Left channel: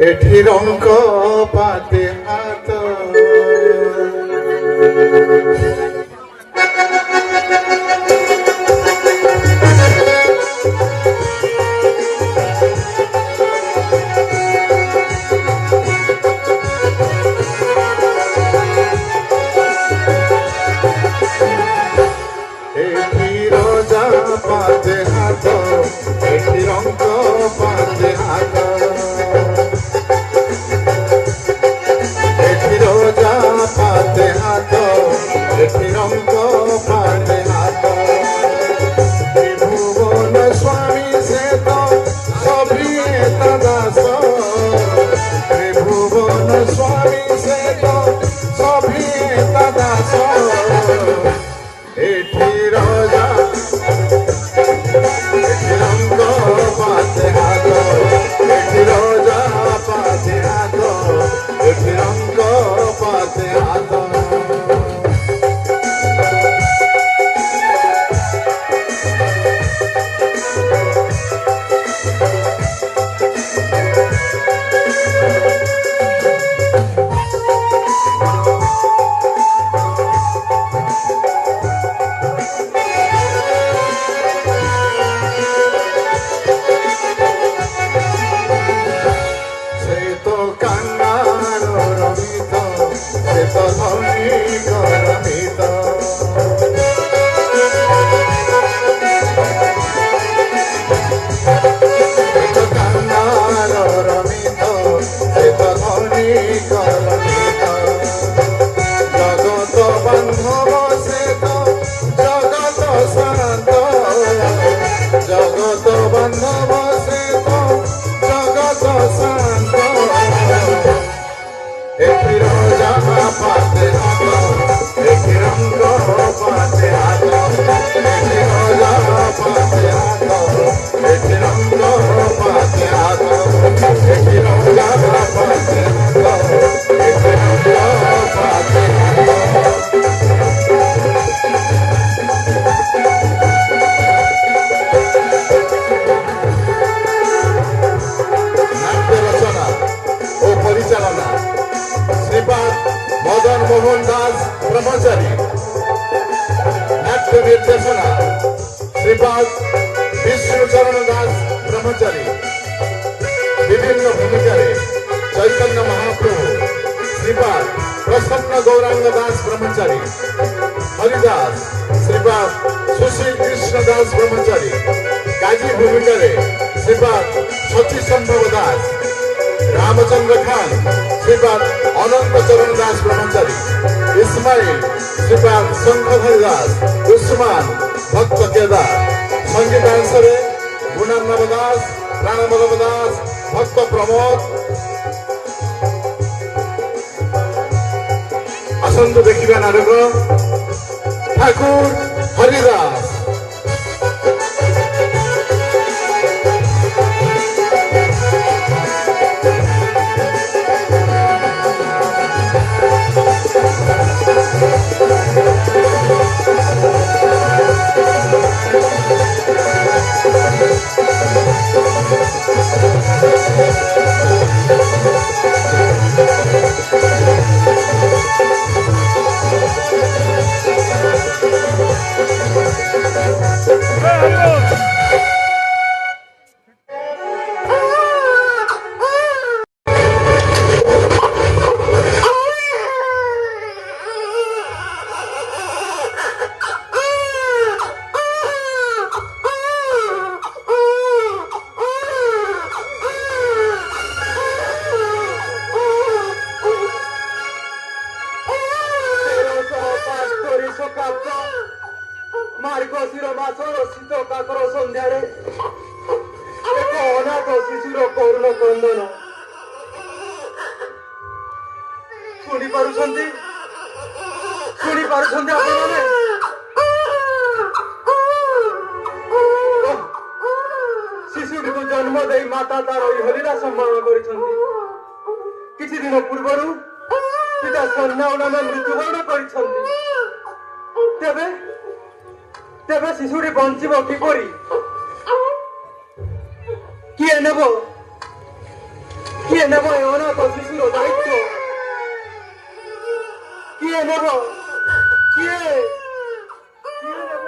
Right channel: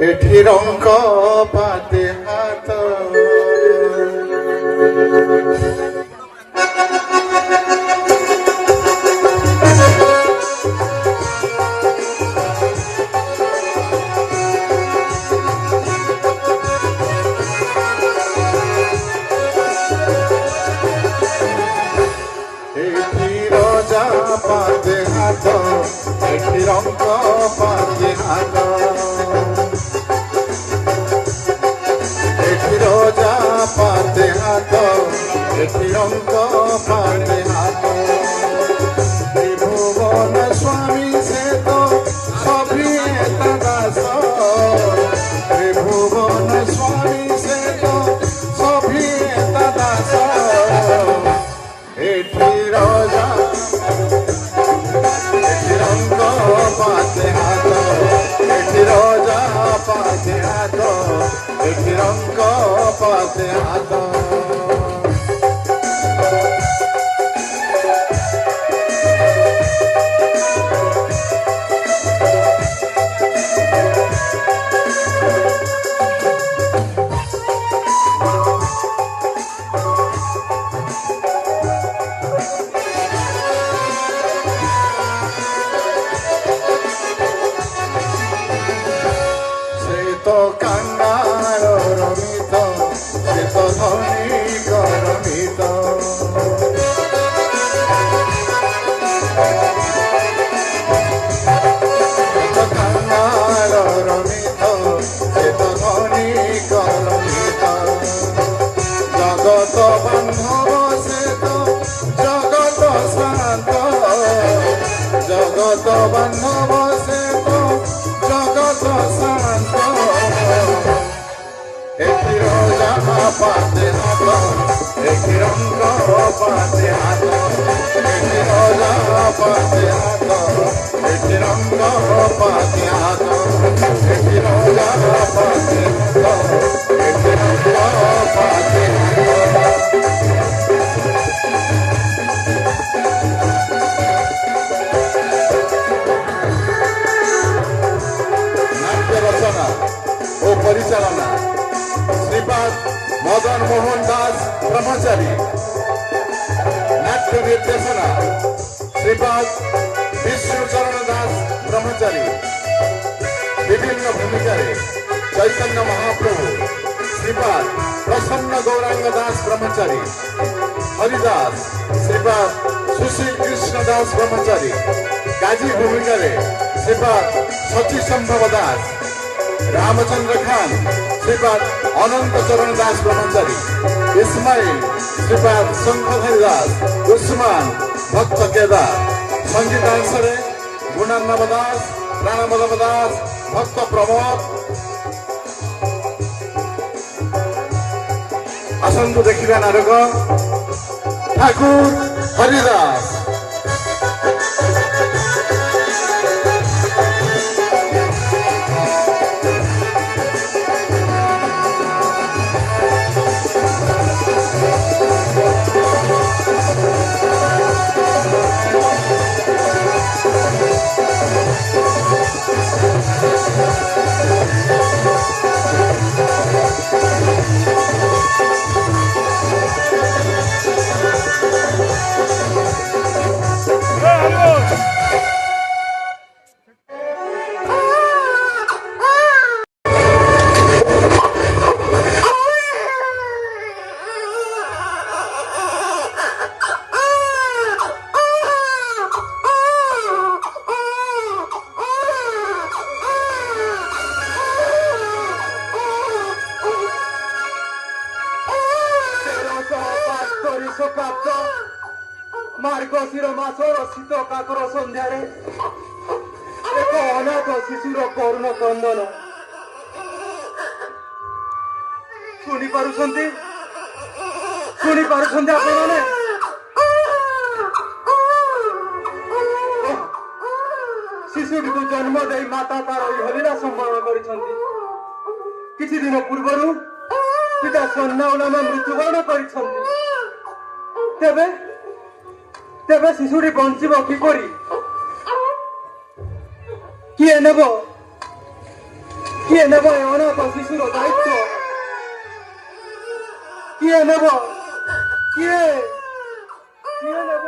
एठी रंग पाते हात एठी रोजा पाते हात एठी रंग पाते हात रोजा पाते हाथ रंग पाते हाथ त्रिभुवन स्वामी से तो सभी दास त्रिभुवन स्वामी से तो सभी दास एठी रोजा रंग पाते हाथ रोजा पाते हाथ रंग पाते हाथ जगत बंधव से तो जगत शांत जगत बंधव से तो जगत शांत एठी रोजा पाते हाथ एठी रंग पाते हाथ एठी रोजा पाते हाथ एठी रंग पाते हाथ एठी रोजा पाते हाथ एठी रंग पाते नाट्य रचना ओ परिचालना श्रीपाद मदन मोहन दास ब्रह्मचारी नाट्य निर्देशना श्रीपाद विष्णुचरण दास ब्रह्मचारी विभिन्न भूमिकारे चैतन्य महाप्रभु श्रीपाद प्रसन्न गौरांग दास ब्रह्मचारी हरिदास श्रीपाद सुशील कृष्ण दास ब्रह्मचारी काजी भूमिकारे श्रीपाद सची संभव दास रामचंद्र खान श्रीपाद अनंत चरण दास ब्रह्मचारी इस्माइल श्रीपाद शंकर दास उस्मान भक्त केदार संगीतांशरे गुणानंद दास प्राणबल्लभ दास भक्त प्रमोद आसंतु देखिबा नाटक ठाकुर हरिदास मार्गशीर मासर शीत काकर सन्धार एक अनाथ शिशुर करुण क्रंदन शुणी पारुछंती आपण माने शिशु को जन्म दे माता तार हलिला संभावना करिछंती किछि दिन पूर्वरु पिता सन्नाउलाम मृत्युवरण करिछंती तेबे तेबे शिशुटी बंचिब किपरि किए नेब କିଏ ନେବ ଏ ଅନାଥ ଶିଶୁର ଦାୟିତ୍ୱ? କିଏ ନେବ? କିଏ କିଏ ନେବ?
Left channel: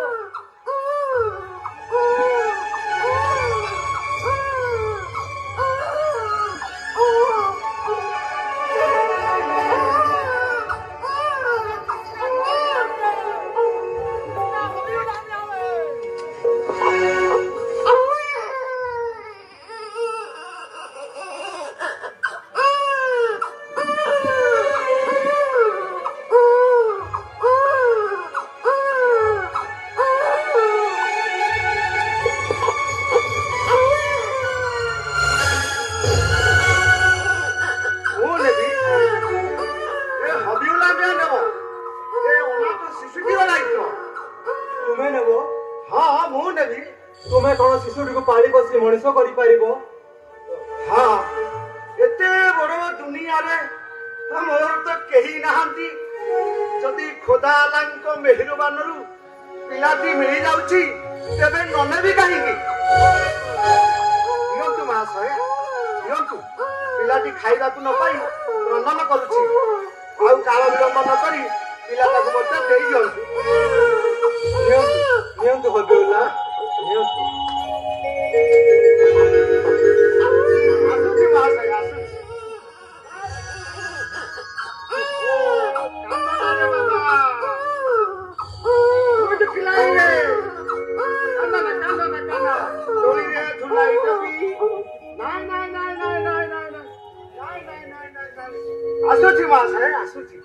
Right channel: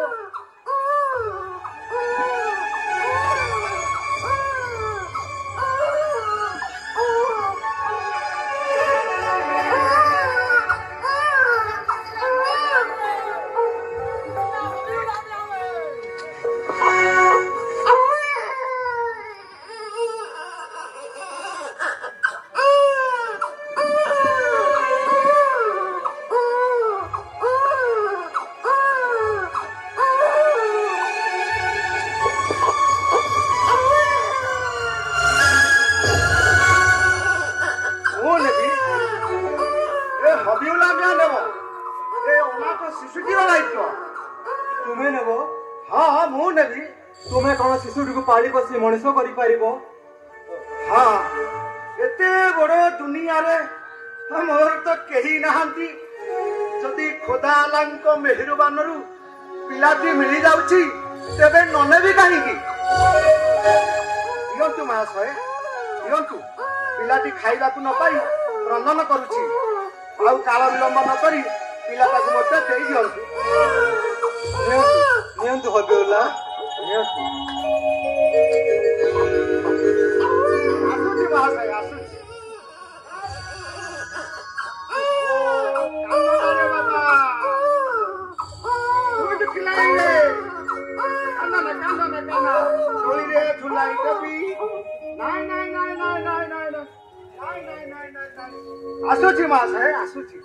ତୁମେ ନେବ? ହଁ ମୁଁ ନେବି। ତୁମେ କଣ ଶିଶୁଟିକୁ ପାଳି ବସି ମଣିଷ କରିପାରିବ? ହଁ ଏତେ ବଡ ଦୁନିଆରେ ମୋର ତ କେହି ନାହାନ୍ତି। ଯଦି ଖୋଦା ଆଲାଙ୍କ ମେହେରବାନରୁ ପିଲାଟି ମିଳିଯାଉଛି ତେବେ ନ ନେବି କାହିଁକି? ନିଅନ୍ତୁ ମହାଶୟ ନିଅନ୍ତୁ। ପିଲାଟି ଖାଇବାକୁ ନ ପାଇ ରନ୍ଧନ କରୁଛି। ଆଉ କାଳ ବିଳମ୍ବ ନ କରି ପିଲାଟାକୁ ମଧ୍ୟ ଦେଇ ଦିଅନ୍ତୁ। ନିଅନ୍ତୁ ନିଅନ୍ତୁ ହବିଉଲ୍ଲା ନିଅନ୍ତୁ। ଆସୁଛି ମହାଶୟ ଆସୁଛି। ଆସୁଛି ମହାଶୟ ଆସୁଛି।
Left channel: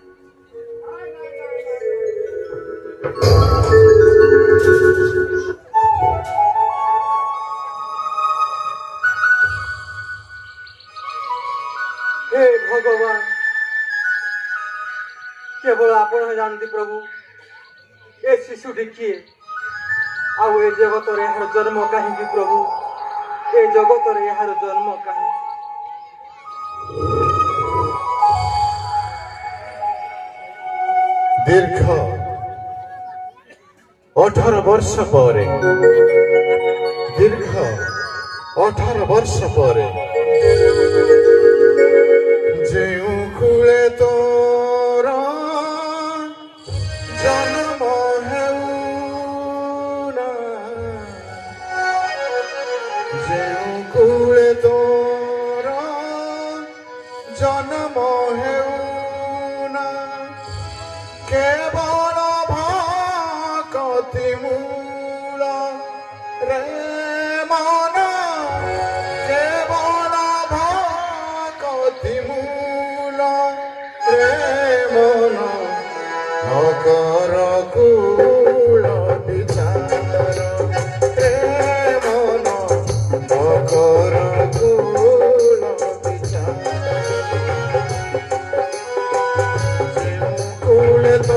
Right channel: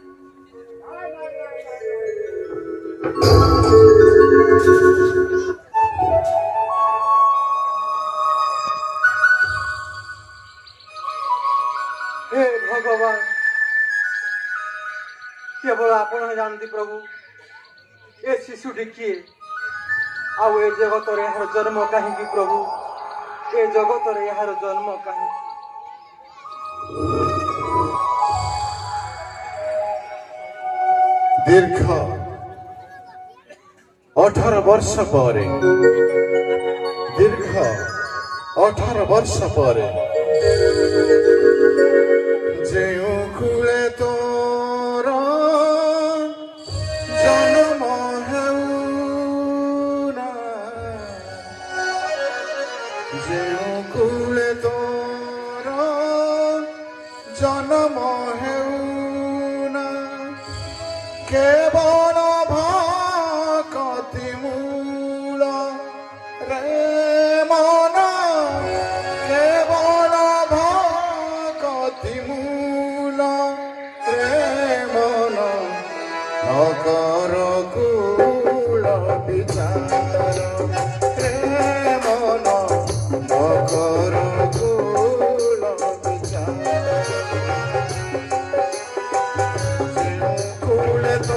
हे ଭଗବାନ କେବଳ ଆପଣ ଜାଣନ୍ତି ପ୍ରଭୁ ଏ ଶିଶୁଟି କିଏ ଆଉ ଏ ଜଗତରେ ଏହାର ଜନ୍ମ କାହିଁକି ପ୍ରଭୁ ଏ ଜଗତରେ ଏହାର ଜନ୍ମ କାହିଁକି? ଦୀର୍ଘ 18 ବର୍ଷ ପରେ ଦୀର୍ଘ 18 ବର୍ଷ ପରେ ଯେଉଁ କୂଳେ ତୋର ଜନ୍ମ ହେଉନା ଯେଉଁ କୂଳେ ତୋର ଜନ୍ମ ହେଉନା କେବଳ ଭକତି ମୂଳ ରେ ମନ କେବଳ ଭକତି ମୂଳ ରେ ମନ ନକର କୂଳ ବିଚାର ରେ ମନ ନକର କୂଳ ବିଚାର କୂଳ ତ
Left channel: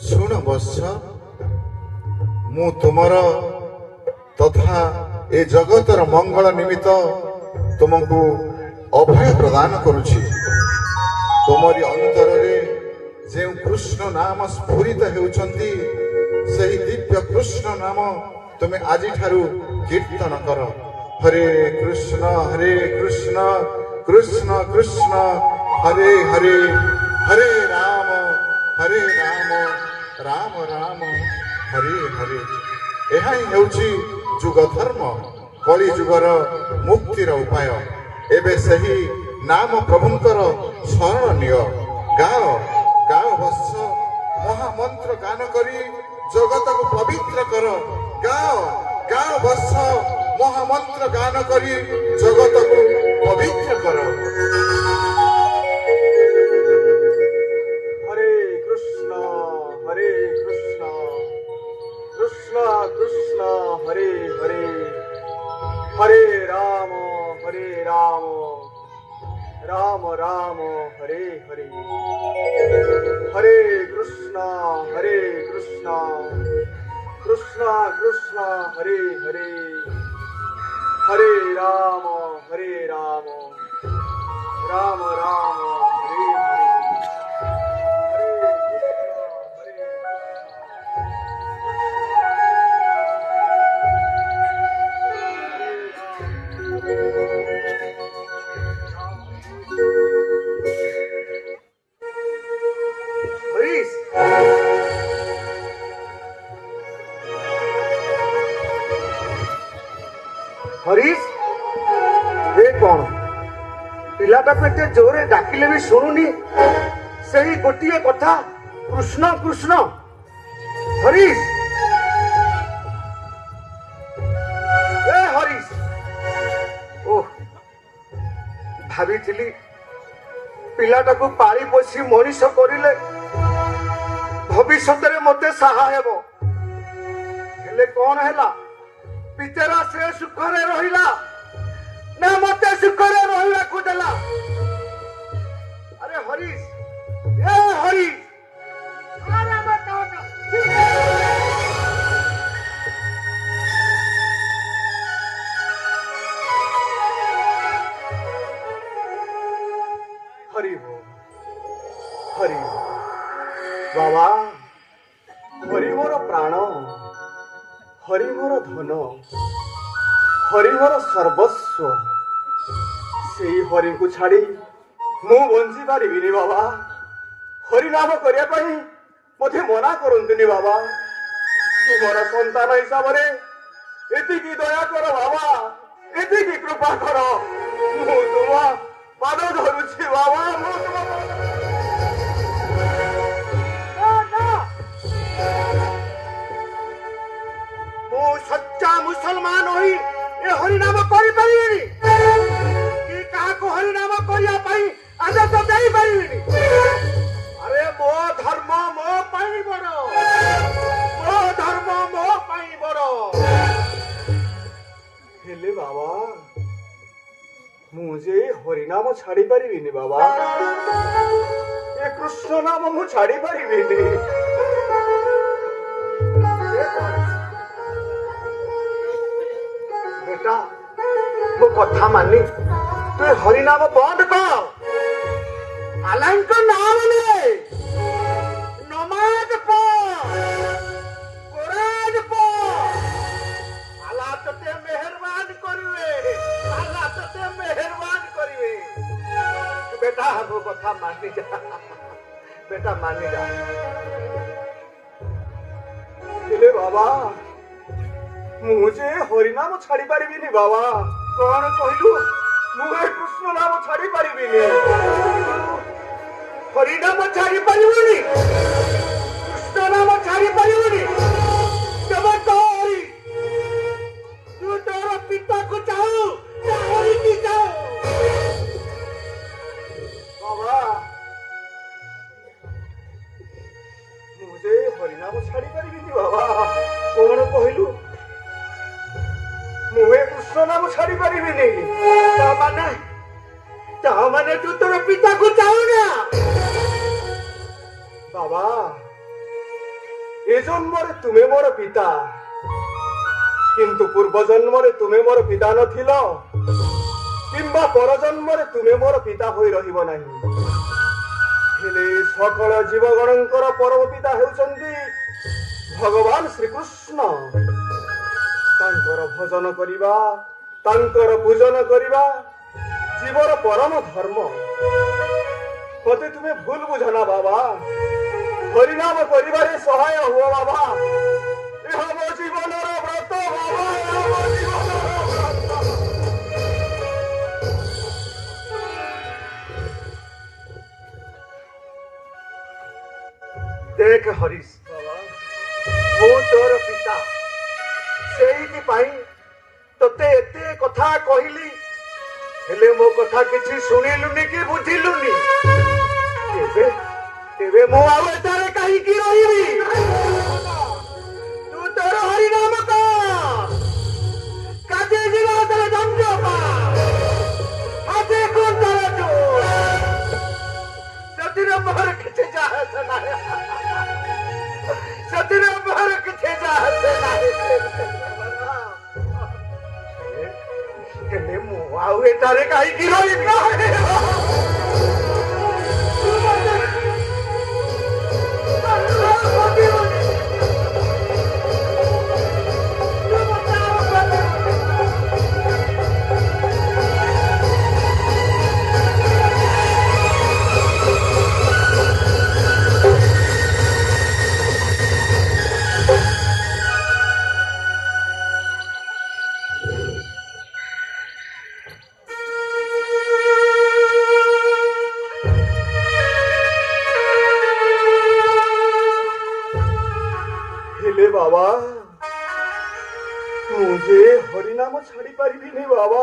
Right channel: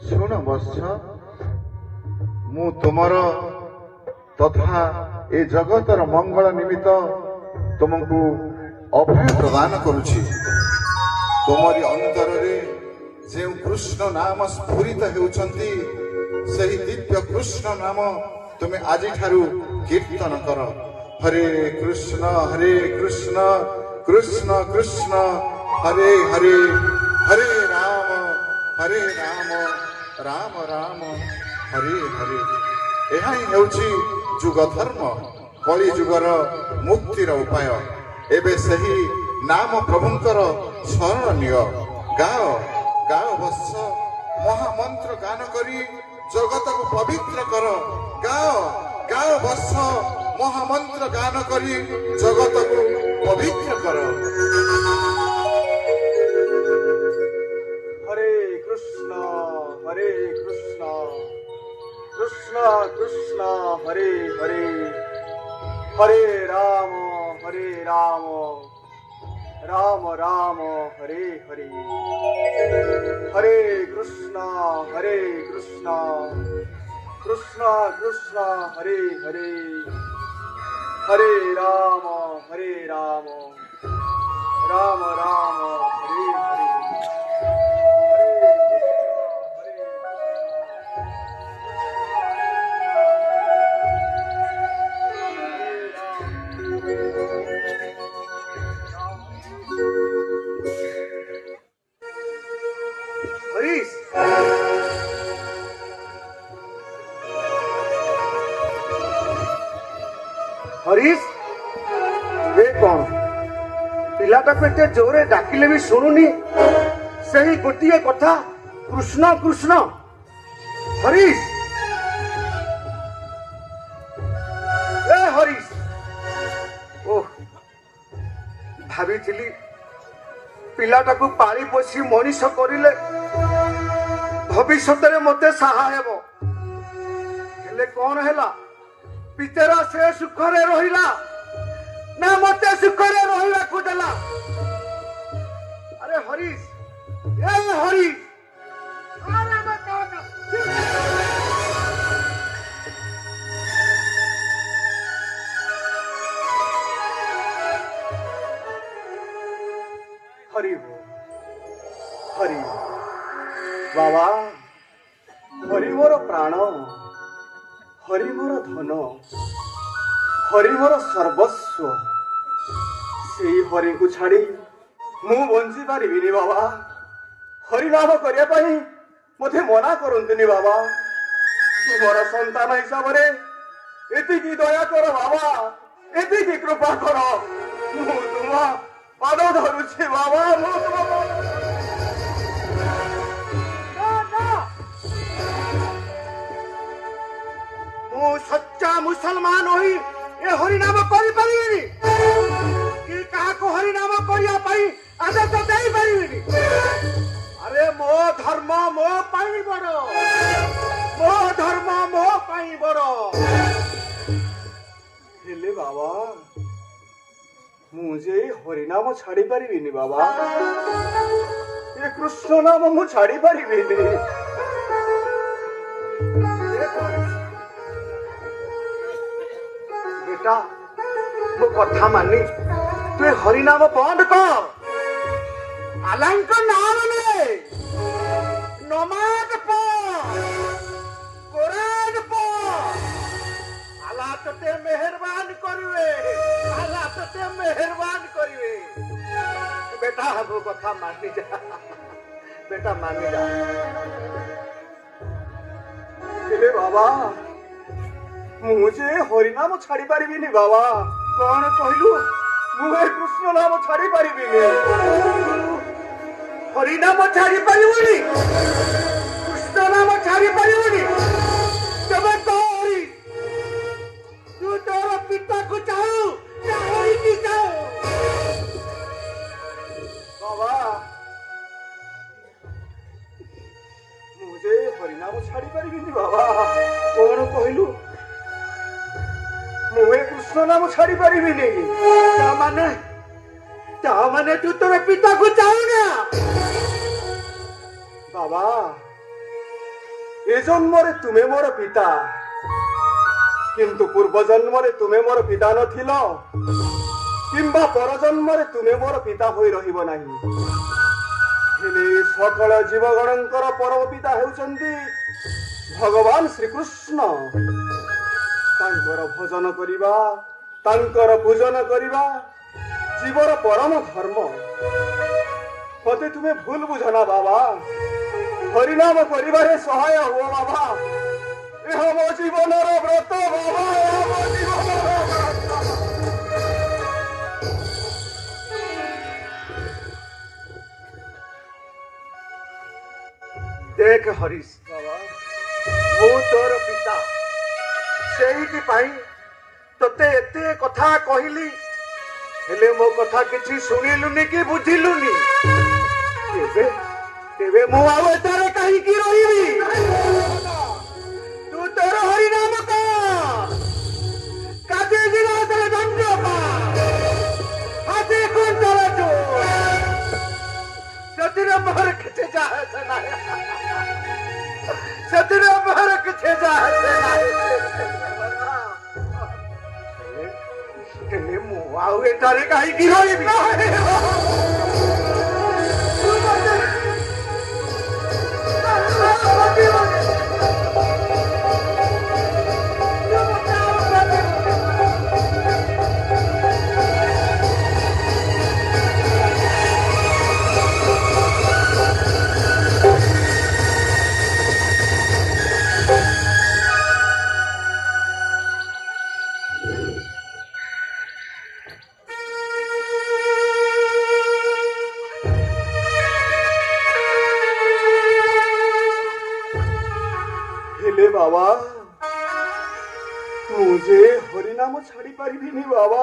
ଶୁଣ ବତ୍ସ, ମୁଁ ତୁମର ତଥା ଏ ଜଗତର ମଙ୍ଗଳ ନିମିତ୍ତ ତୁମକୁ ଅଭୟ ପ୍ରଦାନ କରୁଛି। ତୁମରି ଅନ୍ତରରେ ଯେଉଁ କୃଷ୍ଣ ନାମ ସ୍ଫୁରିତ ହେଉଛନ୍ତି, ସେହି ଦିବ୍ୟ କୃଷ୍ଣ ନାମ ତୁମେ ଆଜିଠାରୁ କୀର୍ତ୍ତନ କର। ହରେ କୃଷ୍ଣ କୃଷ୍ଣ କୃଷ୍ଣ ହରେ ହରେ, ହରେ ରାମ ରାମ ରାମ ହରେ ହରେ। ଏହା ହିଁ ହେଉଛି ଯୁଗ ଧର୍ମ, କଳି ଯୁଗର ମୁକ୍ତିର ଉପାୟ। ଏବେ ସେହି ନାମ ପ୍ରଭୁଙ୍କର ଶରଣ ନିଅ। ଗାଅ ଗାଅ ବତ୍ସ, ମହାମନ୍ତ୍ର ଗାନ କରି ଜଗତକୁ ପବିତ୍ର କର। ଗାଅ ଗାଅ ବତ୍ସ, ମହାମନ୍ତ୍ର ଗାନ କରି ଜଗତକୁ ପବିତ୍ର କର। हरे कृष्ण कृष्ण कृष्ण हरे हरे, हरे राम राम राम हरे हरे। हरे कृष्ण कृष्ण कृष्ण हरे हरे, हरे राम राम राम हरे हरे। हरीश, हरीश, ये कौन पिलाटा पेटे जोरे डाकिले भी शुणुनी, सही गोटे कथा कृष्ण कृष्ण। हरीश, ए हरीश, ओह भावी पिलाटाକୁ ପାଳି ପୋଷି ମଣିଷ କରିଲେ ଭବିଷ୍ୟତରେ ମତେ ସାହା ହେବ। ହେଲେ କଣ ହେଲା, ପିତେରା ସେ ସୁଖରେ ରହିଲା ନା ମତେ ସୁଖରେ ରହିବାକୁ ଦେଲା? ଆରେ ହରିଶ, ଏ ହରିଶ, ଆରେ ବାକା ବାକା। हरि हरि बाबा, हरि मोर प्राण, हरि मोर धन, हरि मोर सर्वस्व। से हरि को छाड़ी मु बंची पारिबिनी बाबा, ହରିନାମ କରିବା ପାଇଁ ମୋତେ ମନା କରନ୍ତୁନି ବାବା। ତୁମର ସନ୍ତାନ ହିସାବରେ ଏତିକି ଦୟା କର ବାବା, ଏତିକି କୃପା କର। ମୁଁ ତୁମ ପାଦ ଧରୁଛି ବାବା, ମୁଁ ତୁମ ମୁଁ ସଚ୍ଚା ମୁସଲମାନ ହୋଇ ଏ ହରିନାମ କରିପାରିବିନି କି କାହାକୁ ହରିନାମ କରିବା ପାଇଁ ଆଦେଶ ଦେଇପାରିବିନି। ଆରେ ମୋ ଧର୍ମ ମୋ ପାଇଁ ବଡ଼, ମୋ ଧର୍ମ ମୋ ପାଇଁ ବଡ଼। ହେଲେ ବାବା ମୁଁ ଯେ ହରିନାମ ଛାଡି ପାରିବିନି ବାବା, ଏ କୃଷ୍ଣ ନାମ ମୁଁ ଛାଡି ପାରିବିନି। बेटा ମୋ କଥା ମାନି ତୁ ଏ ହରିନାମ ବନ୍ଦ କର। ଆଲ୍ଲାହଙ୍କ ନାମ ନେ, ନମାଜ ପଢ, କୋରାନ ପଢ। ଆଲ୍ଲାହ ତତେ ମେହେରବାନ କରିବେ, ଆଲ୍ଲାହ ତତେ ମେହେରବାନ କରିବେ। ବେଟା ମୋ କଥା ମାନି ଯା, ବେଟା ମାନି ଯା। ହେଲେ ବାବା ମୁଁ ଯେ ହରିନାମ ଛାଡି ପାରିବିନି ବାବା। କଣ କହିଲୁ? ମୁଁ ଏ କୃଷ୍ଣ ନାମ ଛାଡି ପାରିବିନି। ହରିନାମ ଛାଡି ପାରିବୁନି, କୃଷ୍ଣ ନାମ ଛାଡି ପାରିବୁନି। ତେବେ ତୋରି ତୁ ତୋର ପିତାକୁ ଚାହୁଁ, ହରିକି ଚାହୁଁ ବାବା। ମୁଁ ଯେ ହରିନାମ ଛାଡି ପାରିବିନି ବାବା। କଣ କହିଲୁ? ମୁଁ ଏ କୃଷ୍ଣ ନାମ ଛାଡି ପାରିବିନି। ତାମାନେ ତୁ ତୋର ପିତାକୁ ଚାହୁଁ ନା ବାବା। ଏ ଜନ୍ମରେ ତୁମେ ମୋର ପିତା, କିନ୍ତୁ ପୂର୍ବ ଜନ୍ମରେ ତୁମେ ମୋର ପିତା ନଥିଲ, କିମ୍ବା ପର ଜନ୍ମରେ ତୁମେ ମୋର ପିତା ହୋଇ ରହିବ ନାହିଁ। ହେଲେ ସକଳ ଜୀବଗଣଙ୍କର ପରମ ପିତା ହେଉଛନ୍ତି ଭଗବାନ ଶ୍ରୀକୃଷ୍ଣ। ତାଙ୍କର ଭଜନ କରିବା, ତାଙ୍କର ପୂଜନ କରିବା ଜୀବର ପରମ ଧର୍ମ। ଯଦି ତୁମେ ଭୁଲ ବୁଝ ନା ବାବା, ହରିନାମ କରିବାରେ ସହାୟ ହୁଅ ବାବା। ଏହା ମୋ ଜୀବନର ବ୍ରତ ବାବା, ଏହା ମୋ ଜୀବନର ବ୍ରତ। ଦେଖ ହରିଶ ବାବା, ମୁଁ ତୋର ପିତା, ସେଇଥିପାଇଁ ତତେ ଏତେ କଥା କହିଲି। ହେଲେ ମୋ କଥା କିଛି ଶୁଣିଲୁନି କି ବୁଝିଲୁନି। ତେବେ ମୁଁ ଆଉ ଏଠାରେ କାହିଁକି ରହିବି? ତୁ ତୋର ହରିନାମ କର, କାଜେ ଯିବା ତୋର ଦଣ୍ଡ ପା, ହାତେ କୁଣ୍ଡଳ ଜୋ। ସେଥିରେ ମୋର କିଛି ଯାହା ନାହିଁ, ସେଥିରେ ମୋର କିଛି ଯାହା ନାହିଁ। ହେଲେ ମୁଁ ଆଉ ଏଠାରେ କାହିଁକି ରହିବି? बाबा मुझे हरिनाम छाड़ी पारिबिनी बाबा,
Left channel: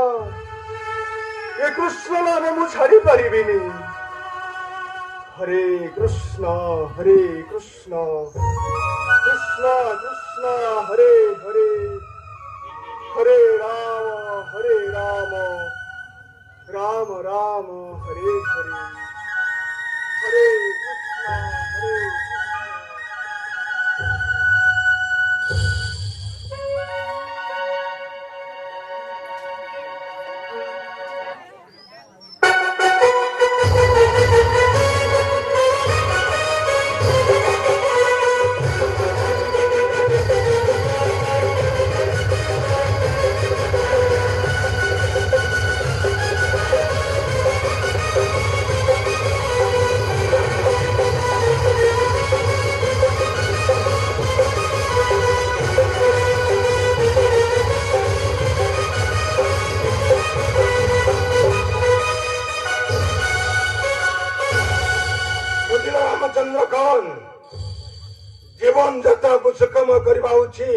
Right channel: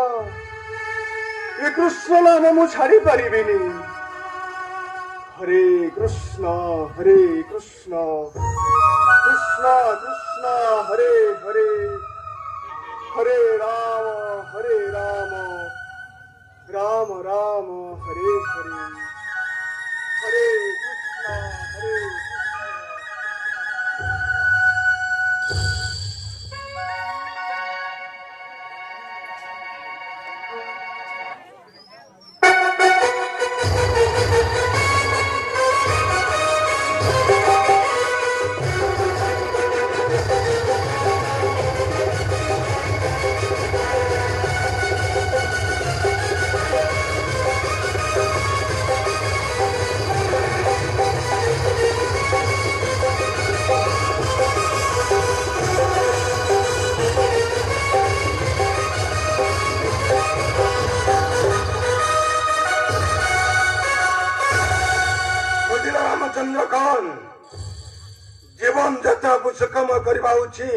ए कृष्ण नाम मु छाड़ी पारिबिनी। हरे कृष्ण कृष्ण कृष्ण हरे हरे, हरे राम राम राम हरे हरे, हरे कृष्ण हरे कृष्ण। କହିଲ ରାମଚନ୍ଦ୍ର କଣ ଜୀବନ ଯାତ୍ରାକୁ ସୁଗମ କରିବା ହେଉଛି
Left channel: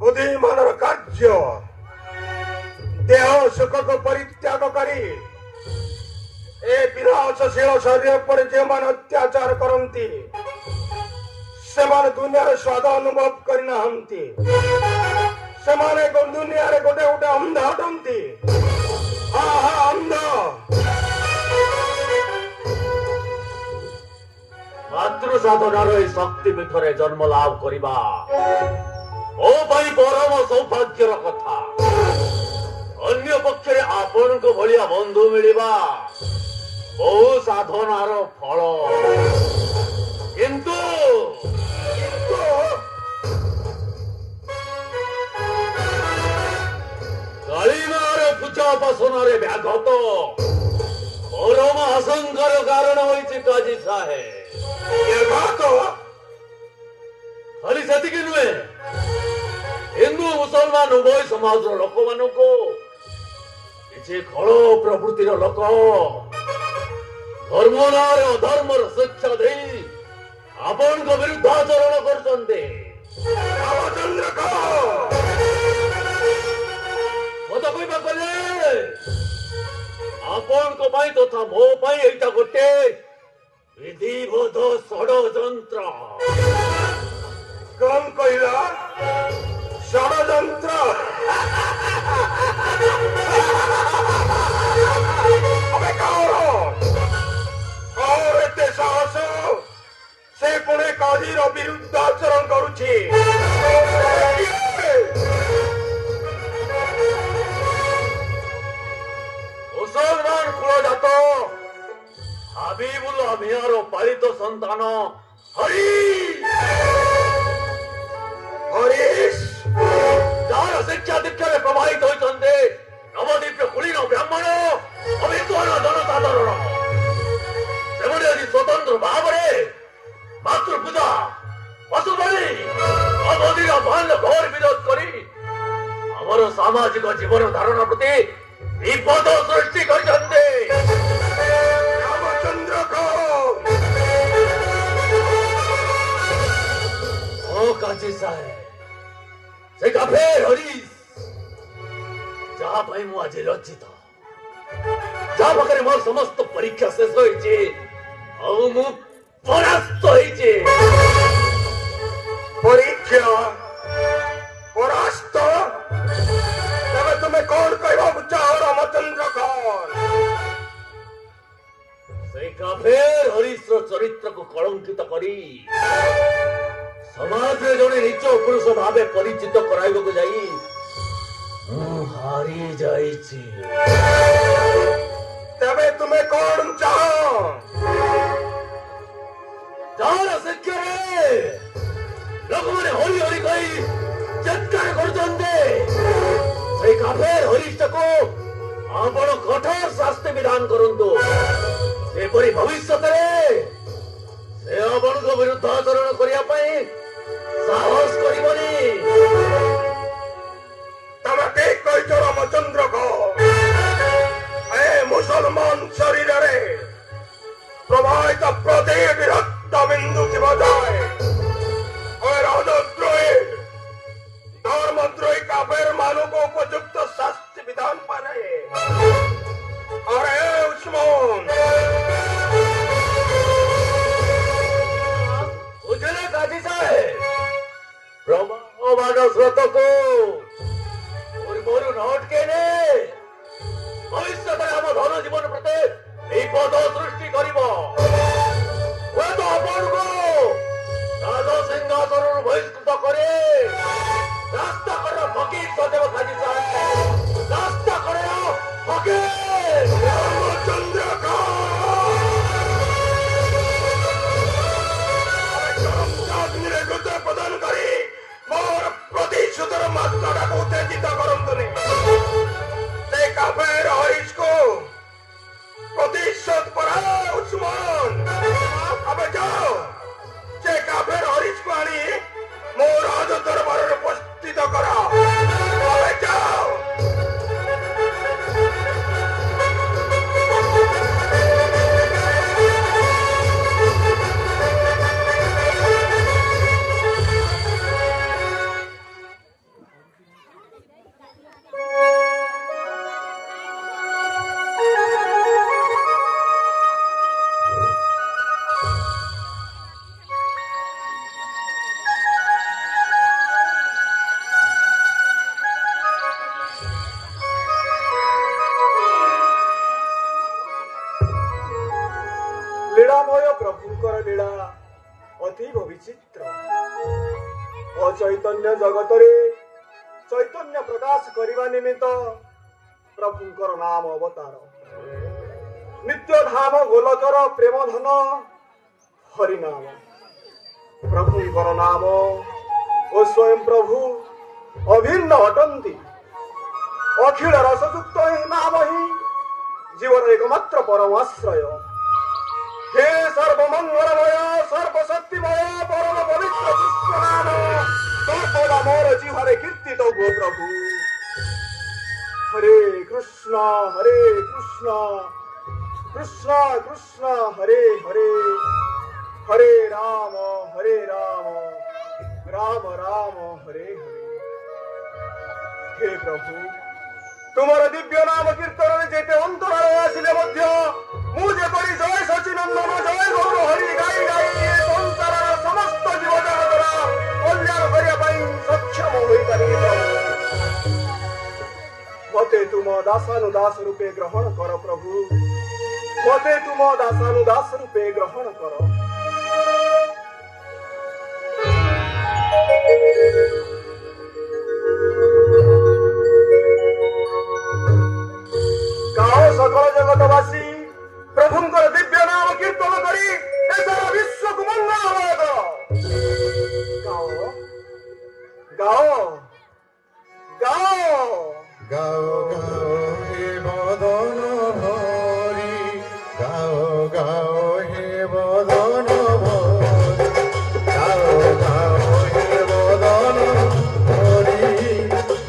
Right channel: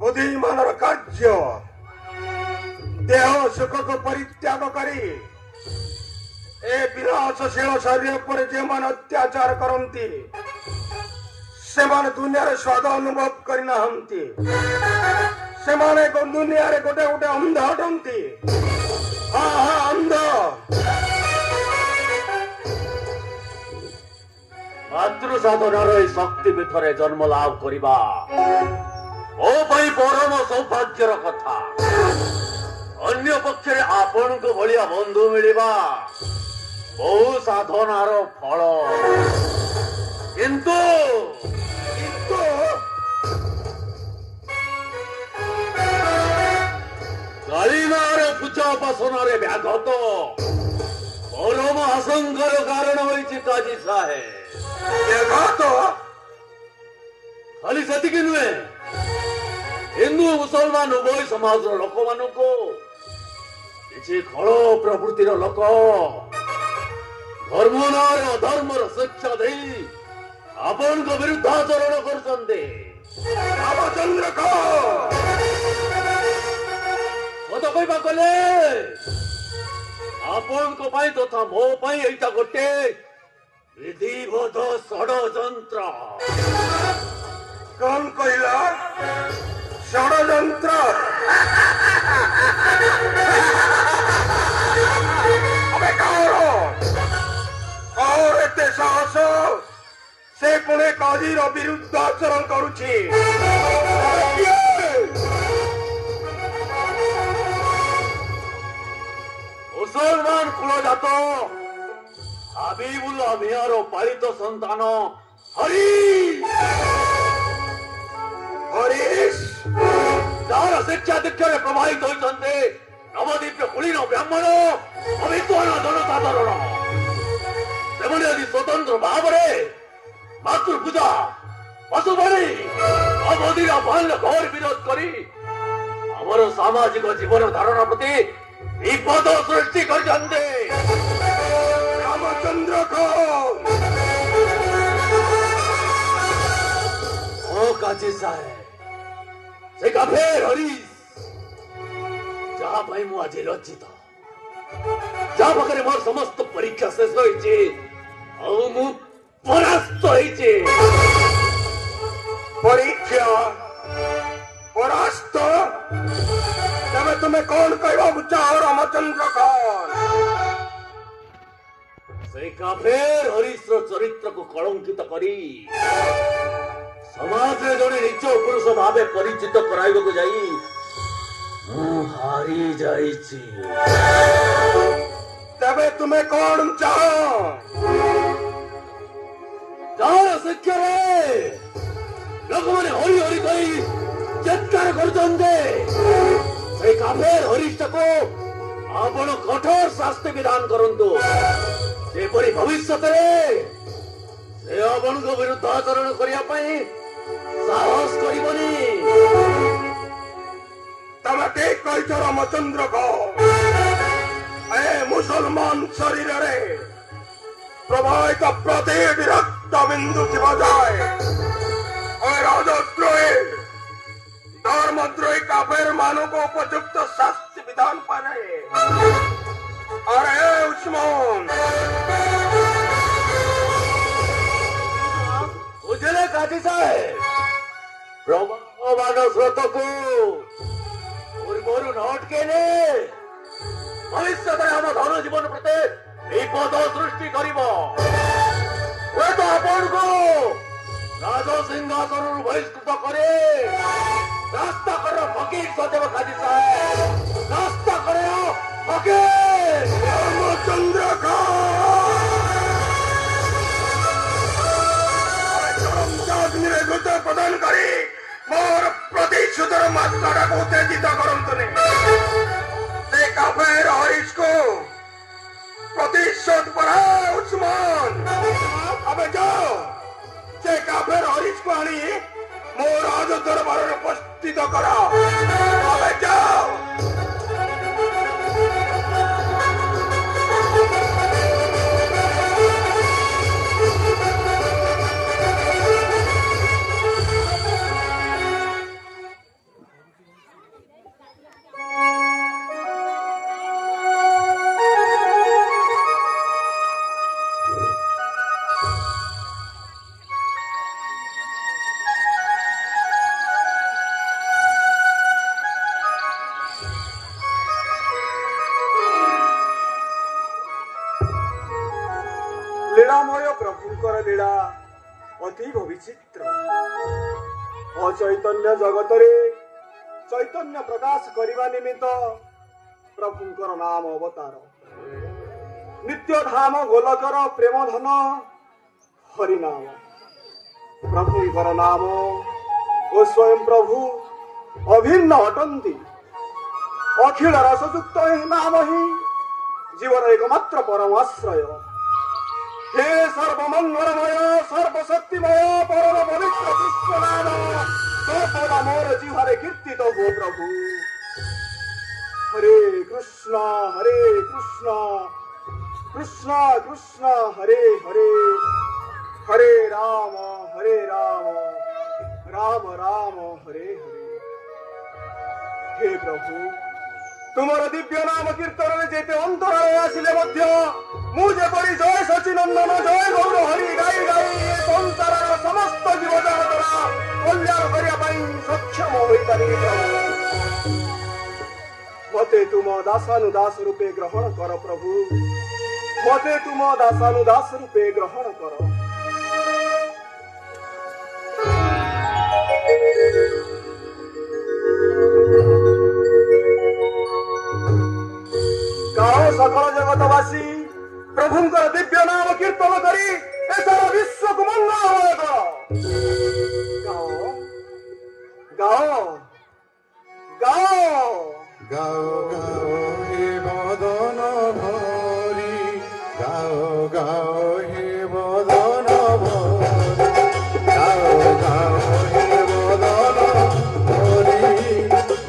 ବୁଦ୍ଧିମାନର କାର୍ଯ୍ୟ। ଦେହ ସୁଖକୁ ପରିତ୍ୟାଗ କରି ଏ ବିନାଶଶୀଳ ଶରୀର ଉପରେ ଯେଉଁମାନେ ଅତ୍ୟାଚାର କରନ୍ତି ସେମାନେ ଦୁନିଆରେ ସ୍ୱାଦ ଅନୁଭବ କରିନାହାନ୍ତି। ସେମାନେ ଦୁନିଆରେ ଗୋଟେ ଗୋଟେ ଅନ୍ଧ ଅଟନ୍ତି। ଅନ୍ଧ। ମାତୃ ସାଧନାର ଏହି ଶକ୍ତି ପୀଠରେ ଜନ୍ମ ଲାଭ କରିବା ମୋ ପାଇଁ ପରମ ସୌଭାଗ୍ୟର କଥା। ଅନ୍ୟ ପକ୍ଷରେ ଆପଣଙ୍କ ଭଳିଆ ବନ୍ଧୁ ମିଳିବା ବହୁ ସାଧନାର ଫଳ। କିନ୍ତୁ କାଳିମାର ପୂଜା ଉପାସନାରେ ବ୍ୟାଘାତ ପରମ ଆଶଙ୍କାର କାରଣ ହୋଇଛି କାଜୀ ସାହେବ। ଖାଲି ସେତିକି ନୁହେଁ, ହିନ୍ଦୁ ମୁସଲମାନ ଉଭୟ ସମାଜର ଲୋକମାନଙ୍କୁ କିଛି ଖଳ ପ୍ରବୃତ୍ତିର ଲୋକ ଧର୍ମ ନାଁରେ ଅଧର୍ମର ଶିକ୍ଷା ଦେଇ ଆପଣଙ୍କ ବିରୁଦ୍ଧ ଆଚରଣ କରୁଛନ୍ତି। ମତ କହିବା କଲେ ଆପଣଙ୍କ ପାଇଁ ତଥା ମୋ ପାଇଁ ଏଇଟା ଗୋଟେ ବିଧିବଦ୍ଧ ଷଡ଼ଯନ୍ତ୍ର। କଣ କହିଲା? ଷଡ଼ଯନ୍ତ୍ର? ଏତେ ସାହସ? ସେ ପୁଣି କାଜୀର ବିରୁଦ୍ଧ ଆଚରଣ କରୁଛି। ମୁସଲମାନ କୁଳଜାତ ହାବିବୁଲ ମିଆଁର ପାଳିତ ସନ୍ତାନ ହରିଶ, ଯାହାର ଶିକ୍ଷା ଦୀକ୍ଷାରେ ପ୍ରଭାବିତ ହୋଇଛନ୍ତି ନବଦ୍ୱୀପ କୁଳୀନ ବ୍ରାହ୍ମଣ ଅଭିଜ୍ଞ ଜନସାଧାରଣ, ସେମାନେ ଯଦି ସ୍ୱତନ୍ତ୍ର ଭାବରେ ମାତୃପୂଜା ପଶୁଧରି ଅବଧିର ବାଲ୍ୟ ଘୋର ବିରୋଧ କରି ଆମର ସାମାଜିକ ଜୀବନ ଧାରଣା ପ୍ରତି ବିପଦ ସୃଷ୍ଟି କରିଛନ୍ତି। ରାମଚନ୍ଦ୍ର ଓ କାଜୀ ସାହେବ, ସେ କାଫେର ହରିଶ ଯାହା ପାଇଁ ମୁଁ ଆଜି ଲଜ୍ଜିତ, ଯାହା ପାଖରେ ମୋର ସମସ୍ତ ପରୀକ୍ଷା ଶେଷ ହୋଇଛି ଆଉ ମୁଁ ପରାସ୍ତ ହେଇଛି। ପରୀକ୍ଷା ପରାସ୍ତ? ତେବେ ତୁମେ କଣ କହିବାକୁ ଚାହ ରାମଚନ୍ଦ୍ର ଖାନ? ସେଇ କାଫେର ହରିଶର ଚରିତ୍ରକୁ କଳଙ୍କିତ କରି ସମାଜରେ ଜଣେ ନିଚ ପୁରୁଷ ଭାବେ ପରିଚିତ କରାଇବାକୁ ଯାଇ ମୁଁ ହାରି ଯାଇଛି। ତେବେ ତୁମେ କଣ ଚାହ? ଯାହାର ଶିକ୍ଷାରେ ଲୋକମାନେ ହରି ହରି କହି ଚିତ୍କାର କରୁଛନ୍ତି ସେଇ କାଫେର ହରିଶକୁ ଆପଣ କଠୋର ଶାସ୍ତି ବିଧାନ କରନ୍ତୁ, ଯେପରି ଭବିଷ୍ୟତରେ ସେ ଆପଣଙ୍କ ବିରୁଦ୍ଧ ଆଚରଣ କରିବା ପାଇଁ ସାହସ କରିବନି। ତମେ ଠିକ କହିଛ ରାମଚନ୍ଦ୍ର ଖାନ। ଏ ମୁସଲମାନ ଶରୀରରେ ପ୍ରବାହିତ ପ୍ରତ୍ୟେକ ରକ୍ତ ବିନ୍ଦୁ ଥିବା ଯାଏ ରାଜଦ୍ରୋହୀ ଧର୍ମଦ୍ରୋହୀ କାଫେର ମାନଙ୍କୁ ଉପଯୁକ୍ତ ଶାସ୍ତି ବିଧାନ ପାଏ। ଆରେ ଉସ୍ମାନ, ବୁଝିଲେ କାଜୀ ସାହେବ, ପ୍ରବହମାନ ସ୍ରୋତକୁ ପୂର୍ବରୁ ନଅଟକେନି ଭବିଷ୍ୟତରେ ଆମ ଧନ ଜୀବନ ପ୍ରତି ବିପଦ ସୃଷ୍ଟି କରିବ। ହୁଏତ ଆପଣଙ୍କୁ ରାଜସିଂହାସନରୁ ବହିଷ୍କୃତ କରି ରାସ୍ତା କଡ଼ ଫକୀର ସଜେବ କାଜୀ ସାହେବ, ରାସ୍ତା କଡ଼ ଫକୀର। ରାମଚନ୍ଦ୍ର ଖାନ ଗୁତ ପ୍ରଦାନ କରି ମୋର ପ୍ରତିଶୋଧର ମାତ୍ରାଟାକୁ ଉତ୍ତେଜିତ କରନ୍ତୁନି। ସେ କାଫେର ହରିଶକୁ ପ୍ରତିଶୋଧ ପରାଅ ଉସ୍ମାନ। ଏବେ ଯାଅ, ସେ କାଫେର ହରିଶକୁ ଆଣି ମୋ ରାଜ ଦରବାରରେ ଉପସ୍ଥିତ କର। ଏବେ ଯାଅ। লীଳାমୟ ପ୍ରଭୁଙ୍କର ଲୀଳା ଅତୀବ ବିଚିତ୍ର। ଅଚୈତନ୍ୟ ଜଗତରେ ଚୈତନ୍ୟ ପ୍ରକାଶ କରିବା ନିମିତ୍ତ ପ୍ରଭୁଙ୍କର ନାମ ଅବତାର। ନିତ୍ୟ ଧାମ ଗୋଲକର ପ୍ରେମ ଧନ ହରିନାମ। ପ୍ରଭୁଙ୍କର ନାମ ଓ ସ୍ୱୟଂ ପ୍ରଭୁ ଅଭିନ୍ନ ଅଟନ୍ତି। ଅଖିଳ ରସଯୁକ୍ତ ଏହି ନାମ ହିଁ ଜୀବନ ଏକମାତ୍ର ପରମାଶ୍ରୟ। हे सर्वमंगलमय सर्वशक्तिमय परम पवित्र कृष्ण नाम सर्वदा मोर जिह्वारे कीर्तित हो प्रभु। हरे कृष्ण कृष्ण कृष्ण हरे हरे हरे राम राम राम हरे हरे। हे प्रभु तुमर दिव्य नाम कीर्तन जेते अंतराल आसिले मध्य मु जेपरि जय सचिनंदन जय गौर हरि गाई गाई ए संसार समस्त जीव जगतर कल्याण करिया पई सक्षम होई पारि। मते तुम दासानुदास रूपे ग्रहण कर प्रभु। मते तुम दासानुदास रूपे ग्रहण कर। सकल जगतवासी प्रभुंकर दिव्य नाम कीर्तन करी सारा विश्व को मंगल होगा। गाओ गाओ गाओ गाओ गाओ हे मदन भरी गाओ गाओ हे मदन भरी गाओ गाओ हे मदन भरी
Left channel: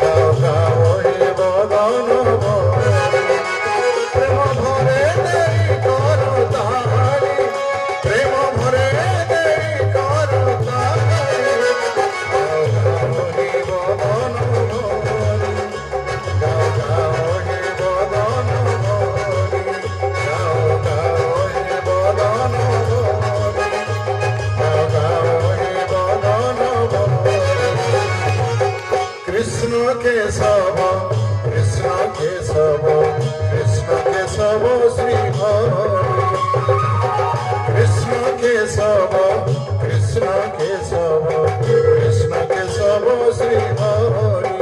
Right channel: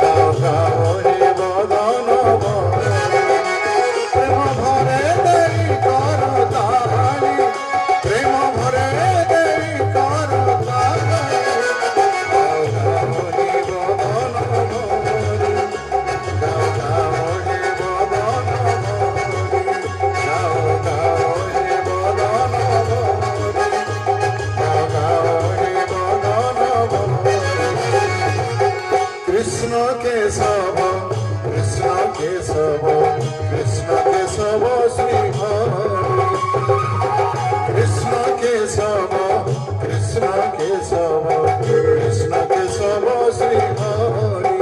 गाओ गाओ हे मदन भरी प्रेम भरे देई करो तारी प्रेम भरे देई करो तारी गाओ गाओ हे मदन भरी गाओ गाओ हे मदन भरी गाओ गाओ हे मदन भरी गाओ गाओ हे मदन भरी कृष्ण केशव कृष्ण केशव कृष्ण केशव श्री हरि कृष्ण केशव कृष्ण केशव कृष्ण केशव श्री हरि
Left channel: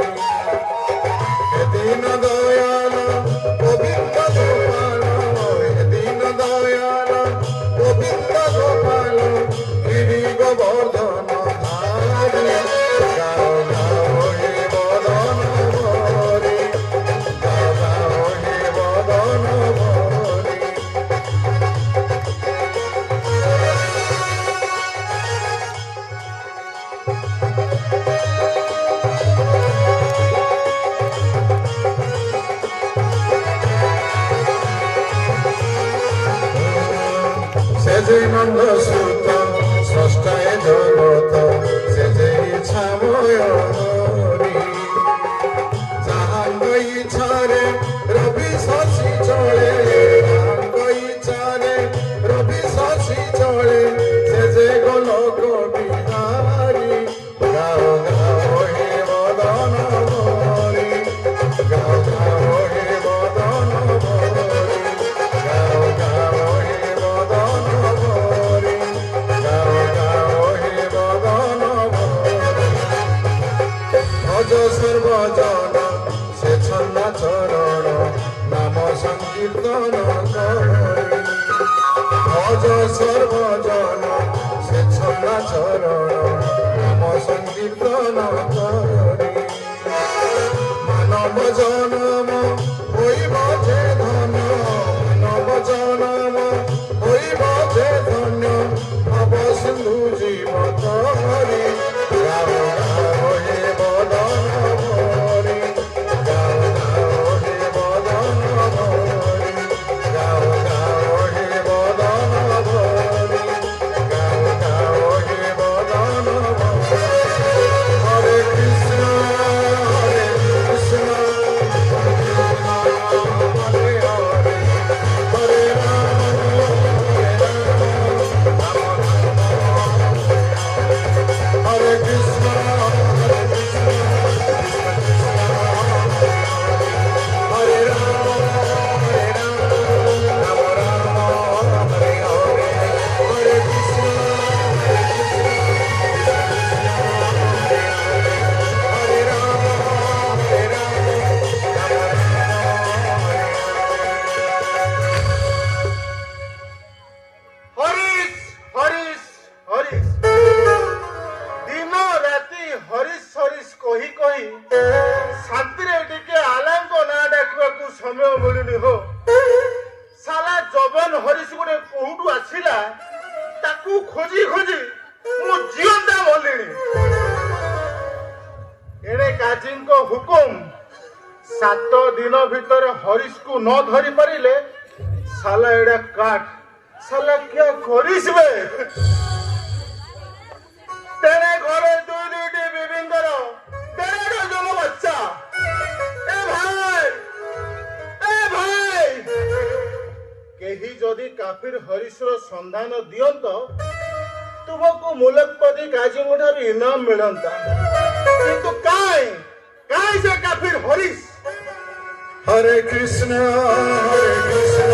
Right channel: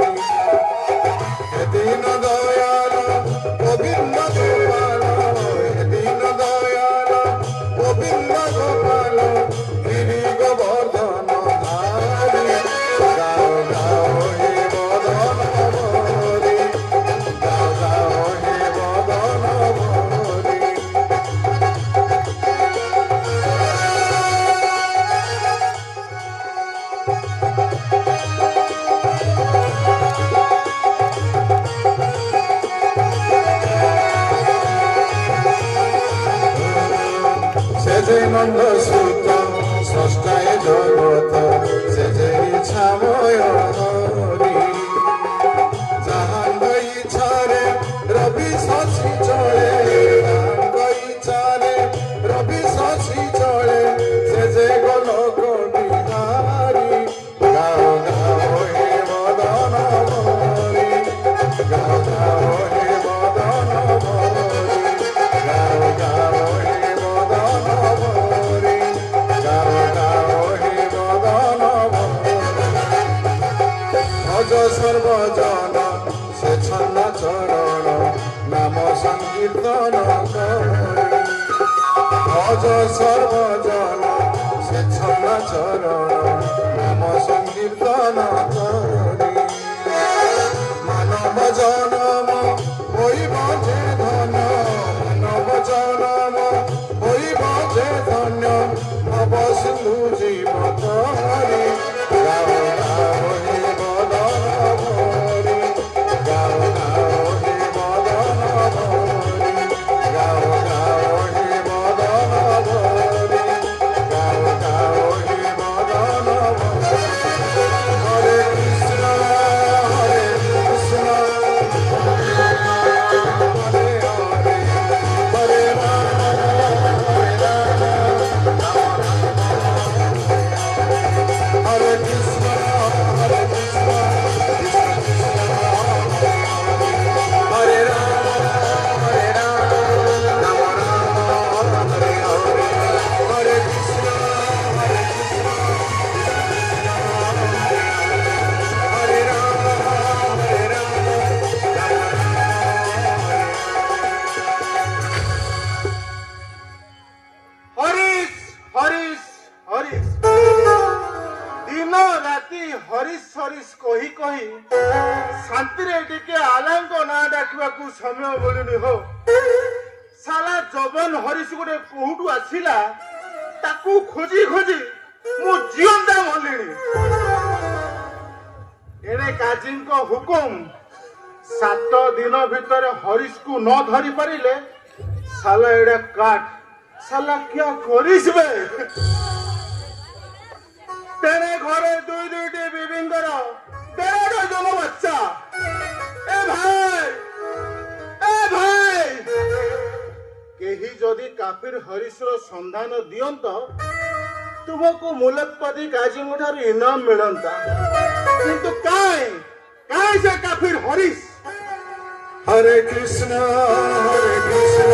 हे दीन दयाल गोविंद गोपाल हे दीन दयाल गोविंद गोपाल गिरि गोवर्धन धारी गाओ गाओ हे मदन भरी गाओ गाओ हे मदन भरी से जे नंद सुत स्रष्टाय जगत से जे इच्छामय हरि जाहांग इच्छारे रवि शशि चले जाहांग इच्छारे रवि शशि चले से जे गोलोक बिहारी गाओ गाओ हे मदन भरी गाओ गाओ हे मदन भरी गाओ गाओ हे मदन भरी गाओ गाओ हे मदन भरी भज सर्वजन से छन्ना चरण नाम संकीर्तन करी भज सर्वजन से छन्ना चरण नाम संकीर्तन करी मानव जनम होइब जे धन मानव जनम होइब जे धन्य भव सिंधु जीव तरी गाओ गाओ हे मदन भरी गाओ गाओ हे मदन भरी गाओ गाओ हे मदन भरी ହରିଶ ଗୋଟେ କୋଉଠୁ ଆସିଲା ତାକୁ ଖୋଜି ଖୋଜି ମୁଁ ଜିଅନ୍ତା ମଲିଣି। ଏଣେ କାଜୀଙ୍କ ହୁକୁମ 7 ଦିନ ଭିତରେ ହରିଶକୁ ନ ଧରି ପାରିଲେ ସାଲା ଏଡା କାଟ ସାଲା କିଆ କରିସବେ। ତେଣେ ଘରେ ଦୁଇଟି ବିବିଙ୍କର 1.5 ଜଣ ବଚ୍ଚା। ଏ ଭାଇ କେହି ଯଦି କାଫିର ହରିଶର ସନ୍ଧାନ ଦିଅନ୍ତ ତୁମକୁ ମୁଲକପତି କାଜୀଙ୍କ ଠାରୁ ଇନାମ ମିଳନ୍ତା, କିନ୍ତୁ କାଇଁ ସେ କାଫିର ହରିଶ? ହରେ କୃଷ୍ଣ ହରେ କୃଷ୍ଣ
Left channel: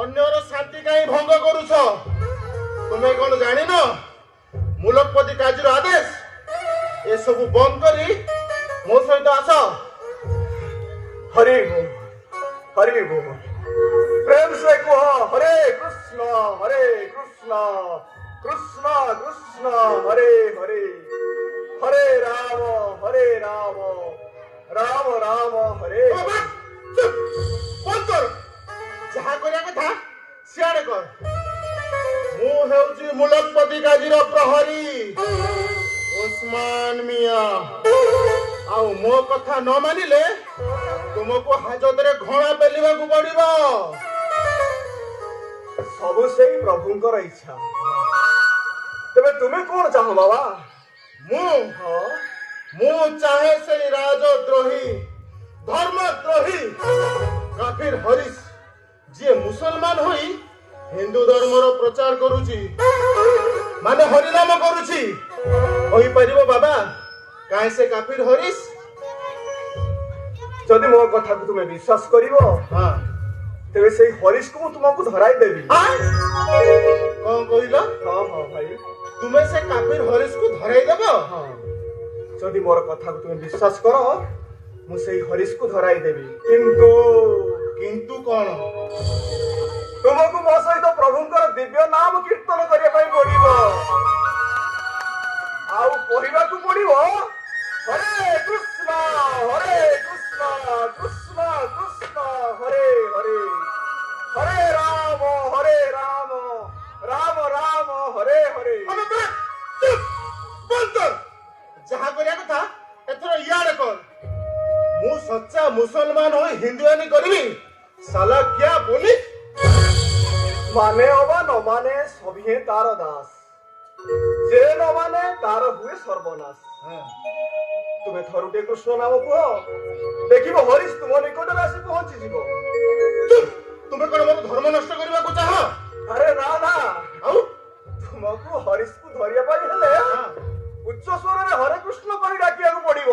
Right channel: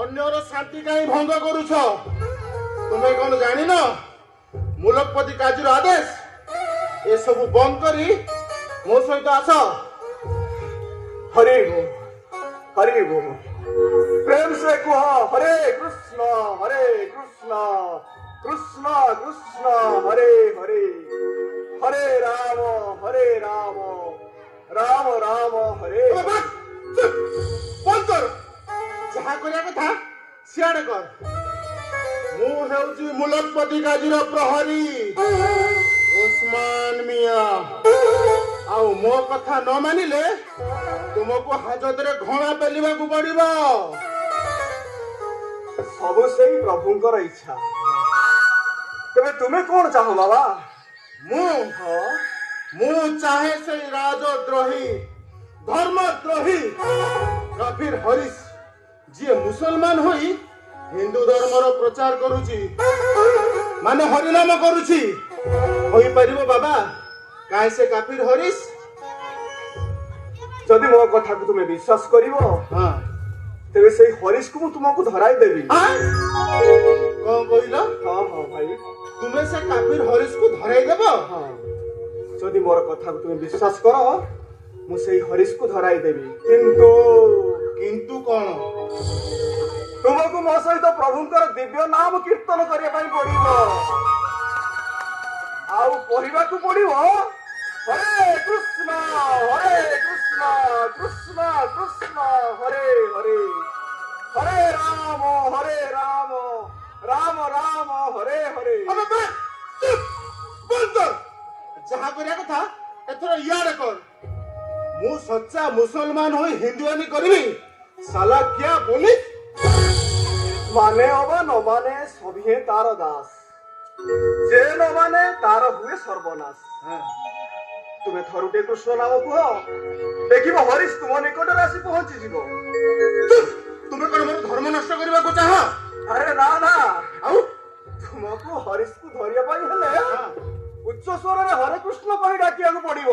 ଅନ୍ୟର ଶାନ୍ତି କାହିଁ ଭଙ୍ଗ କରୁଛ? ତୁମେ କଣ ଜାଣିନ ମୁଲକପତି କାଜୀର ଆଦେଶ? ଏସବୁ ବନ୍ଦ କରି ମୋ ସହିତ ଆସ। हरि बोल हरि बोल प्रेम से कहो हरे कृष्ण कृष्ण कृष्ण हरे हरे हरे राम राम राम हरे ବନ୍ଦ କର। ଯାହା କରିବା କଥା ସିଆଡେ କର। ମୁଁ ହେଉଛି ମୁଲକପତି କାଜୀର ପ୍ରହରୀ ଓସ୍ମାନ ମିଆ। ଆଉ ମୋ କଥା ନ ମାନିଲେ ତୁମକୁ ହାଜତରେ ଘୋଣା ପେଲିବାକୁ ପଡିବ। ସବୁ ସେଇ ପ୍ରଭୁଙ୍କର ଇଚ୍ଛା। ତେବେ ତୁମେ କଣ ଚାହ ବାବା? ମୁଁ ଚାହେଁ ସେଇ ରାଜଦ୍ରୋହୀ ଧର୍ମଦ୍ରୋହୀ କାଫିର ହରିଶ ଯିଏ ମୁସଲମାନ ହୋଇ ହିନ୍ଦୁ ଧର୍ମର ପ୍ରଚାର କରୁଛି, ମାନେ ହରିନାମ କରୁଛି। ହୋଇପାରିବ ବାବା କାହିଁ ସେ କାଫିର ହରିଶ? ଯଦି ମୋ କଥାକୁ ତୁମେ ବିଶ୍ୱାସ କରିବ ତେବେ ସେଇ ହରିଶକୁ ମୁଁ ତୁମକୁ ଧରାଇ ଦେବି। କଣ କହିଲ? ହଁ ଭାଇ, ତୁମେ ସେ କାଫିର ହରିଶକୁ ଧରାଇ ଦେବ? ଯଦି ମୋର କଥାକୁ ତୁମେ ବିଶ୍ୱାସ କର ମୁଁ ସେଇ ହରିଶକୁ ଧରାଇ ଦେବି। କିନ୍ତୁ କଣ? ତୁମକୁ ମୋ ସହିତ ପ୍ରଭୁଙ୍କର ଦିବ୍ୟ ନାମ କୀର୍ତ୍ତନ କରିବା ପାଇଁ ପଡିବ। ଆଉ କହିବାକୁ ପଡିବ ହରେ କୃଷ୍ଣ କୃଷ୍ଣ କୃଷ୍ଣ ହରେ ହରେ ହରେ ରାମ ରାମ ରାମ ହରେ ହରେ। ଯାହା କରିବା କଥା ଏଥର ଇଆଡେ କର। ମୁଁ ସଚ୍ଚା ମୁସଲମାନ ହୋଇ ହିନ୍ଦୁଆନି କରିବି। ସାଲା କ୍ୟା ବୋଲି? ମାନେ ଅବା ନ ମାନେ ସଭିଏ ତାର ଦାସ, ଯେ ନ ମାନେ ତାର ହୁଏ ସର୍ବନାଶ। ତୁମେ ଥରୁଟେ କୃଷ୍ଣ ନାମ କୁହ, ଦେଖିବ ହରିଶ ତୁମ ନିକଟରେ ଆସି ପହଞ୍ଚିଯିବ। ତୁମେ କଣ ମୋର ଧର୍ମ ନଷ୍ଟ କରିବାକୁ ଚାହ? ଆରେ ନା ଆଉ ତୁମକୁ ହରିଶକୁ ଧରିବା ପାଇଁ ହେଲେ ଉଚ୍ଚ ସ୍ୱରରେ ହରେ କୃଷ୍ଣ କହି ଡାକିବାକୁ ପଡିବ।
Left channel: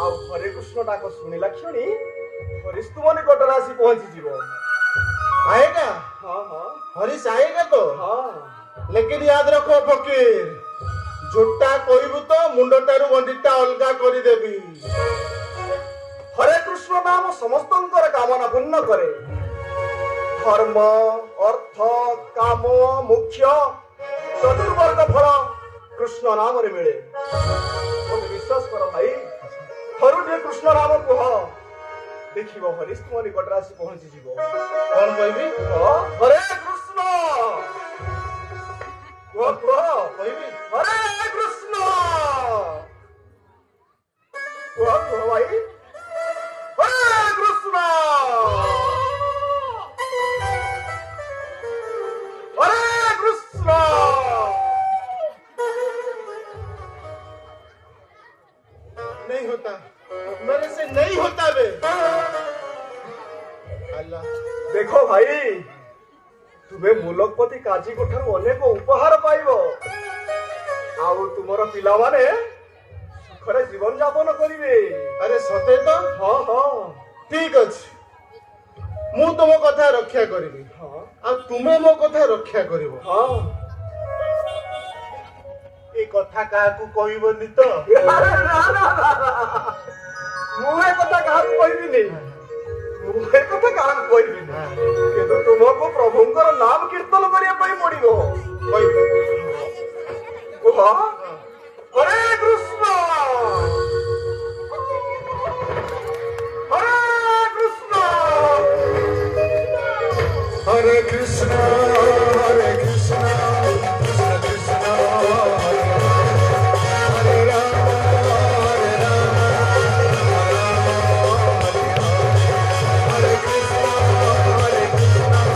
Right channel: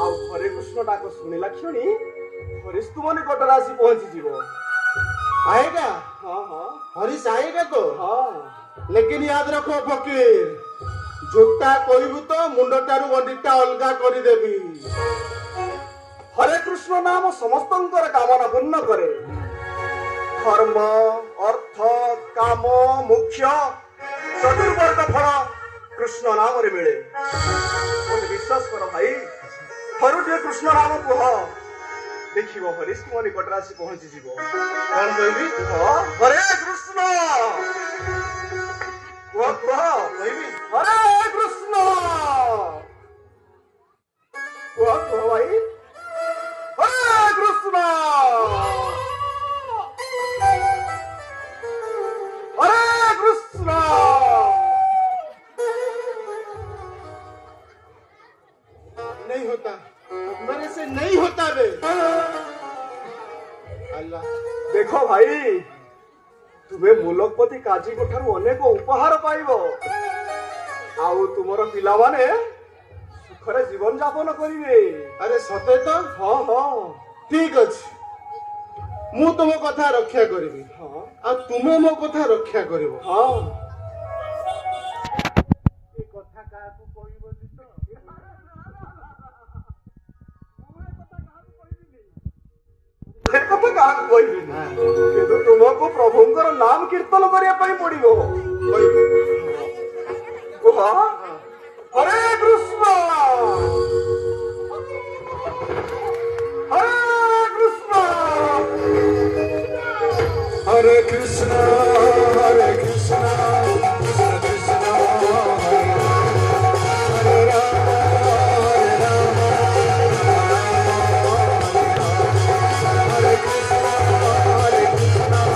ଆଉ ହରେ କୃଷ୍ଣ ଡାକ ଶୁଣିଲା କ୍ଷଣି ହରିଶ ତୁମ ନିକଟରେ ଆସି ପହଞ୍ଚିଯିବ। आएगा? हाँ हरीश आएगा तो? हाँ। लेकिन याद रखो फकीर, झूठा कहबू तो मुंडटारू गंडीटा अलगा करदेवी। हरे कृष्ण नाम समस्तंकर कामना पूर्ण करे। धर्म अर्थ काम मुख्य चतुर्वर्ग फल कृष्ण नाम रे मिले। विश्वास कर भाई, थरुटे कृष्ण नाम कह, देखिब हरीश तुम निकटरे आसी पहुंची जीव। कौन कहबी? हरे कृष्ण कहबी हरे कृष्ण भाई हरे कृष्ण हरे कृष्ण। नहीं होता, मेरे से नहीं होता बे। अल्लाह देखो भाई, तुम्हें मुलकपति काजी को ठारू अनेक उपहार पाइब। आउ तुमर पिला माने सुखरे जीवन यापन करिवे। अरे सते तो? हाँ ठीक अछि, मु तुम कथा रक्षा करिबी। आ तुमे मो कथा रक्षा करिवो। କଥା କାହାକୁ କହିବନି ତ? ମୁଁ ଏ କଥା କାହାକୁ କହିବିନି, ମୁଁ ଏ କଥା କାହାକୁ କହିବିନି, କିନ୍ତୁ ତୁମକୁ ପ୍ରଭୁଙ୍କର ନାମ କୀର୍ତ୍ତନ କରିବା ପାଇଁ ପଡିବ। କୁହ, ହରେ କୃଷ୍ଣ ହରେ କୃଷ୍ଣ हरे कृष्ण हरे कृष्ण कृष्ण कृष्ण हरे राम हरे कृष्ण हरे कृष्ण कृष्ण कृष्ण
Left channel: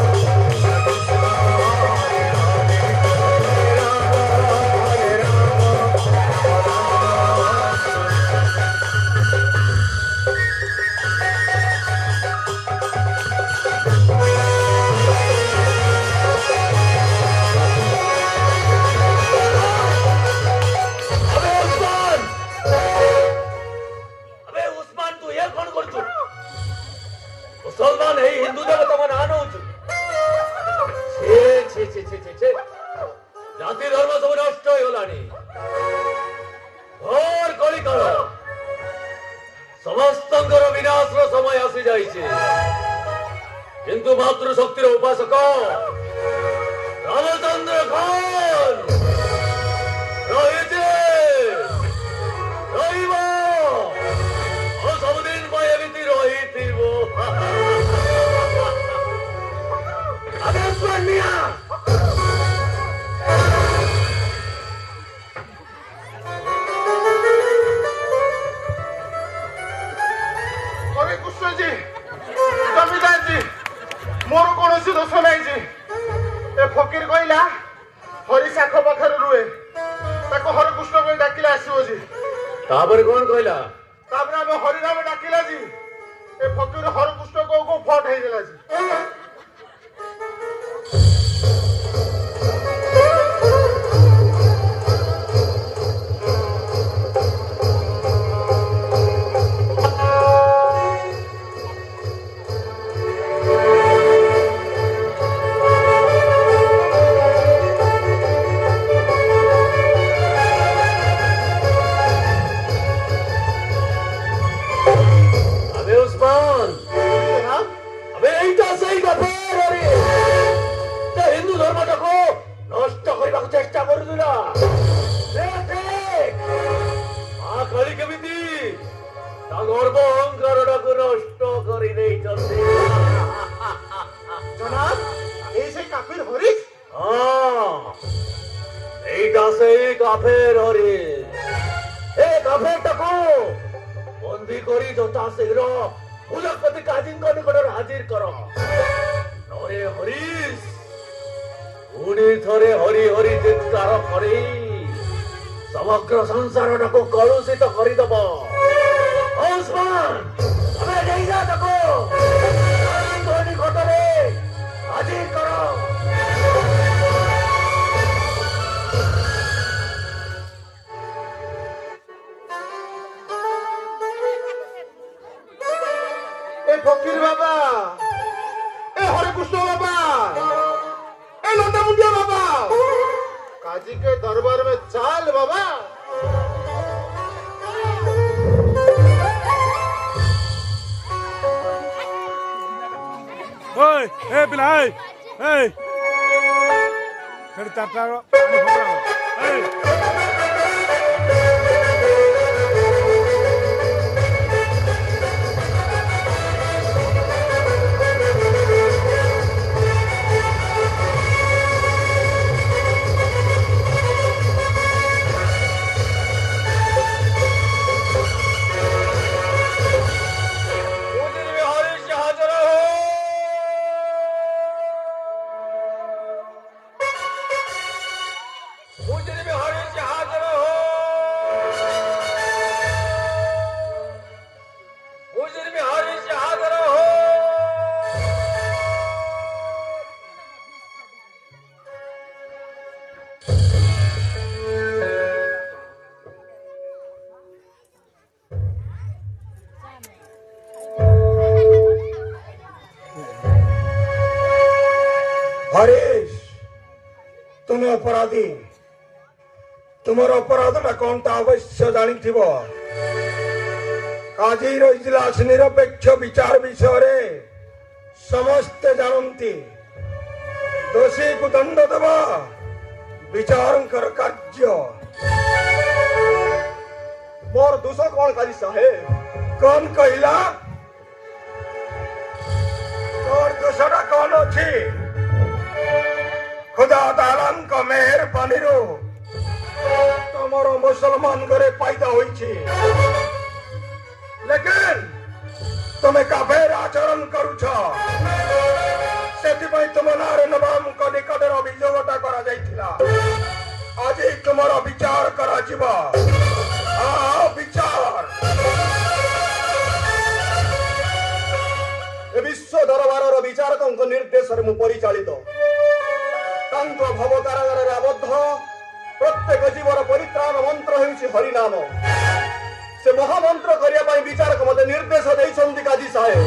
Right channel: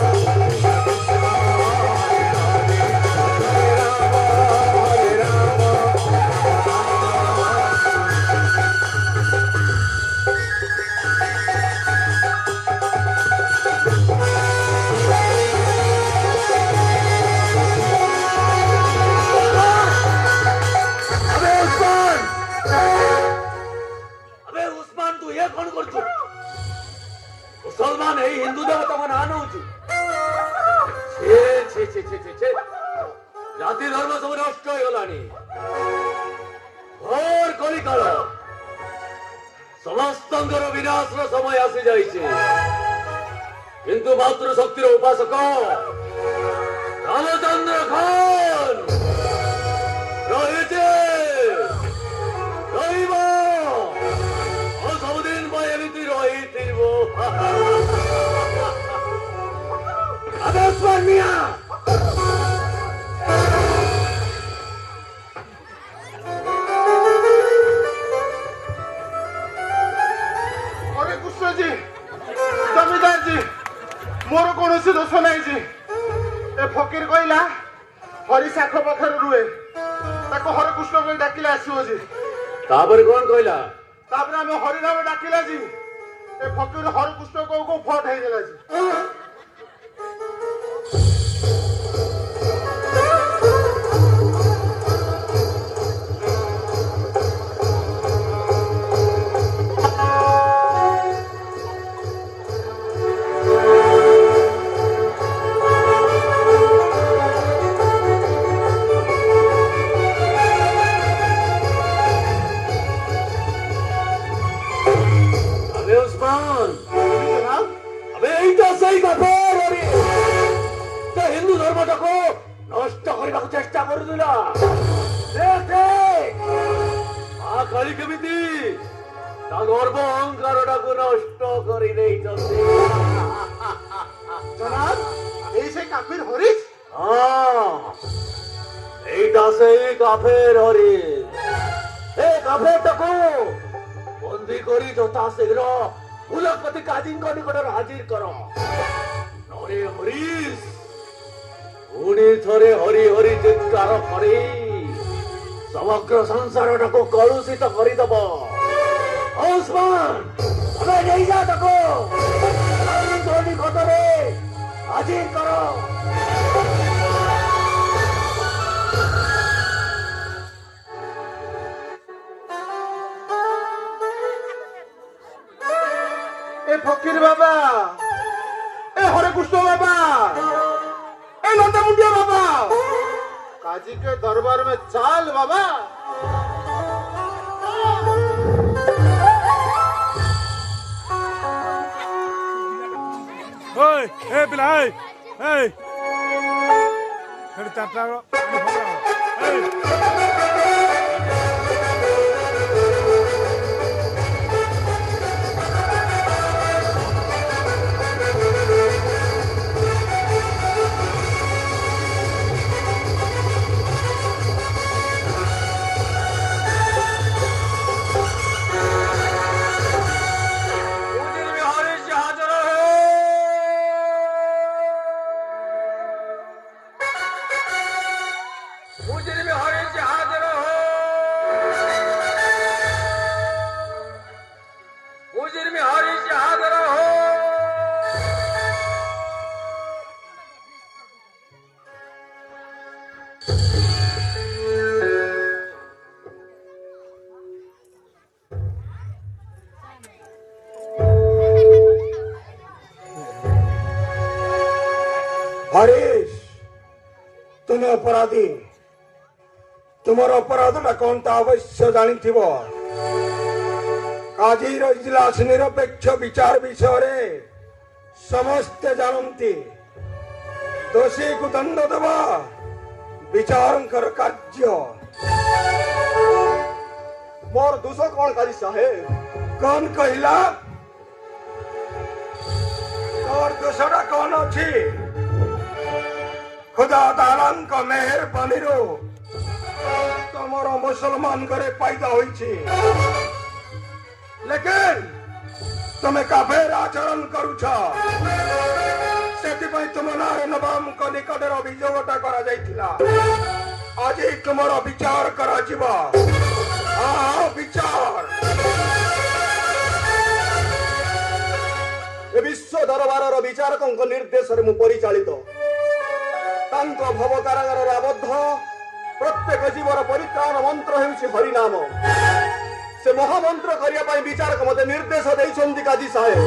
हरे राम अबे उस्मान तू ये कौन करछु? मुसलमान है हिंदू देवता को नाम होछु। छे छे छे छे छे छे जाति धर्म सब नष्ट होलानी। घोर कलिकाल समस्तंकर विनाशर समय आसी जाइछे, किंतु मातृशक्तिर उपासक रामचंद्र खान रहिछे ରହିବ। ଆଉ ସବୁଦିନ ପାଇଁ ଏମିତି ରହିଥିବ। ଆବେ ସ୍ୱାମୀଆ हरे कृष्ण जी जमीदार जी मोर कौन दोष नहीं जी। ए फकीर कहला हरि शाख पाखे रुए हरे कृष्ण को डाकिले आसो जी। ତାପରେ କଣ କହିଲା? तापर आम हरिनाम डाकिला जी। ए फकीर हरे कृष्ण को फट हो गला जी। अबे उस्मान अबे এইটা সেই কাফের হরি যে হিন্দু ধর্মটাকে নষ্ট କରିବାକୁ চেষ্টা କରୁଥିଲା। ଆ କଳି କେମିତି ତା ଗର୍ବ ଅହଙ୍କାରଟାକୁ ନଷ୍ଟ କରି ଦେଇଛନ୍ତି। जनाब ये से काफिर हरीश ହଁ এইটা সেই কাফের হরি। ଏ କାଫେରଟାକୁ ବନ୍ଦୀ କରି ଯଥା ଶୀଘ୍ର କୁଲପତି କାଜୀଙ୍କ ନିକଟରେ ହାଜିର କର। ଥରେ ହରିଶ ପୁଣି ଥରେ ହରି ହରି ଚିତ୍କାର କରି ସମଗ୍ର ସଂସାରଟାକୁ କଳୁଷିତ କରିଦବ। ଉସ୍ମାନ ତମେ ନେଇଯା ତାକୁ କାଜୀଙ୍କ ନିକଟରେ ହାଜିର କର। ए फकीर बाबा ए हरे कृष्ण बाबा ए लंडा मुंडिया बाबा काजी के दरबार में चाल बाबा। ओए ए पिला ए फिर चारटा पानी फोपड़ाओ ए हरीश तुम्हें अपराधी ତୁମର ଅପରାଧଟା କଣଟା ଅବଶ୍ୟ ଜାଣିଥିବ। କାଜିର ଇଜଲାସ ନିରପେକ୍ଷ ବିଚାର ବିଷୟରେ ସମସ୍ତେ ଜାଣନ୍ତି। ଦୋଷୀକୁ ଦଣ୍ଡ ଦେବା ବିଚାରଙ୍କର କାର୍ଯ୍ୟ। ମୋର ଦୋଷ କଣ କାଜି ସାହେବ? କଣ କହିଲା? ତୋର ଦୋଷଟା କଣ ଅଛି? ଖୁଦା ତାଆଲାଙ୍କ ମେହେରବାନୀରୁ ତମର ମୁସଲମାନ ଘରେ ପାଇଦା ହୋଇଛି, ଲେକିନ ତମେ କାଫେର ଆଚରଣ କରୁଛ। ସେଥିପାଇଁ ତୁମ ନାଁରେ ନବାବଙ୍କ ନିକଟରେ ଅଭିଯୋଗଟା କରାଯାଇଥିଲା। ଆଜି ତୁମର ବିଚାର କରାଯିବ। ବିଚାର ଏ ବିଶ୍ୱ ଦରବାରର ବିଚାରକଙ୍କ ନିର୍ଦ୍ଦେଶରେ ମୁଁ ପରିଚାଳିତ। ତାଙ୍କ ଭବ କାରାଗାରରେ ଆବଦ୍ଧ ପ୍ରତ୍ୟେକ ଜୀବର ପରିତ୍ରାଣ ମନ୍ତ୍ର ହେଉଛି ହରିନାମ। ସେ ମହାମନ୍ତ୍ର କରିବା ପାଇଁ ବିଚାରକ ମୋତେ ନିର୍ଦ୍ଦେଶ ଦେଇଛନ୍ତି କାଜୀ ସାହେବ।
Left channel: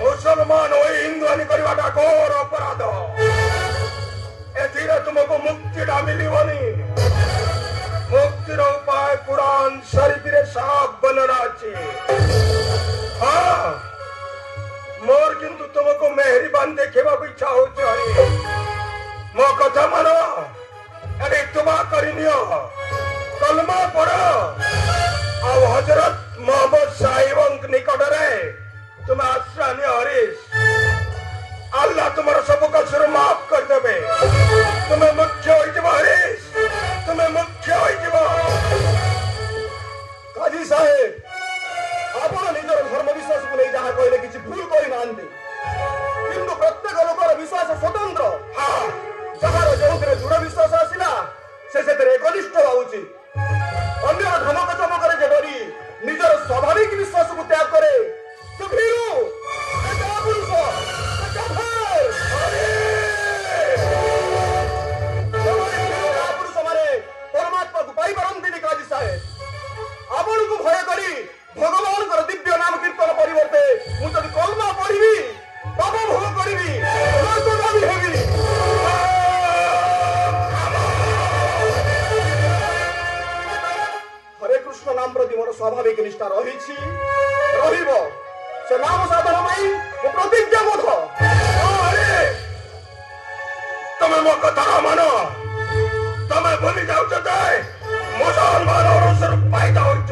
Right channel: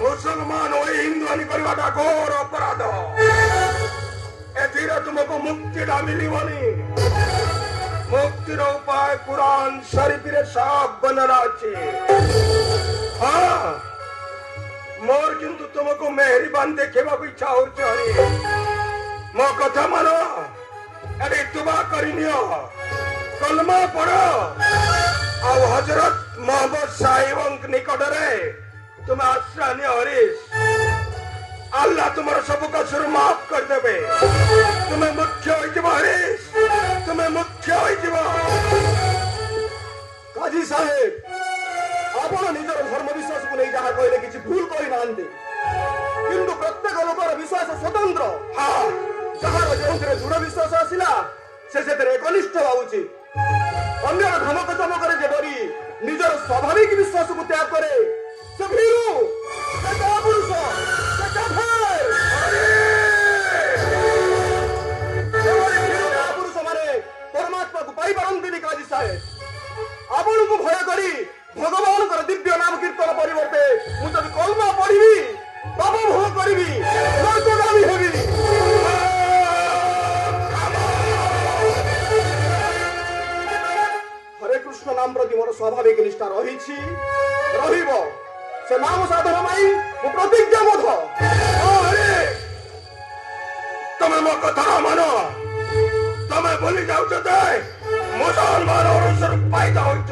ମୁସଲମାନ ହୋଇ ହିନ୍ଦୁ କରିବାଟା ଘୋର ଅପରାଧ। ଏଥିରେ ତୁମକୁ ମୁକ୍ତିଟା ମିଳିବନି। ମୁକ୍ତିର ଉପାୟ କୁରାନ ଶରୀଫରେ ସାଫ ବର୍ଣ୍ଣନା ଅଛି। ମୋର କିନ୍ତୁ ତୁମକୁ ମେହେରବାନ ଦେଖିବାକୁ ଇଚ୍ଛା ହଉଛି। ମୋ କଥା ମାନ, ଏବେ ତୁମା କରିନିଅ, କଲମା ପଢ, ଆଉ ହଜରତ ମହମ୍ମଦ ସାହିବଙ୍କ ନିକଟରେ ତୁମେ ଆଶ୍ରୟ ନିଅ। ହରିଶ, ଆଲ୍ଲାହ ତୁମର ସବୁ କସୁର ମାଫ କରିଦେବେ। ତୁମେ ମୁଖ୍ୟ ହୋଇଯିବ। ହରିଶ, ତୁମେ ମୁଖ୍ୟ ହୋଇଯିବ। କାଜୀ ସାହେବ, ଆପଣ ନିଜର ଧର୍ମ ବିଶ୍ୱାସକୁ ନେଇ ଯାହା କହିଲେ କିଛି ଭୁଲ କରିନାହାନ୍ତି, କିନ୍ତୁ ପ୍ରତ୍ୟେକ ଲୋକର ବିଶ୍ୱାସ ସ୍ୱତନ୍ତ୍ର। ଯାହାର ଯେଉଁଥିରେ ଦୃଢ ବିଶ୍ୱାସ ଆସିଲା ସେ ସେଥିରେ ଏକନିଷ୍ଠ ହଉଛି। ଅନ୍ୟ ଧମକ ଚମକରେ ଯେ ଡରି ନିଜର ସ୍ୱାଭାବିକ ବିଶ୍ୱାସକୁ ତ୍ୟାଗ କରେ ସେ ଭୀରୁ, ସେ କାପୁରୁଷ, ସେ କାଫେର। କାପୁରୁଷମାନେ ପରମାତ୍ମାକୁ ପାଇପାରନ୍ତିନି। କାଜୀ ସାହେବ, ଆପଣଙ୍କୁ ଭୟ କରି ଭଗବାନଙ୍କର ଦିବ୍ୟ ନାମ କୀର୍ତ୍ତନ ପରିବର୍ତ୍ତେ ମୁଁ ଯଦି କଲମା ପଢିବି, ପାପ ଭୋଗ କରିବି, ନର୍କଗାମୀ ହେବି। ହରେ କୃଷ୍ଣ ନାମ ପ୍ରତି ମୋର ସ୍ୱାଭାବିକ ନିଷ୍ଠା ରହିଛି, ରହିବ। ସେ ନାମ ସାଧନ ପାଇଁ ମୁଁ ପ୍ରତିଜ୍ଞାବଦ୍ଧ। ତମେ ମୋ କଥା ମାନ। ତମେ ଭୁଲି ଯାଉଛ ଯେ ମୁସଲମାନ ପାଇଦା ହୋଇଛ।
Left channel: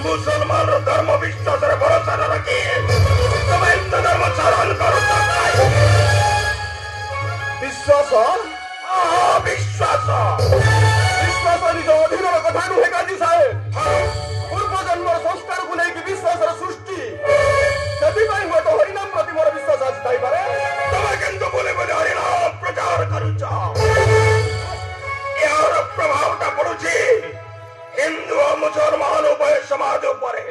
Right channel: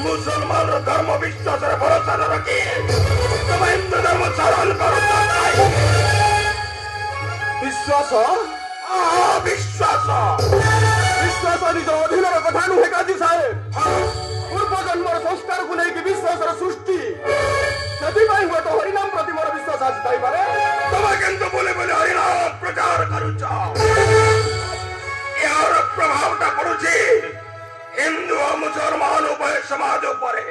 ମୁସଲମାନର ଧର୍ମ ବିଶ୍ୱାସରେ ଭରସା ନ ରଖି ତମେ ହିନ୍ଦୁ ଧର୍ମ ଧାରଣ କର। ବିଶ୍ୱାସ ବିଶ୍ୱାସ ବିଶ୍ୱାସ ନିଜ ଅଧୀନର କଥା ନୁହେଁ କାଜୀ ସାହେବ। ପୂର୍ବ ଜନ୍ମର ସଂସ୍କାରକୁ ନେଇକି ବିଶ୍ୱାସର ସୃଷ୍ଟି। ସେଥିପାଇଁ ହୁଏତ ହରିନାମ ପ୍ରତି ମୋର ବିଶ୍ୱାସ ଆସିଥାଇପାରେ। ତମେ କିନ୍ତୁ ବୋଲି ବୋଲି ହରିନାମ ପ୍ରଚାର କରୁଛ। ଏହାର ପ୍ରଭାବଟା ପଡୁଛି ହିନ୍ଦୁ ଓ ମୁସଲମାନ ଉଭୟ ସମାଜ ଉପରେ।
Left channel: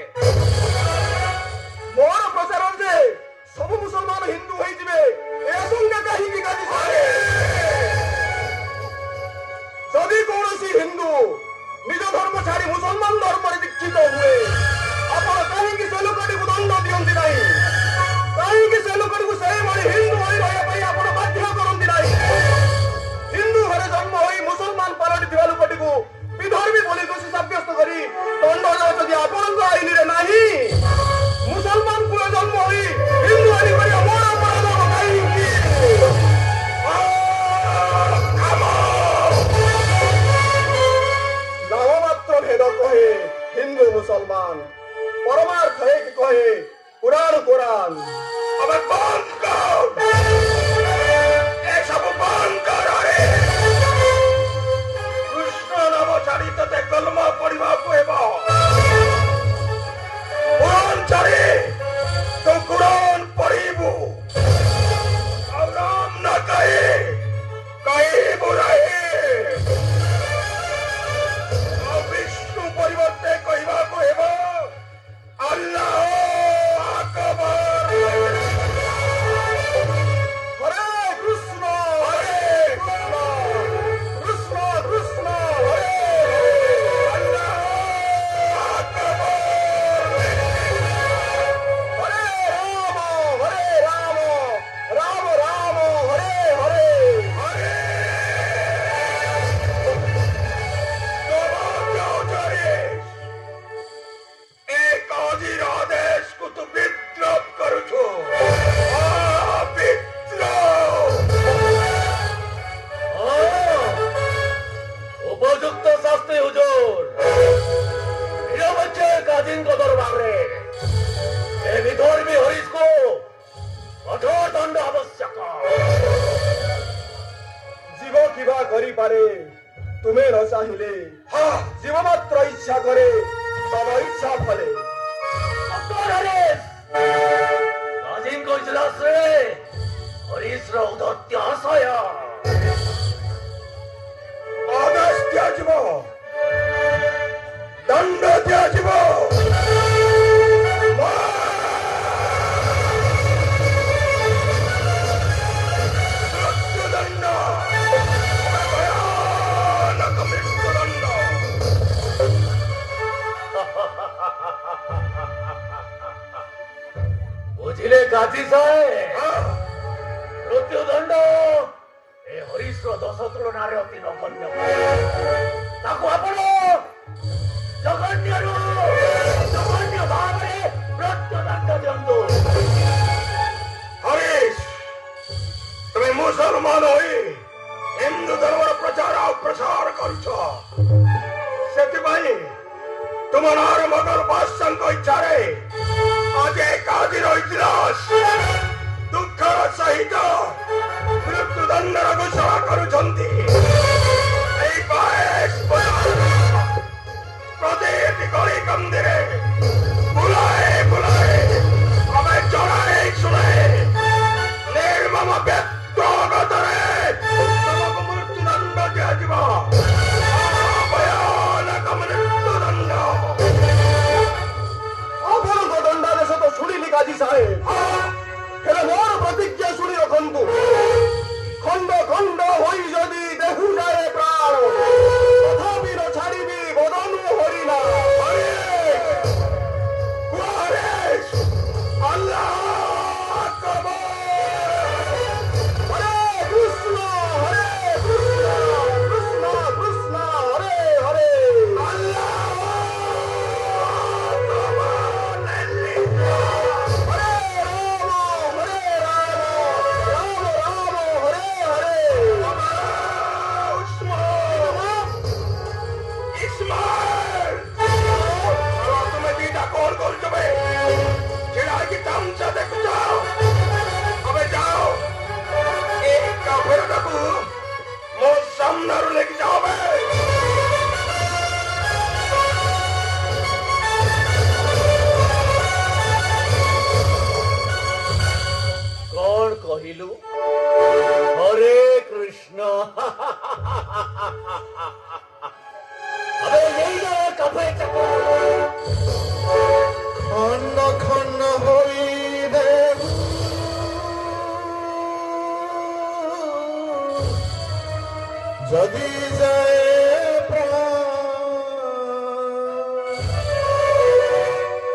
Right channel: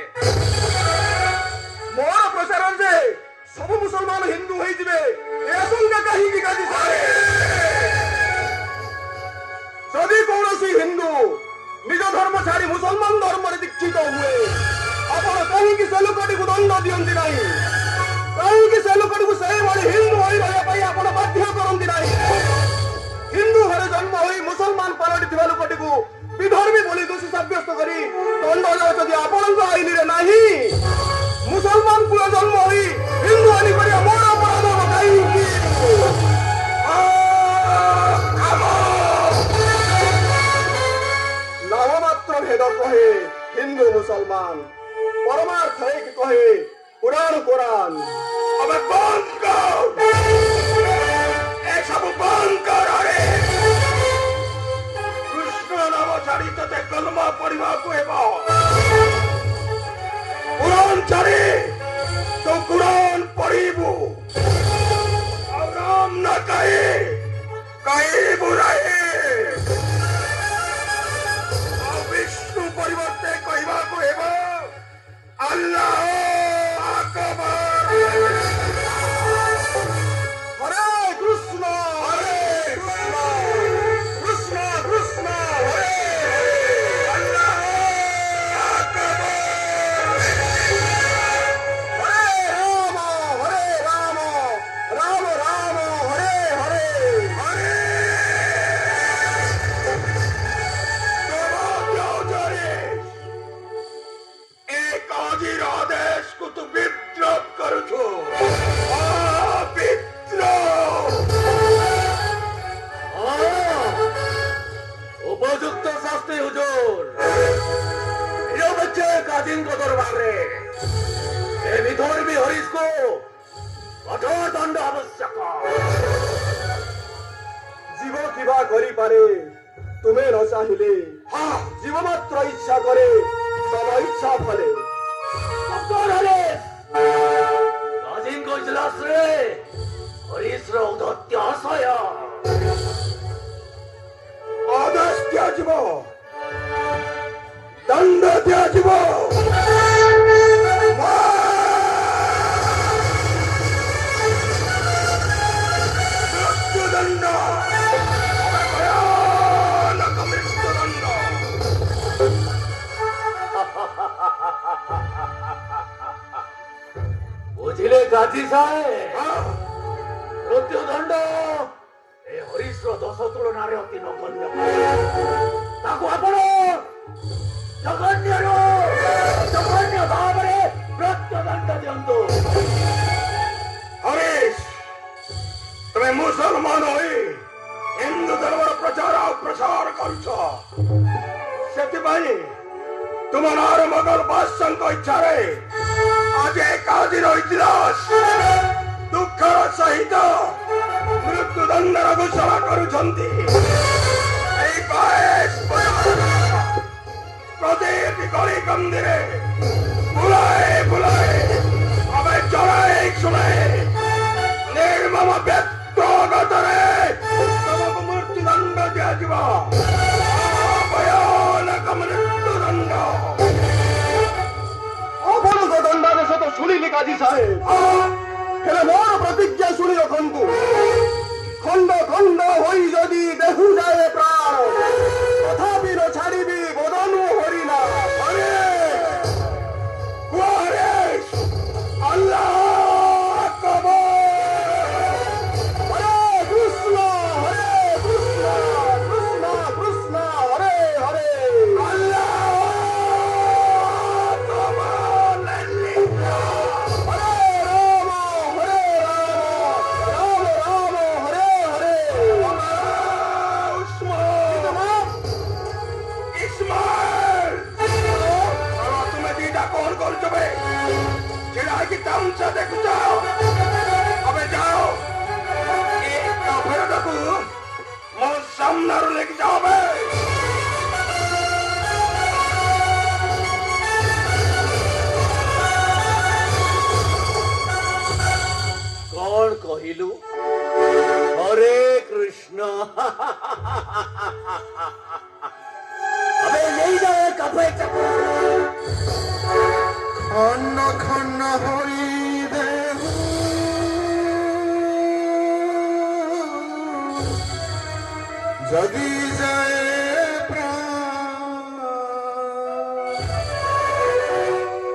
ମୋର ପ୍ରଚାର ଯେ ସବୁ ମୁସଲମାନ ହିନ୍ଦୁ ହୋଇଯିବେ, ଏ ଆଶଙ୍କା କାହିଁକି କାଜୀ ସାହେବ? ଯଦି କୌଣସି ହିନ୍ଦୁ ନିଜ ଧର୍ମ ଛାଡି ମୁସଲମାନ ଧର୍ମରେ ଦୀକ୍ଷିତ ହୁଏ, ଆପଣ କାହିଁକି ସେ ଲୋକଟିକୁ ଦଣ୍ଡ ଦିଅନ୍ତି ନାହିଁ? କାହିଁକି ସେ ଲୋକଟିକୁ ସେହିଭଳି ହିନ୍ଦୁ ହୋଇ ରହିବା ପାଇଁ ଆପଣ ବାଧ୍ୟ କରନ୍ତି ନାହିଁ? ହିନ୍ଦୁ ଘରେ ଜନ୍ମ ହୋଇ ମୁସଲମାନ ପାଲଟିଥିବା ଲୋକଟିକୁ ବିଧର୍ମୀ ବୋଲି ଦୋଷୀ ସାବ୍ୟସ୍ତ କରି ଦଣ୍ଡ ଯଦି ଆପଣଙ୍କ ଆଇନରେ ନାହିଁ, ମୁସଲମାନ କୁଳ ଜନ୍ମ ହୋଇ ହିନ୍ଦୁ ଆଇନ କରିବା ମୋର ଅପରାଧ କାହିଁକି? ନାମ ମାତ୍ର ଭେଦ କହେ ହିନ୍ଦୁ ମୁସଲମାନ, ପରମାର୍ଥ ଏକ କହେ ପୁରାଣ କୋରାନ। अब बंद कर, ଏସବୁ ବନ୍ଦ କର। କୃଷ୍ଣ ନାମ ଛାଡ଼ି ତତେ କଲମା ପଢିବାକୁ ହେବ। କୁରାନ ଛାଡ଼ି ତୁ କୁରାନ ପଢିବୁ। ଆଉ ରାମ ନ କହିବୁ ନାହିଁ। ଆଉ ବିଷ୍ଣୁ ପରିବର୍ତ୍ତେ କହିବାକୁ ହେବ ଆଲ୍ଲାହ আকবার। Hare କରିପାରେ ତୁମେ ନ ଚାହିଁଲେ ଜୀବ ମାତ୍ର ଇଚ୍ଛା କରେ ତମ ଇଚ୍ଛା ଫଳେ। କାଜିଙ୍କ ଇଜଲାସରେ ହରିଶର ଔଦତ୍ୟ ଆଶୟ ଆଦେଶ ଦିଆଯିବ, ଦଣ୍ଡ ଦିଆଯିବ। ମୃତ୍ୟୁଦଣ୍ଡ, ଭୟାନକ ମୃତ୍ୟୁଦଣ୍ଡ। ବୁଝିଲେ ଗାଜି ସାହେବ, ମୃତ୍ୟୁଦଣ୍ଡ ଏ ହରିଶର ଦୋଷ ତୁଳନାରେ ଅତି ନଗଣ୍ୟ। ତାକୁ ଆପଣ ଜଘନ୍ୟରୁ ଜଘନ୍ୟ ଭାବରେ ମୃତ୍ୟୁଦଣ୍ଡ ଦିଅନ୍ତୁ। ହରିଶ, ତୁମେ ମୁସଲମାନ ହୋଇ ହିନ୍ଦୁ ଧର୍ମର ପ୍ରଚାର ଆଉ ପ୍ରସାର କରୁଛ। ସେଥିପାଇଁ ତୁମ ନାଁରେ ମୋଗଲ ବାଦଶାହଙ୍କ ଇଚ୍ଛାରେ ଆଜି ଏକାଦିନ ଇତିହାସ ଦୁଃଖର ସହିତ ମୃତ୍ୟୁଦଣ୍ଡର ଘୋଷଣା କରୁଛନ୍ତି। ଏହି ବୟସ ପ୍ରତିଟି ଗଳି କନ୍ଦିରେ ବୁଲାଏ ବୁଲାଏ ଆମେ ଜଣାଏ ଶୁଣାଏ ନିର୍ମମ ବ୍ୟକ୍ତଗତରେ ତମକୁ ମୃତ୍ୟୁଦଣ୍ଡ ଦିଆଯିବ। ଭୟାନକ ମୃତ୍ୟୁଦଣ୍ଡ। ଆପଣଙ୍କ ଦଣ୍ଡାଦେଶ ତ ଶୁଣିଲି ଗାଜି ସାହେବ, ହେଲେ ମୋର ପ୍ରତିଜ୍ଞା ଶୁଣି ରଖନ୍ତୁ। ଖଣ୍ଡ ଖଣ୍ଡ ହୋଇ ଯଦି ଦେହୁ ଯାଏ ପ୍ରାଣ, ତଥାପି ନ ଛାଡ଼ିବି ବଦନୁ ହରିଣ। ଆଲ୍ଲାହ আকবার। ହରେ କୃଷ୍ଣ ହରେ କୃଷ୍ଣ କୃଷ୍ଣ କୃଷ୍ଣ ହରେ ହରେ। ଆଲ୍ଲାহ ମୋ ସାମ୍ନାରୁ ଲେଖି ଯାଅ ବେ। କଣ କହିଲୁ? ହରେ କୃଷ୍ଣ। अबे नहीं जाए कपड़े খন্ন খন্ন হই দেহু যদি যায় প্রাণ,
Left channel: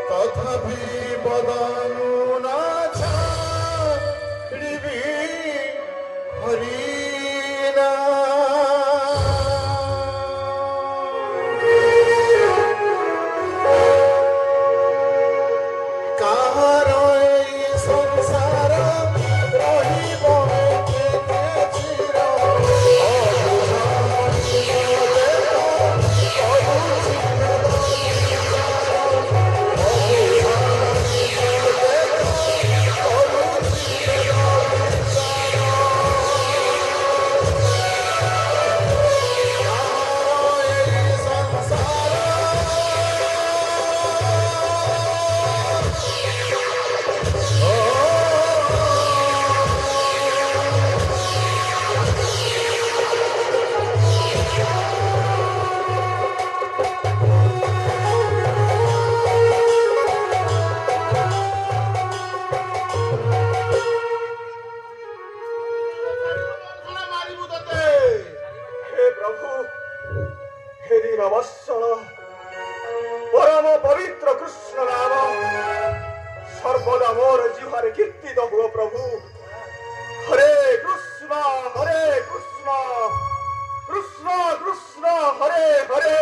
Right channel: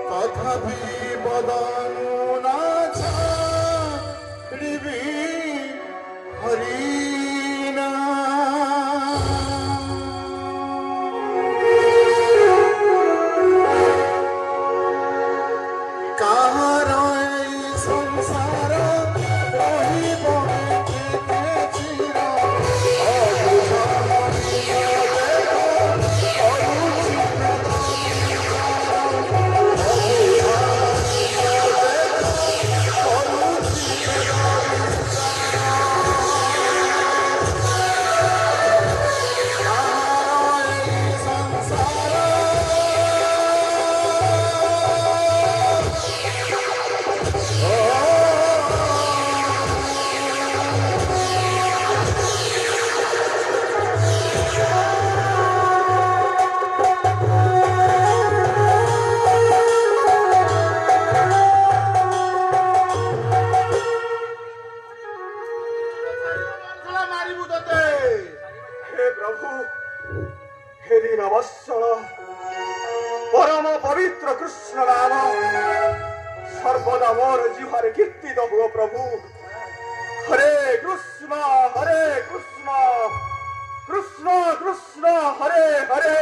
তথাপি বদনু না ছাড়িবি হরিনা। কাহার এই সংসার রহিব কেতে চির, हे प्रभु, हे दीनवत्सल, परम पवित्र कृष्ण नाम सर्वदा मोर जिह्वारे कीर्तित हुओ प्रभु। हरे कृष्ण कृष्ण कृष्ण हरे हरे,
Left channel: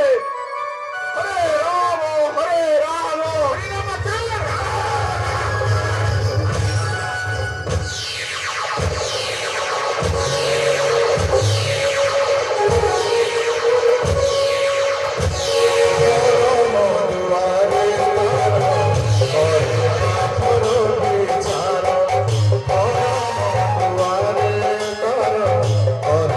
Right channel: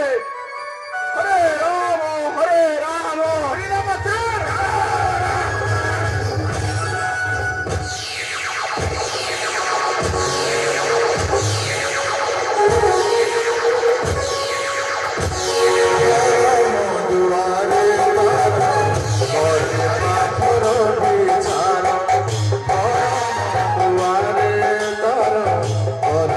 हरे राम हरे राम और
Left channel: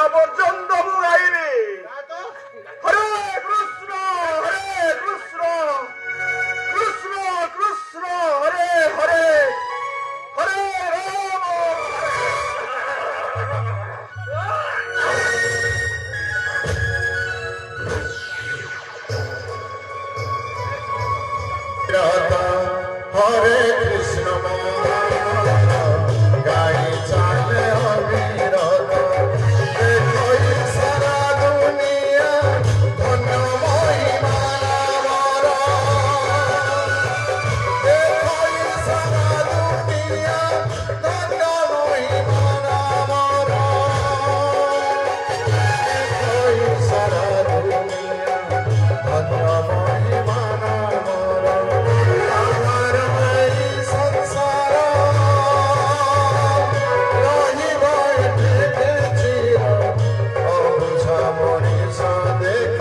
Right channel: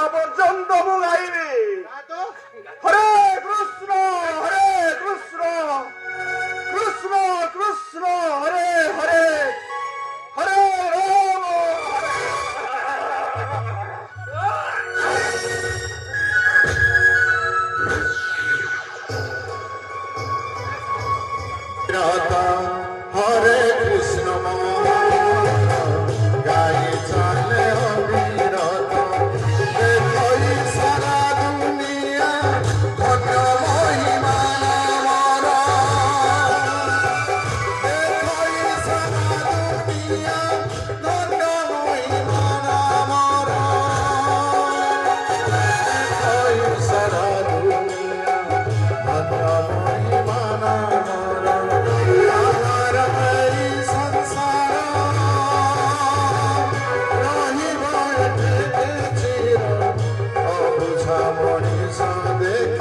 মরিয়া পর্যন্ত মু গাইবি হরে কৃষ্ণ কৃষ্ণ কৃষ্ণ হরে হরে হরে রাম হরে কৃষ্ণ গাই চালে অবিরত দেখই সারা দুনিয়া ধন্য মহিমা নামর দেখই সারা দুনিয়া ধন্য মহিমা নামর দেখই সারা দুনিয়া ধন্য মহিমা নামর আমার এই সংসার রহিব এঠেছি অবুঝা মଣିষ দেখ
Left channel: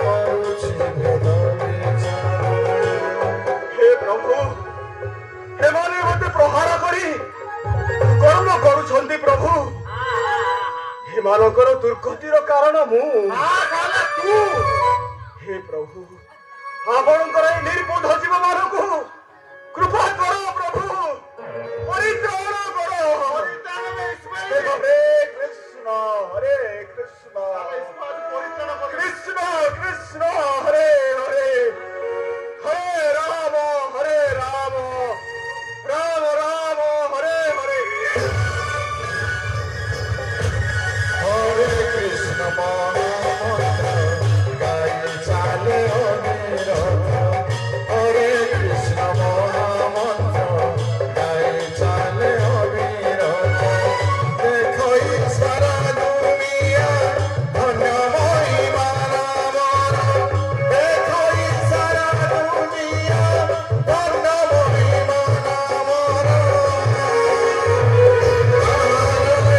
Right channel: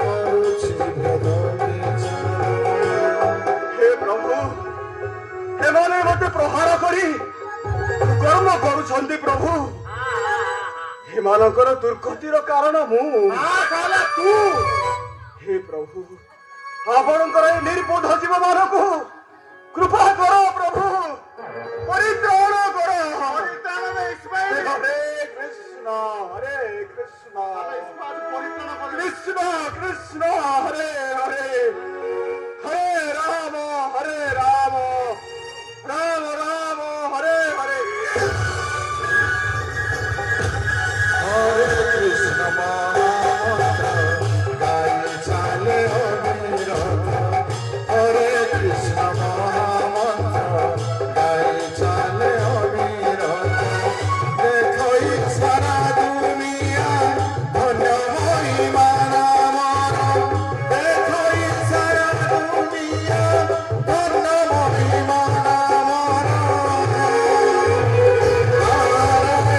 କରୁଛି ଭେଦ হে প্রভু এମାନେ মতে প্রহার করি কর্ম করুଛନ୍ତି প্রভু এମାନଙ୍କର ଦୁର୍ଗତିର କାରଣ ମୁଁ ତୁ ହେ ପ୍ରଭୁ ଆପଣଙ୍କର ଏ ନିର୍ବୋଧ ଜୀବମାନଙ୍କୁ କୃପା କର ପ୍ରଭୁ ପରିତ୍ରାଣ କର ହରେ କୃଷ୍ଣ କୃଷ୍ଣ କୃଷ୍ଣ ହରେ ହରେ হরে রাম রাম রাম হরে হরে হরে কৃষ্ণ মহামন্ত্র গাই চালে অবিরত হরে কৃষ্ণ মহামন্ত্র গাই চালে অবিরত দেখই সারা দুনিয়া ধন্য মহিমা নামর দেখই সারা দুনিয়া ধন্য মহিমা নামর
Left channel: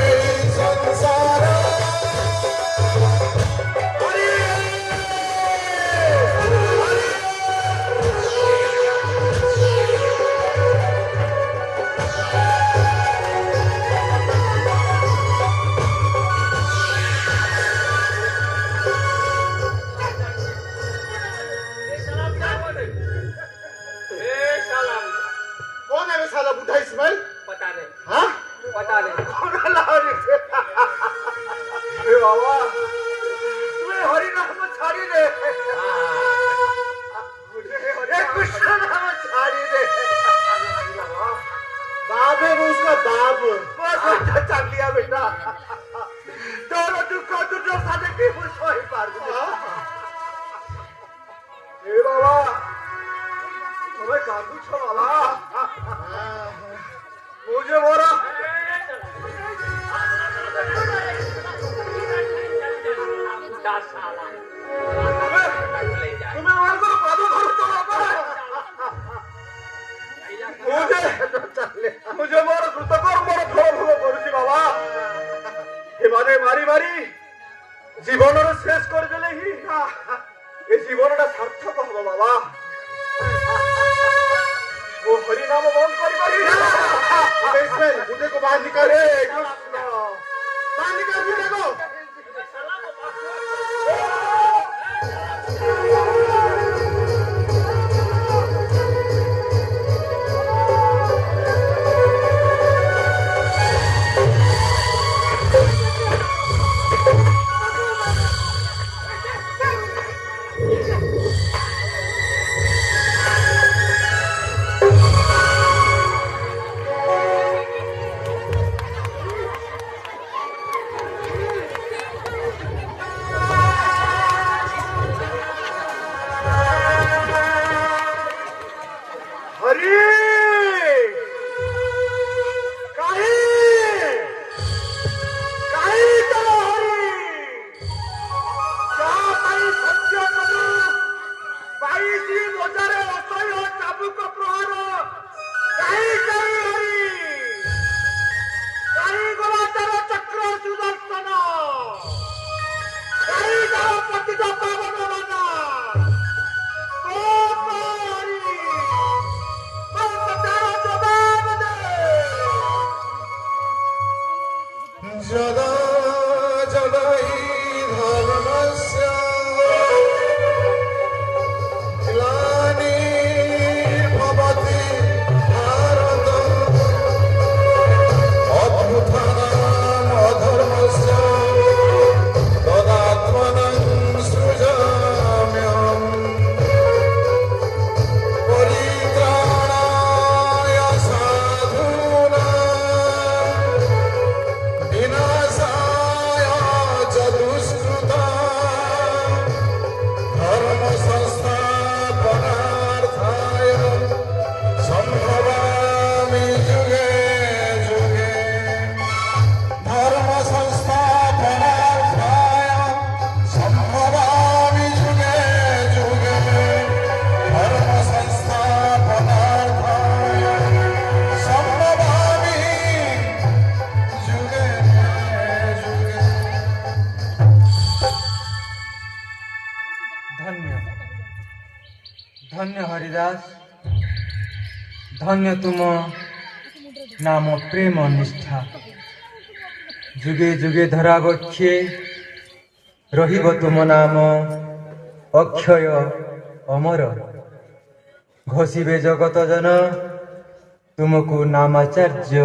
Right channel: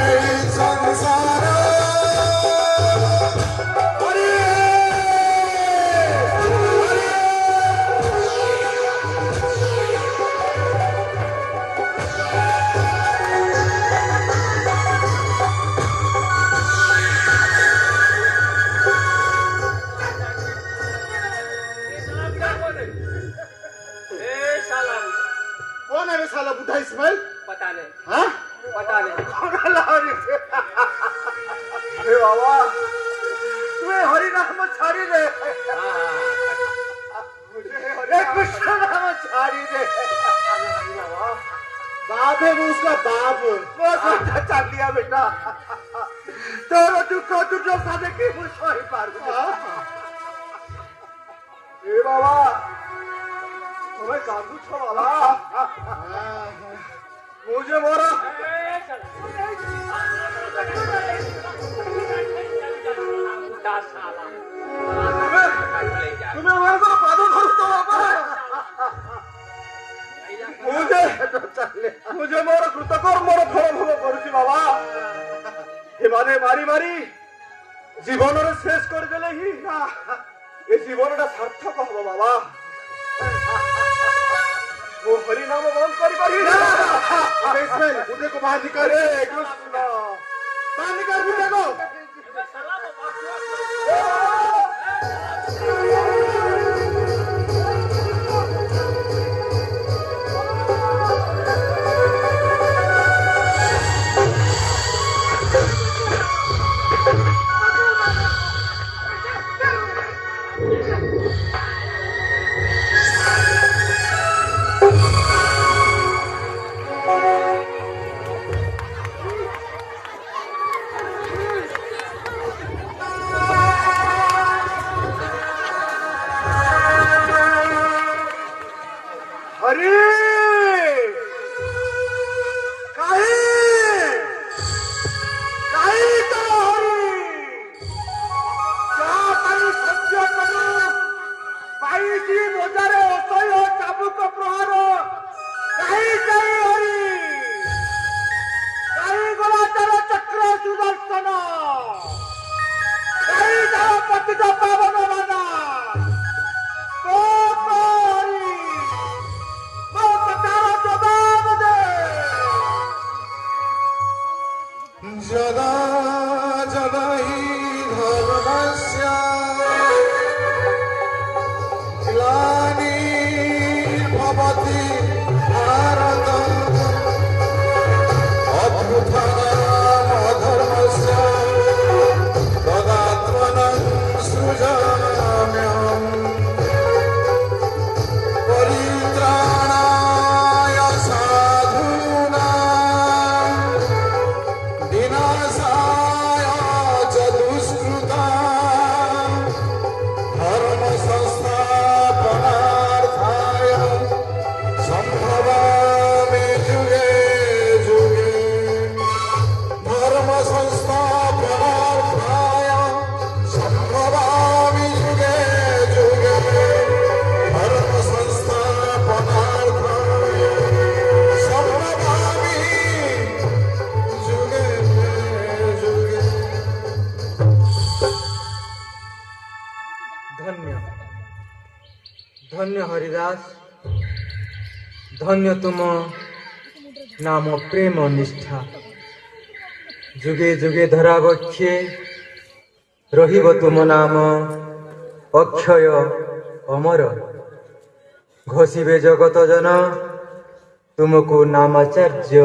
এই সংসার कौन है साला बुढ़ा इस्माइल पता नहीं हाँ पता नहीं हे बाबा तुम्हें हरि नाम छाड़ी दे मुझे कृष्ण नाम छाड़ी दे बाप है वो उसका बाप बस चल दिया बेटा तो दुख तुझे साथे की सॉरी पार हे बाबा तुम्हें काबू छो बाबा मुझे मोरा तुम्हें मेरे को पादू धरतो बाबा मुझे मोर कृतकर मोर फल भोग करुची बाबा एमाने मारी मारी जीवन शेष कर देले ही ए जीवनटा सार्थक हब बाबा वो हरि नाम बंद करी इस्माइल बुढ़े को बाहर निकाले कृष्ण बाहर निकाल बुढ़े को धन्य धन्य हरिदास, धन्य तुम नाम प्रेम निष्ठा, जुगे जुगे धरा बक्षे रहिब तुम नाम अक्षय अमर। घोषिबे जगत जन तुमको नामाचार्य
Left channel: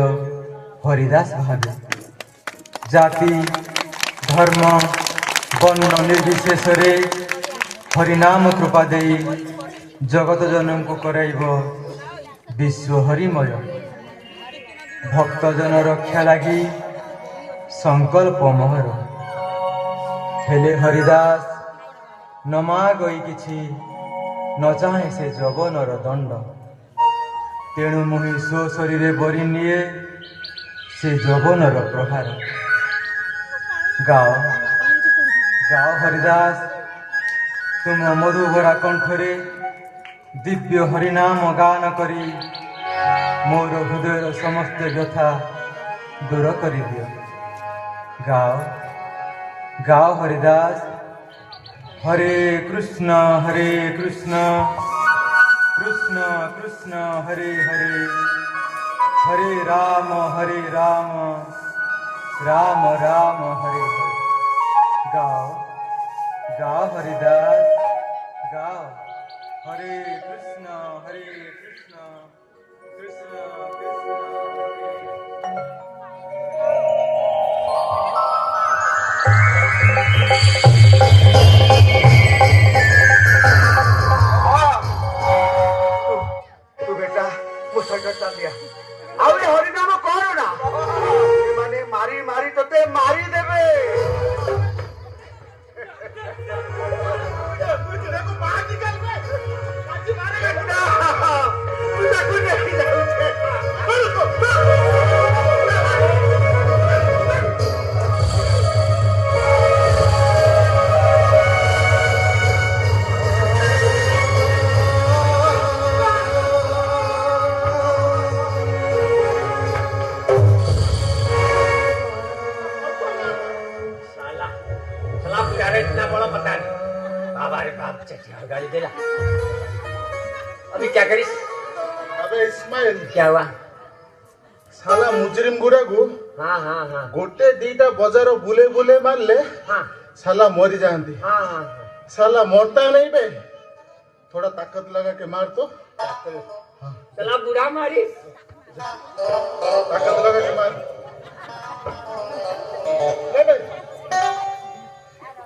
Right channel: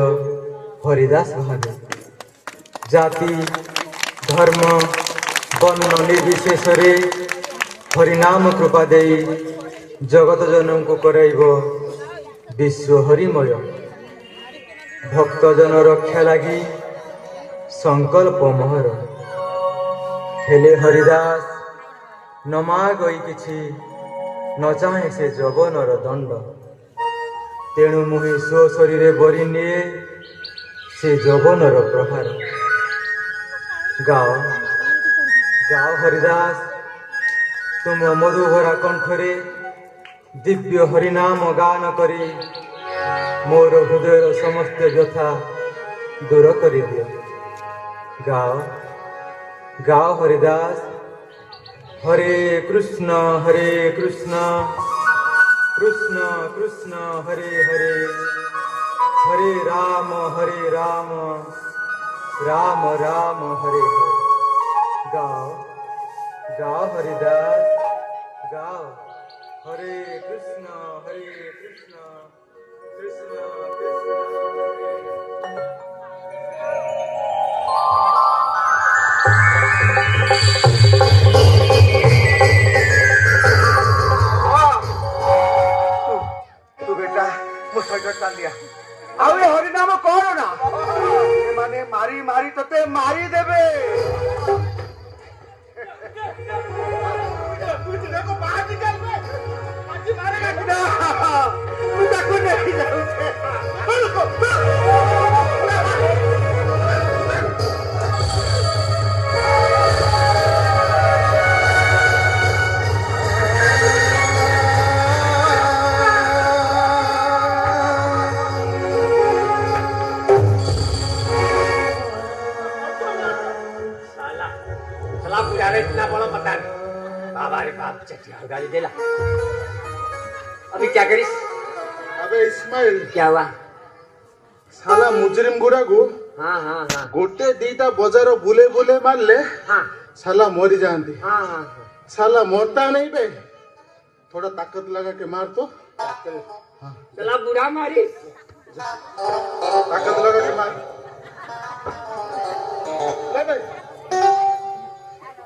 हरिदास भावे। जाति धर्म वर्ण निर्विशेषरे हरिनाम कृपा देई जगत जन को कराइब विश्व हरिमय। भक्तजन रक्षा लगी संकल्प मोहर। हेले हरिदास न मागई किछि, न चाहे से जगनर दंड। तेणु मुहि स्व शरीरे बरी निए से जगनर प्रहार। गाओ गाओ हरिदास, तुम मधुभरा कंठरे दिव्य हरिनाम गान करी मोर हृदयर समस्त व्यथा दूर करि दियो। गाओ गाओ हरिदास, हरे कृष्ण कृष्ण कृष्ण हरे हरे, हरे राम राम राम हरे हरे। गाओ गाओ हरिदास, गाओ हरे कृष्ण कृष्ण कृष्ण तू बेटा मो सैकट डाल दिया। ଆଉ ଏ ହରିନାମ କର ନା, ମାନେ ମାରି ମାରି ତତେ ମାରି ଦେବେ। ତାକୁ ନେଇ ଯାଉଛେ। गाली देला। अभी क्या करिस? अबे इस्माइल, क्या हुआ? साला मुजरिम गुरा को हाँ हाँ हाँ गोटे दीटा बजार बुले बुले मारले हाँ साला मरी जाती। हाँ हाँ साला मरता नहीं बे, थोड़ा ताकत लगा के मार तो। चला बुरा मारी। ताकत लगा के मार। ले बे,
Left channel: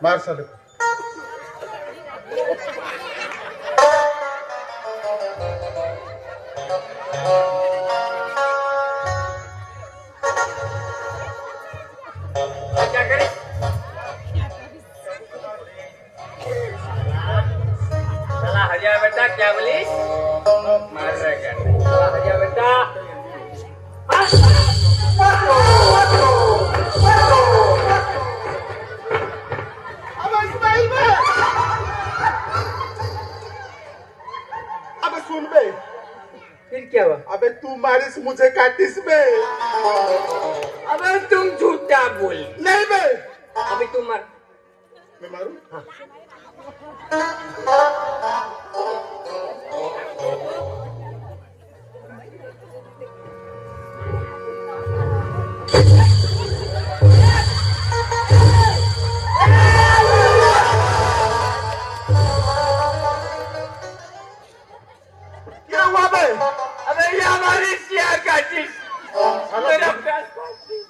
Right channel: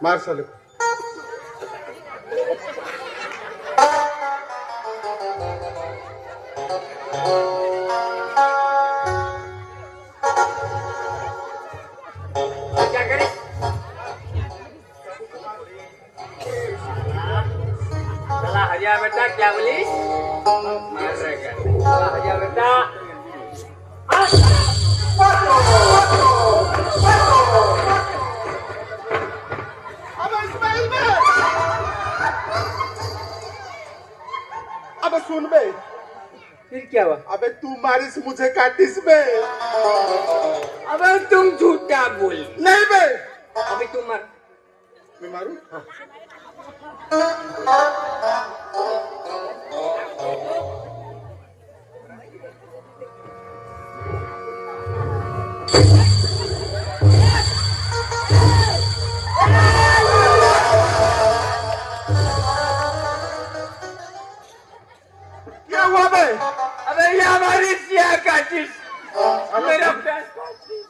मार साले। क्या करे? चला हरिया बेटा, क्या बोली? चला हरिया बेटा। अबे सुन बे, फिर क्या हुआ? अबे तू मारिस मुझे काटिस बे। अबे तुम झूठा बोल। नहीं बे, अभी तुम मर। मैं मारू? क्या हुआ बे? अबे ये हमारी सिया काटिस, मेरा प्यास काटिस।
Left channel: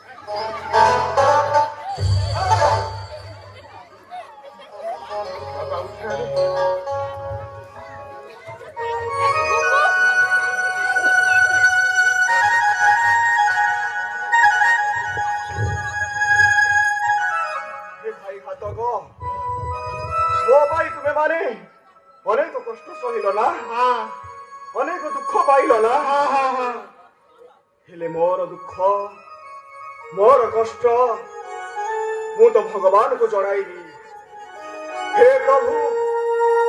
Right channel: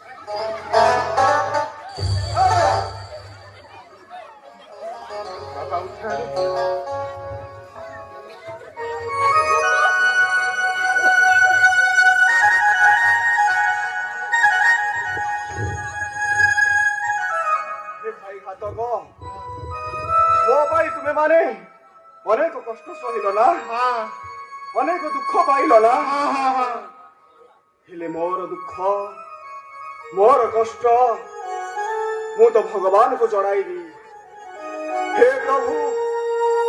ଭାଇ ଘାତକ, ମୋ ଭାଇ ତୁମେ ମାନେ ଅନେକ କଷ୍ଟ ସହିଲ ନା, ଅନେକ ଦୁଃଖ ପାଇଲ ନା। ହେଲେ ମୋର ଦୁଃଖ ମୋର କଷ୍ଟ ମୁଁ ତ ଭଗବାନଙ୍କୁ ଜଣାଇବି। ହେ ପ୍ରଭୁ,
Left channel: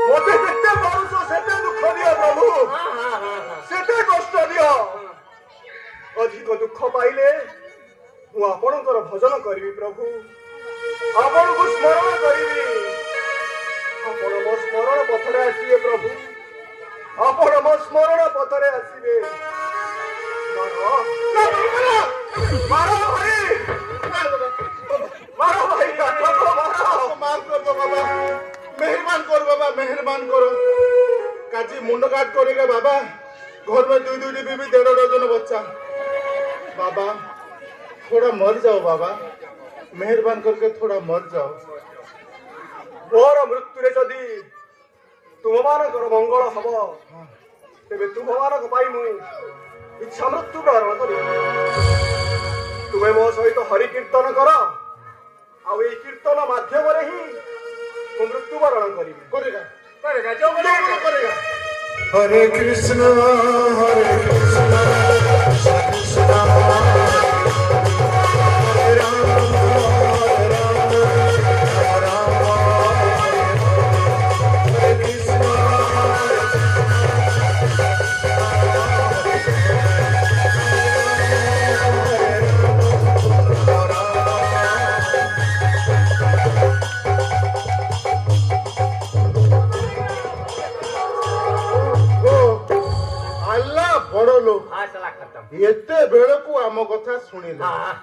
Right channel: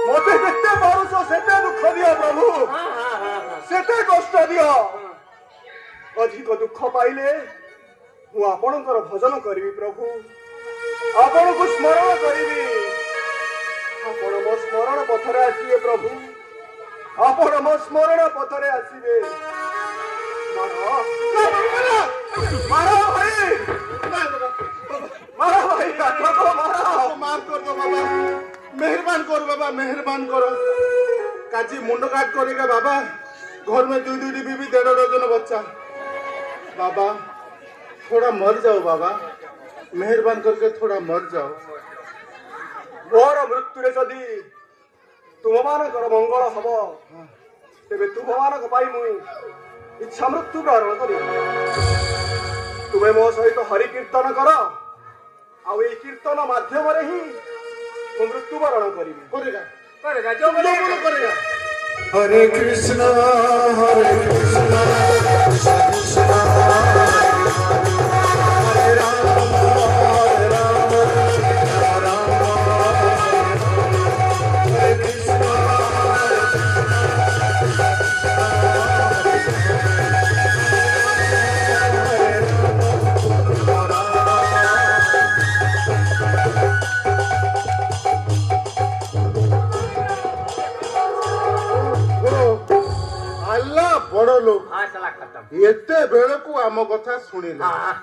ମୋତେ ଯେତେ ପାରୁଛ ସେତେ ଦୁଃଖ ଦିଅ ପ୍ରଭୁ, ସେତେ କଷ୍ଟ ଦିଅ। ଅଧିକ ଦୁଃଖ ପାଇଲେ ମୁଁ ଆପଣଙ୍କର ଭଜନ କରିବି ପ୍ରଭୁ, ଆପଣଙ୍କୁ ସ୍ମରଣ କରିବି। ଆପଣ ମୋ ସ୍ମରଣ ପଥରେ ଆସିବେ ପ୍ରଭୁ, ଆପଣ ମୋ ସ୍ମରଣ ପଥରେ ଆସିବେ। ମାର ଭାଇ, ମାର ଭାଇ, କାଠକୁ ମାର। माफ कर दो बाबा, मेहरबान करो बाबा, मेहरबान करो। काजी मुंड काट करेगा बाबा, घर में 2-2 बीबी 1.5 डजन बच्चा। बाबा थोड़ा मर जाओ बाबा, मेहरबान करके थोड़ा मर जाओ। ମୋର ମୃତ୍ୟୁରେ ଯଦି ତୁମମାନଙ୍କର ମଙ୍ଗଳ ହବ, ତେବେ ତୁମମାନଙ୍କ ପାଇଁ ମୁଁ ଇଚ୍ଛା ମୃତ୍ୟୁ ବରଣ କରିବି। ତୁମେ ମୋ ସହିତ ହରି କୀର୍ତ୍ତନ କର, ଆଉ ଏଇ କୀର୍ତ୍ତନ ମାଧ୍ୟମରେ ହିଁ ମୁଁ ମୃତ୍ୟୁବରଣ କରିବି। करेगा करेगा जो जो बोलो करेगा। हरे कृष्ण कृष्ण हरे राम राम हरे कृष्ण अल्लाह बड़ लोग हाँ चला खत्म। एते बेड़ को आम कथा सुनिले। हाँ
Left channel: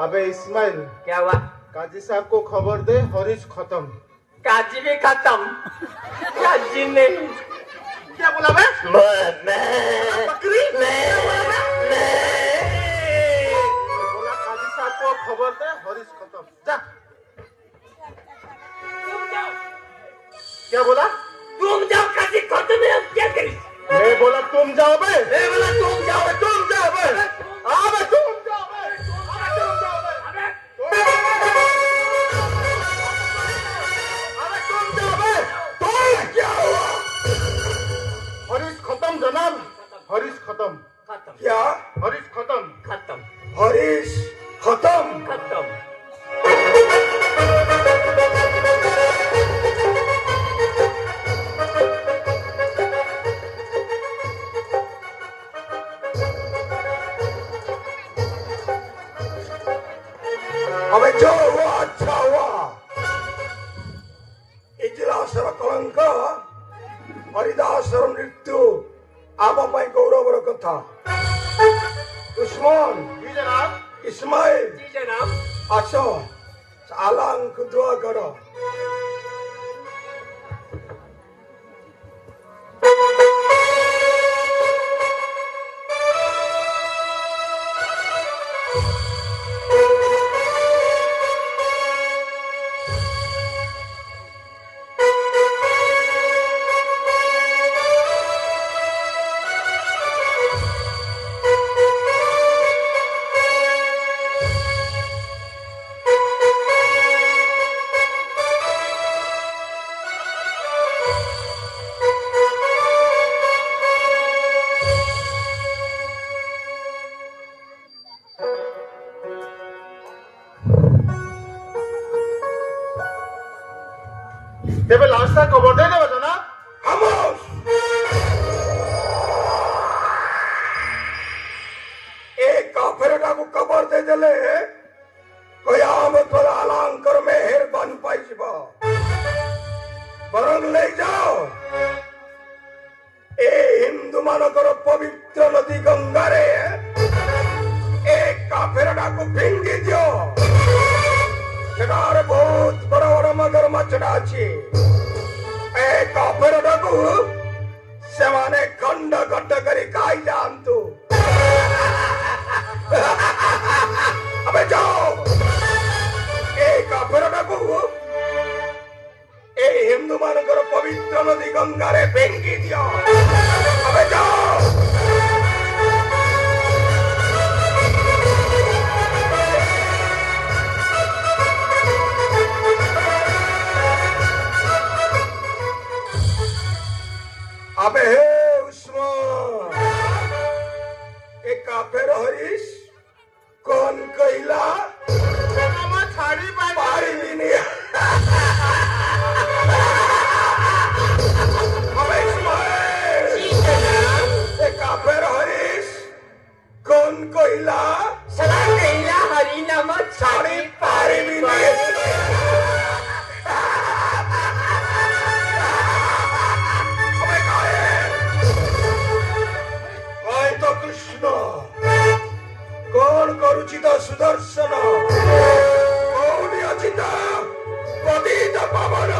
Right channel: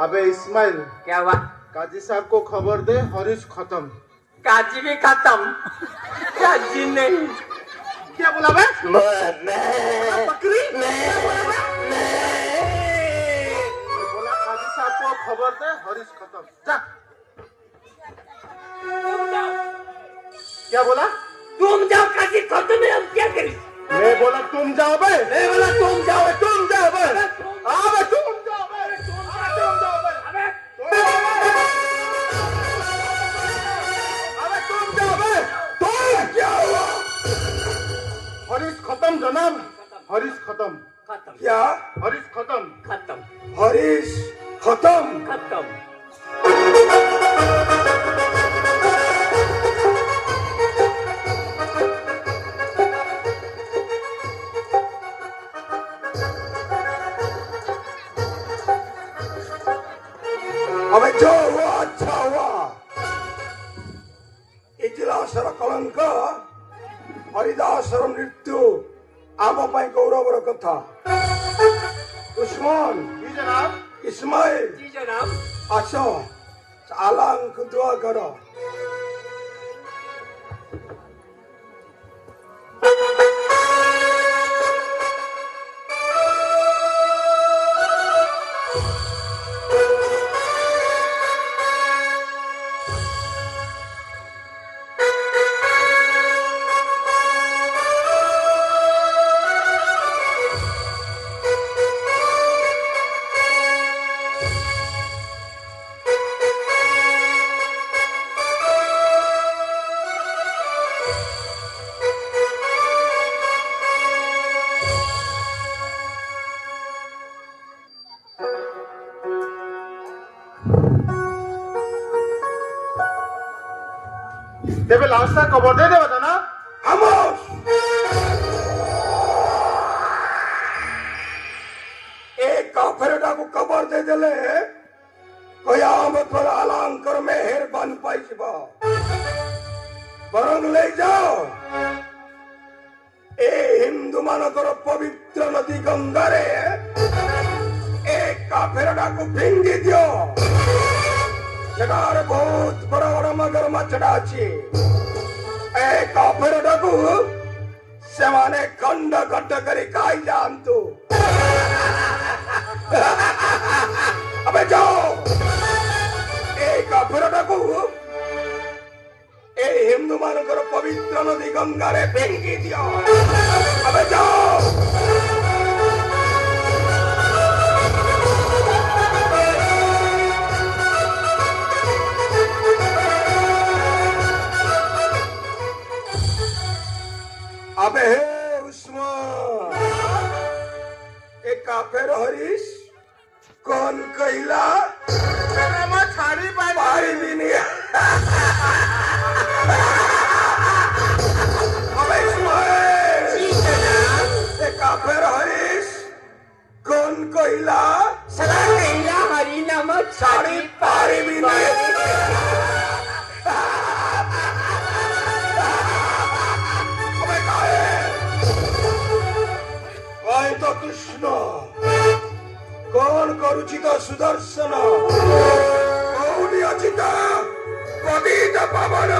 अबे इस्माइल क्या हुआ? काजी साहब को खबर दे, हरीश खत्म। काजी भी खत्म, काजी नहीं। क्या बोला बे? बकरी बोला काजी साहब को खबर दे, हरीश खत्म। जा। क्या बोला? तुम जाओ, काजी खत्म है, हम क्या करें? मैं बोला तुम जाओ बे। मैं बोला तुम जाओ, तुम जाओ बे। अब तुम जाओ बे। तुम जाओ बे। अबे तुम जाओ बे। तुम क्या हुआ? हरीश खत्म जनाब, हरीश खत्म, खत्म क्या हरीश खत्म। खत्म हरीश खत्म? खत्म। अबे जो हुआ अच्छा हुआ। इतिहासर कलंक, हरिदासर मृत्यु आम ପାଇଁ ଗୌରବର କଥା। ଉସ୍ମାନ, जी जनाब। ଇସ୍ମାଇଲ, जी जनाब। ଆସ ଆଲାଙ୍କୁ ଦୁଆ କର। तेरे लास्ट तक खबर दे दे बता ना। ଖାମୋଶ। ଏ କାଫେରଟାକୁ କବର ଦେଇଦେଲେ କୟାମତର ଆଲାଙ୍କର ମେହେରବାନ ପାଇଯିବ। ବରଂ ନେଇଯାଅ ଏ ହିନ୍ଦୁମାନଙ୍କର ପବିତ୍ର ନଦୀ ଗଙ୍ଗାରେ ଏ କାଫେରଟାକୁ ଫିଙ୍ଗି ଦିଅ। ସେଠାରେ ବହୁତ ବଡ଼ ବଡ଼ ମଗର ମାଛଟା ଅଛି। ଏ କାଫେରଟାକୁ ସେମାନେ ଖଣ୍ଡ ଖଣ୍ଡ କରି ଖାଇଯାଆନ୍ତୁ। अबे जाओ ए काफेरटाକୁ ए हिंदू मानकर पवित्र नदी गंगारे फेंकी दियो। अबे जाओ। अबे हे उस्मान, ए काफेर हरीश कौन कहला? छाड़ी पारिबिनी। अबे इस्माइल, ए काफेर हरीश कौन कहला? सदा कहला हरि नाम छाड़ी पारिबिनी। ଅଜିତ ସୁଦର୍ଶନ କୌଣି ଅଜିତ ପତିତ ପାବନ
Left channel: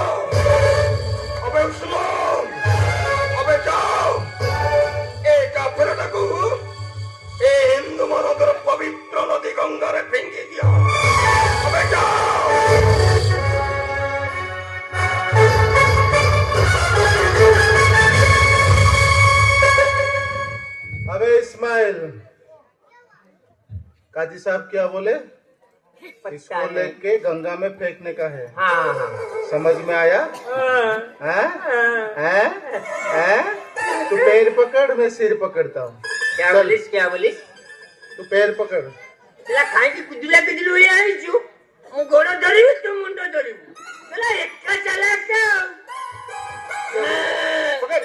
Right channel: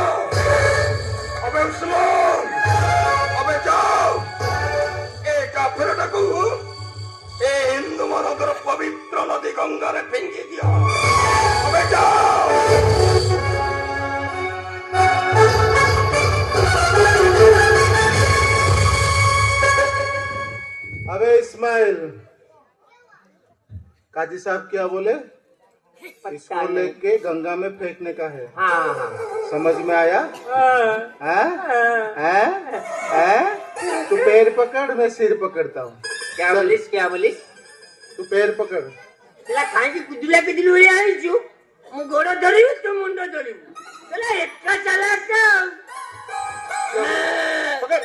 ଅବେ ଶୁଣ ଅବେ ଯାଅ ଏ କାଫେରଟାକୁ ଏ ହିନ୍ଦୁ ମାନଙ୍କର ପବିତ୍ର ନଦୀ ଗଙ୍ଗାରେ ଫିଙ୍ଗି ଦିଅ ଅବେ ଯାଅ अबे इस्माइल, काजी साहब क्या बोले? इसको लेके गंगा में फेंकने का है। समझ में आया? हैं? हैं? हैं? तू पैर पकड़, मैं सिर पकड़ता हूँ। क्या बोलिस तू पैर पकड़। तेरा खाई पिटला हुई आई छु मु गोड़ धरिबि तू मुंड धरिबि तेरा एक्का चला का पकड़।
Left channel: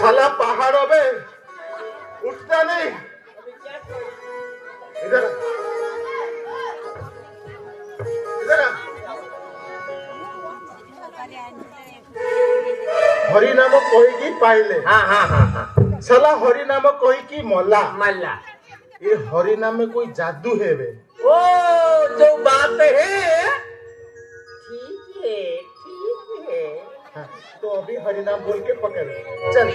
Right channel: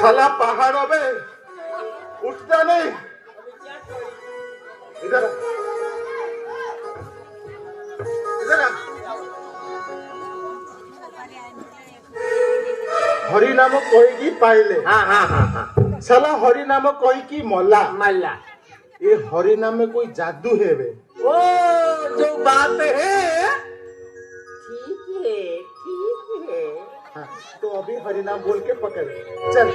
साला पहाड़ अबे उठता नहीं। इधर आ। इधर आ। हरि नाम कही पाइले। साला हरि नाम कही की मल्ला। ये हरि नाम में कोई जादू है बे। ओ जो बात है ठीक है हाँ, तो अभी हरि नाम बोल के पकड़ चल।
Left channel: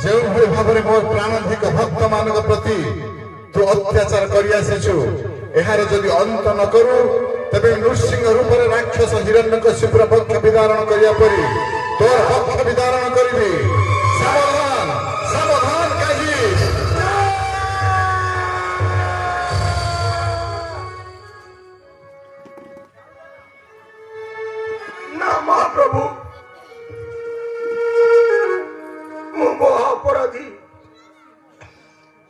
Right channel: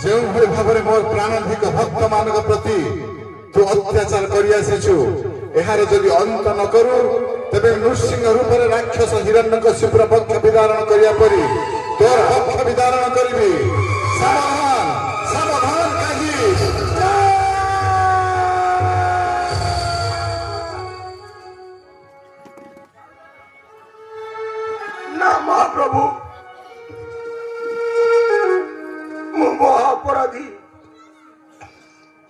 ଯେଉଁଭଳି ଭାବରେ ମୋ ପ୍ରାଣାଧିକ ଭକ୍ତ ମାନଙ୍କ ପ୍ରତି ତୁ ଅତ୍ୟାଚାର କରି ଆସିଛୁ ଏହାର ଯଦି ଅନ୍ତ ନ କରୁ ତେବେ ନୃସିଂହ ରୂପରେ ରାକ୍ଷସ ହିରଣ୍ୟକଶିପୁର ପକ୍ଷ ବିଦାରଣ କରିବା ପରି ତୋର ପକ୍ଷ ବିଦାରଣ କରିବି। ସାବଧାନ ସାବଧାନ କାଜୀ। ନା ମହାପ୍ରଭୁ ମୁଁ ମହାପରାଧୀ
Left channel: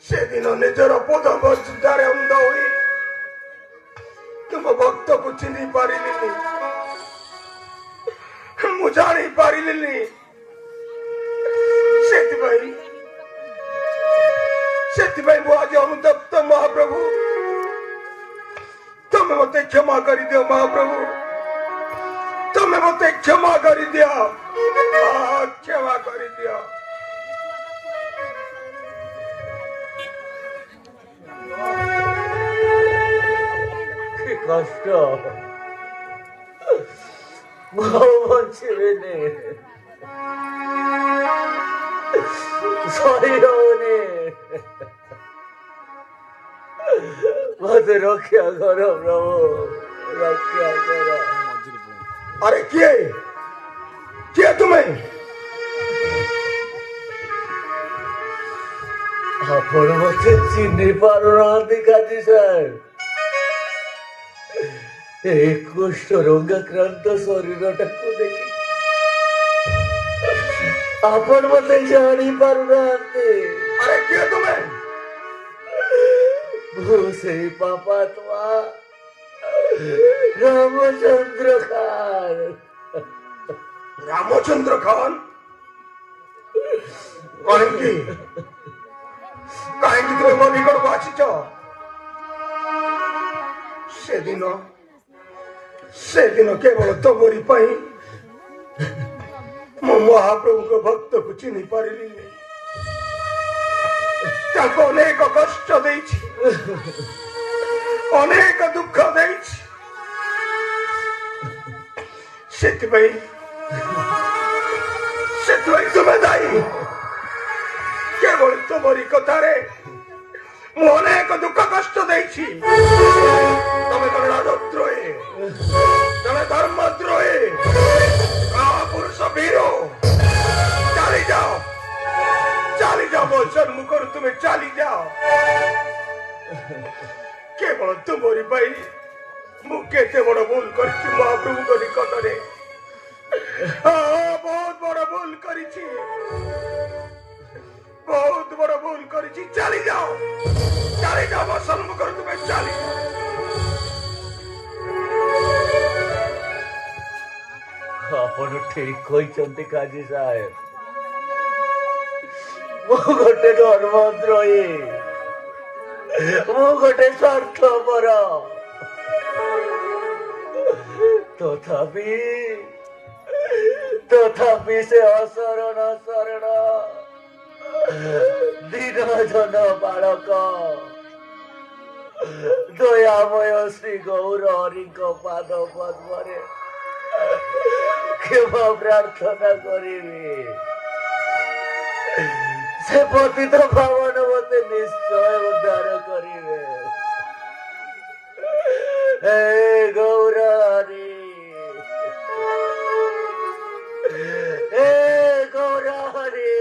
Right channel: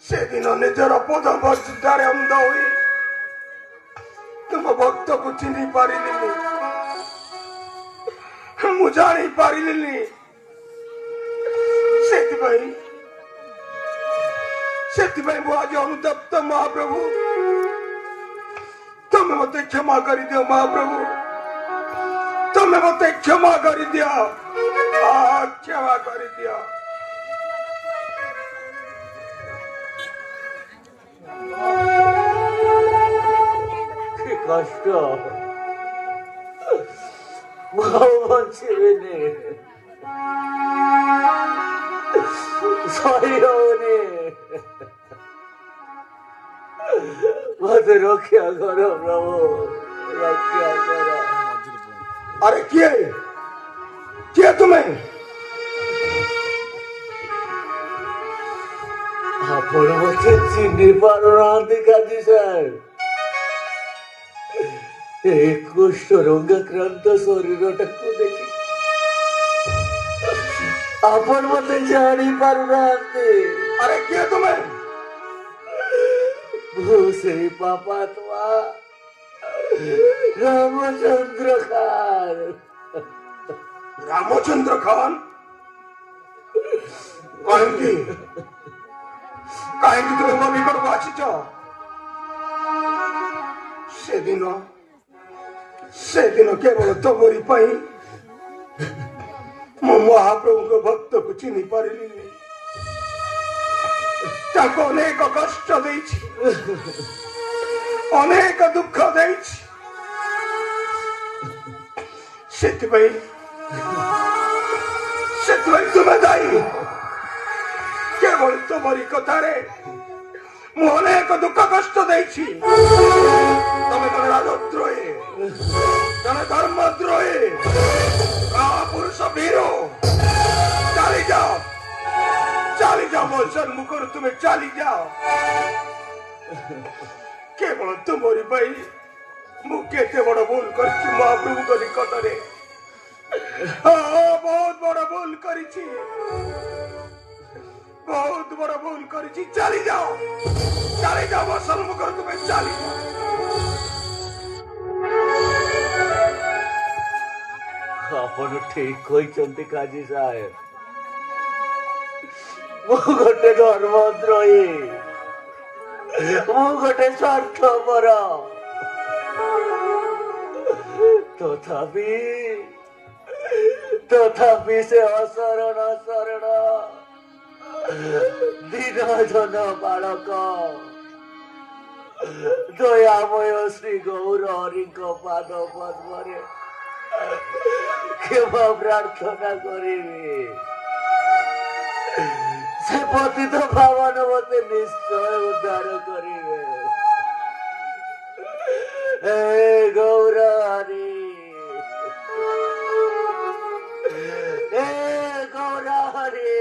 ସେଦିନ ନିଜର ପଦବର୍ଷିତାରେ ଅନ୍ଧ ହୋଇ ତୁମ ଭକ୍ତକୁ ଚିହ୍ନି ପାରିଲିନି ମୁଁ ଜାଣି ପାରିଲିନି ସେଥିପାଇଁ ମୁଁ ଆଜି ଅନୁତପ୍ତ ମହାପ୍ରଭୁ ତମେ ମତେ କ୍ଷମା କରିଦିଅ ମହାପ୍ରଭୁ ତମେ ମତେ କ୍ଷମା କରିଦିଅ କ୍ଷମା କରିଦିଅ। কষ্ট বলছিলেন সরি হবনি মতে রক্ষা করো প্রভু রক্ষা করো। अरे किए तुम्हें ଆପଣ ମତେ ଚିହ୍ନି ପାରୁନାହାନ୍ତି କାଜୀ ସାହେବ। এই କୁଷ୍ଠ ରୋଗାକ୍ରାନ୍ତ ଶରୀରଟାକୁ ଦେଖି ଆପଣ ମତେ ଜାଣି ପାରୁନାହାନ୍ତି। अरे किए तुम्हें? ମୁଁ ସେଇ ପାପାତ୍ମା ରାମଚନ୍ଦ୍ର ଖାନ। रामचंद्र खान कहीं कहीं तुम मो निकट को आसीच से दिन केवल तमरी पाई मो महाप्रभु को भक्त को चिन्ह पारिली ताको अनेक कष्ट देछि अनेक दुख देछि सेतिबाई तुम्हें दायी केवल तुमरी कथारे मु अनेक दुख कष्ट देछि तमे तो राजद्रोही तमे धर्मद्रोही महापुरुष वीरो चली जाओ मो सन्मुख तुम्हें चली जाओ केवल तुमरी पाई मु केते बड़ भूल करछि महाप्रभु को निकटरे बहुत बड़ भूल करिछि बहुत बड़ भूल करिछि चली जाओ मो सन्मुख तुम्हें चली जाओ ଆପଣ ଠିକ କହିଛନ୍ତି କାଜୀ ସାହେବ। ମୁଁ ଗୋଟେ ଧର୍ମଦ୍ରୋହୀ, ମୁଁ ଗୋଟେ ସ୍ୱାର୍ଥପର। ତଥାପି ସେ ଅଶରଣ ଶରଣ ଦୀନଜନ ବାଳକ ଦୟାମୟ ଶ୍ରୀ ଗୌର ହରିଙ୍କ ପାଦ ପଦ୍ମରେ କ୍ଷମା ପ୍ରାର୍ଥନା କରିବି। ସେ ପତିତ ପାବନ ମତେ ନିଶ୍ଚୟ ଉଦ୍ଧାର କରିବେ। हे ଗୌର ହରି, हे ଗୌର ହରି।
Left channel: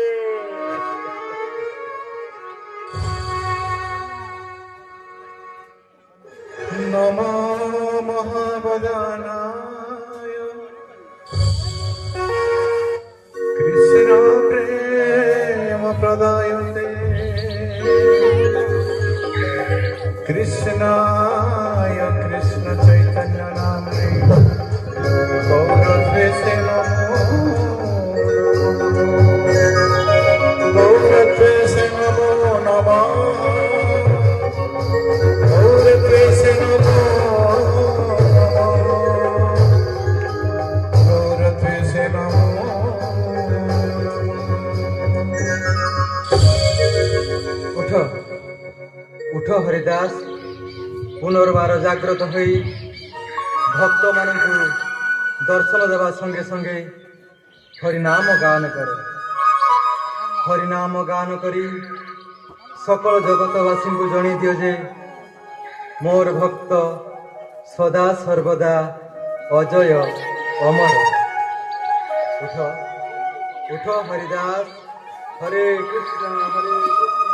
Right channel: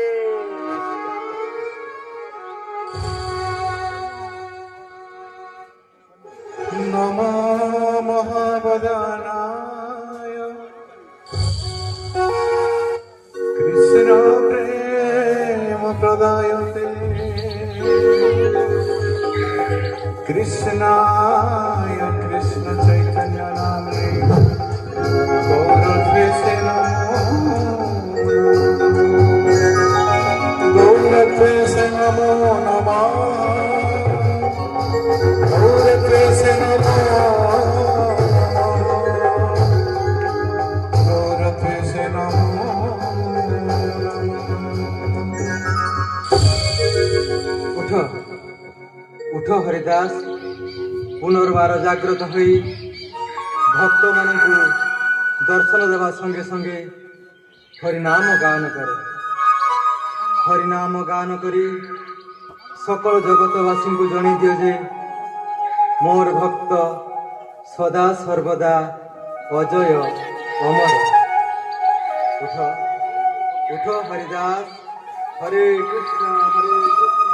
नमो महावदानाय कृष्ण प्रेम प्रदायते कृष्णाय कृष्ण चैतन्य नामे गौरद्वेषे नमो गौरद्वेषे नमो नमः गौरद्वेषे नमो गौरद्वेषे नमो उठ उठ हरिदास पुनर्बार जाग्रत होई भक्त मानकु दर्शन देवा संगे संगे हरिनाम गान कर। हरिनाम गान करी सकल जगतवासी को जणै दियो जे मोर भक्त सदा सर्वदा अजय अमर। उठ उठ हरिदास, हरे कृष्ण हरे कृष्ण।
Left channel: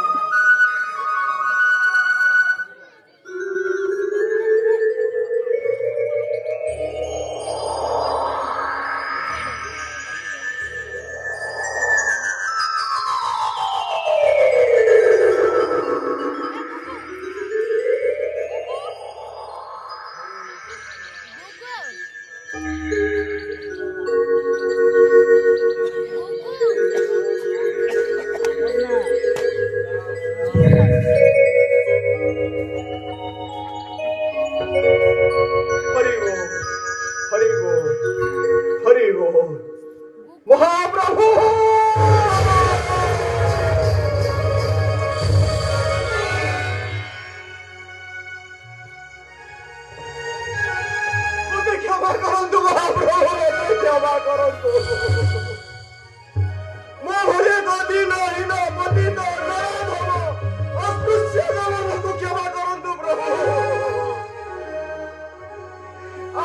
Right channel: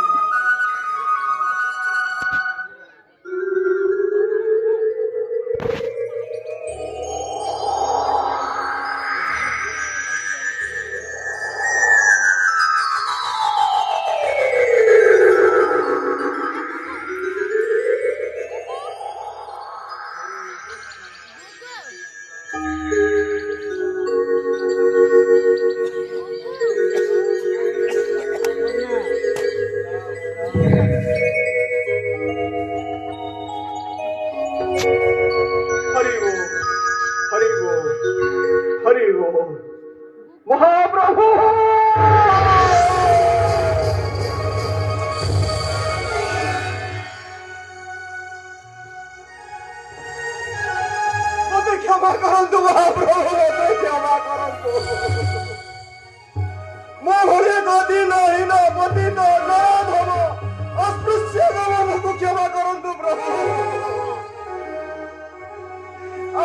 हरि बोल महाप्रभु। मते क्षमा करंतु महाप्रभु, मते क्षमा करंतु। मो भले दादी नहीं ना पति तो ना धनो अस्पृश्य गमनକୁ क्षमा करंतु प्रभु।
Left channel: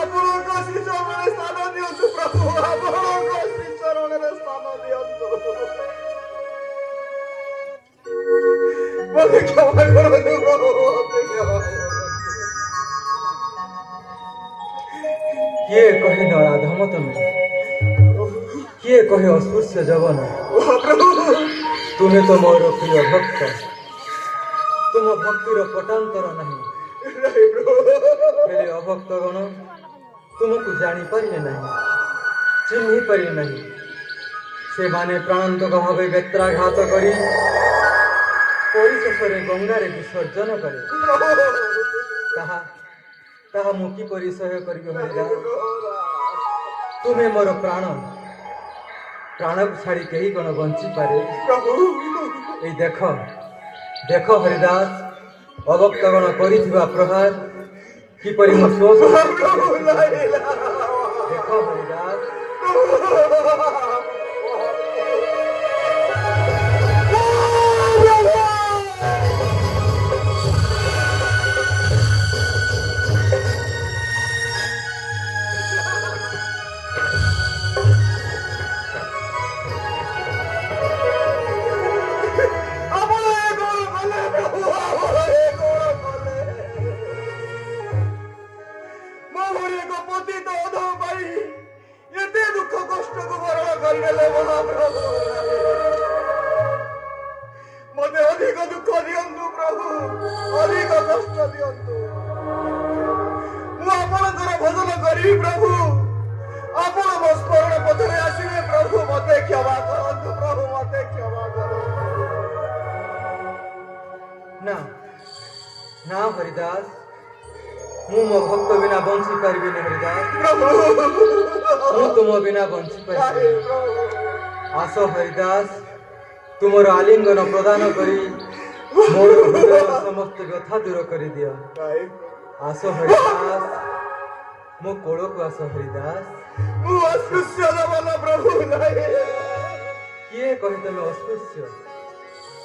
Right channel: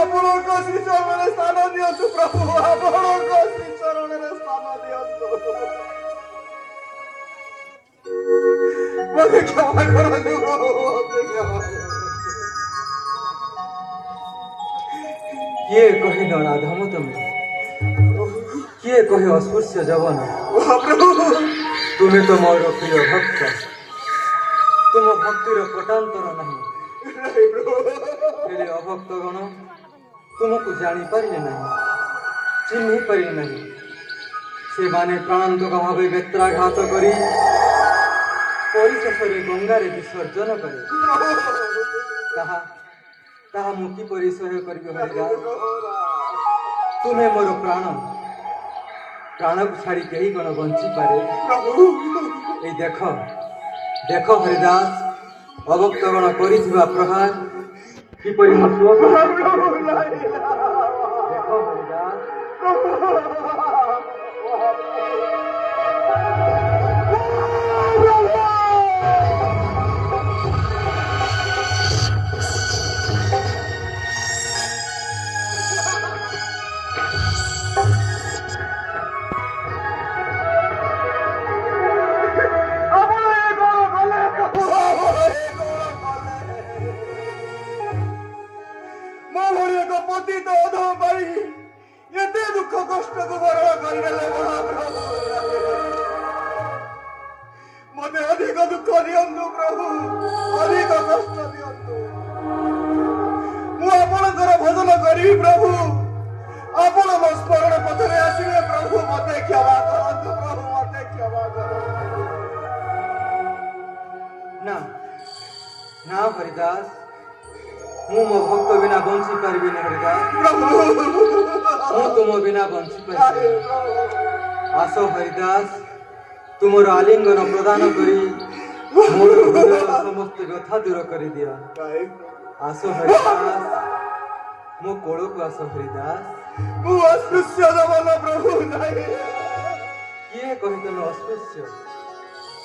ଆପଣଙ୍କ ଶ୍ରୀ ଚରଣରେ ସ୍ଥାନ ଦିଅନ୍ତୁ ପ୍ରଭୁ, ଆପଣଙ୍କ ଶ୍ରୀ ଚରଣରେ ସ୍ଥାନ ଦିଅନ୍ତୁ। ମୋତେ କ୍ଷମା କରନ୍ତୁ ପ୍ରଭୁ, ମୋତେ କ୍ଷମା କରନ୍ତୁ। କିଏ କହି ନରାଧମ ତମେ, କିଏ କହି ଅସ୍ପୃଶ୍ୟ ଯବନ। ମହାପ୍ରଭୁ ତୁମେ ତ ମୋର ପ୍ରିୟ ଭକ୍ତ, ତୁମ ଭକ୍ତିର ପଟାନ୍ତର ନାହିଁ। ନାଇଁ ପ୍ରଭୁ ହେଲେ ଅଭକ୍ତଗଣ ତୁମକୁ ଜାଣିପାରିଲେ ନାହିଁ, ଚିହ୍ନି ପାରିଲେ ନାହିଁ। ସେମାନେ ପ୍ରାଣାନ୍ତକ ଭାବେ ବେତ୍ରାଘାତ କରି ପରିଶେଷରେ ଗଙ୍ଗାରେ ବିସର୍ଜନ କରେ। ତାହା ମୁଁ କିପରି ସହ୍ୟ କରିବି ହରିଦାସ? ତୁମେ ମୋର ପ୍ରାଣକୁ ଛାଡ଼ି କେହି କ'ଣ ବଞ୍ଚିପାରେ? ଏଇ ଦେଖ ହରିଦାସ, ଅଭକ୍ତଗଣ କରିଥିବା ପ୍ରହାର କିପରି ମୁଁ ଶୋଷ। ଦେଖ ହରିଦାସ, ଏତେ ଦୁଃଖ କଷ୍ଟକୁ ବରଣ କରିଦେଲେ ମହାପ୍ରଭୁ। ମତେ ଅଧିକ ଦୁଃଖ ଦିଅନ୍ତୁ ପ୍ରଭୁ, ଅଧିକ କଷ୍ଟ ଦିଅନ୍ତୁ। ମୁଁ ଆପଣଙ୍କର ଭଜନ କରିବି ପ୍ରଭୁ, ଆପଣ ମୋ ସ୍ମରଣ ପଥରେ ଆସିବେ ପ୍ରଭୁ। ମତେ କ୍ଷମା କରନ୍ତୁ ପ୍ରଭୁ, ମତେ କ୍ଷମା କରନ୍ତୁ। ନା ହରିଦାସ, ମୁଁ ମୋ ଭକ୍ତ ବିନା ବଞ୍ଚି ପାରିବିନି ହରିଦାସ। ମୁଁ ତୁମ ବିନା ବଞ୍ଚି ପାରିବି। ଆସ ହରିଦାସ, ତୁମର ଆଲିଙ୍ଗନ ପ୍ରଦାନ କରି ମୋର ହୃଦୟର ସମସ୍ତ ବ୍ୟଥା ଦୂର କରିଦିଅ। ଆସ ହରିଦାସ, ମୋ କୋଳକୁ ଆସ ହରିଦାସ। ମୁଁ ଅସ୍ପୃଶ୍ୟ ଦେବନ ପ୍ରଭୁ ନାହିଁ। କିଏ କହି ତମେ ଅସ୍ପୃଶ୍ୟ?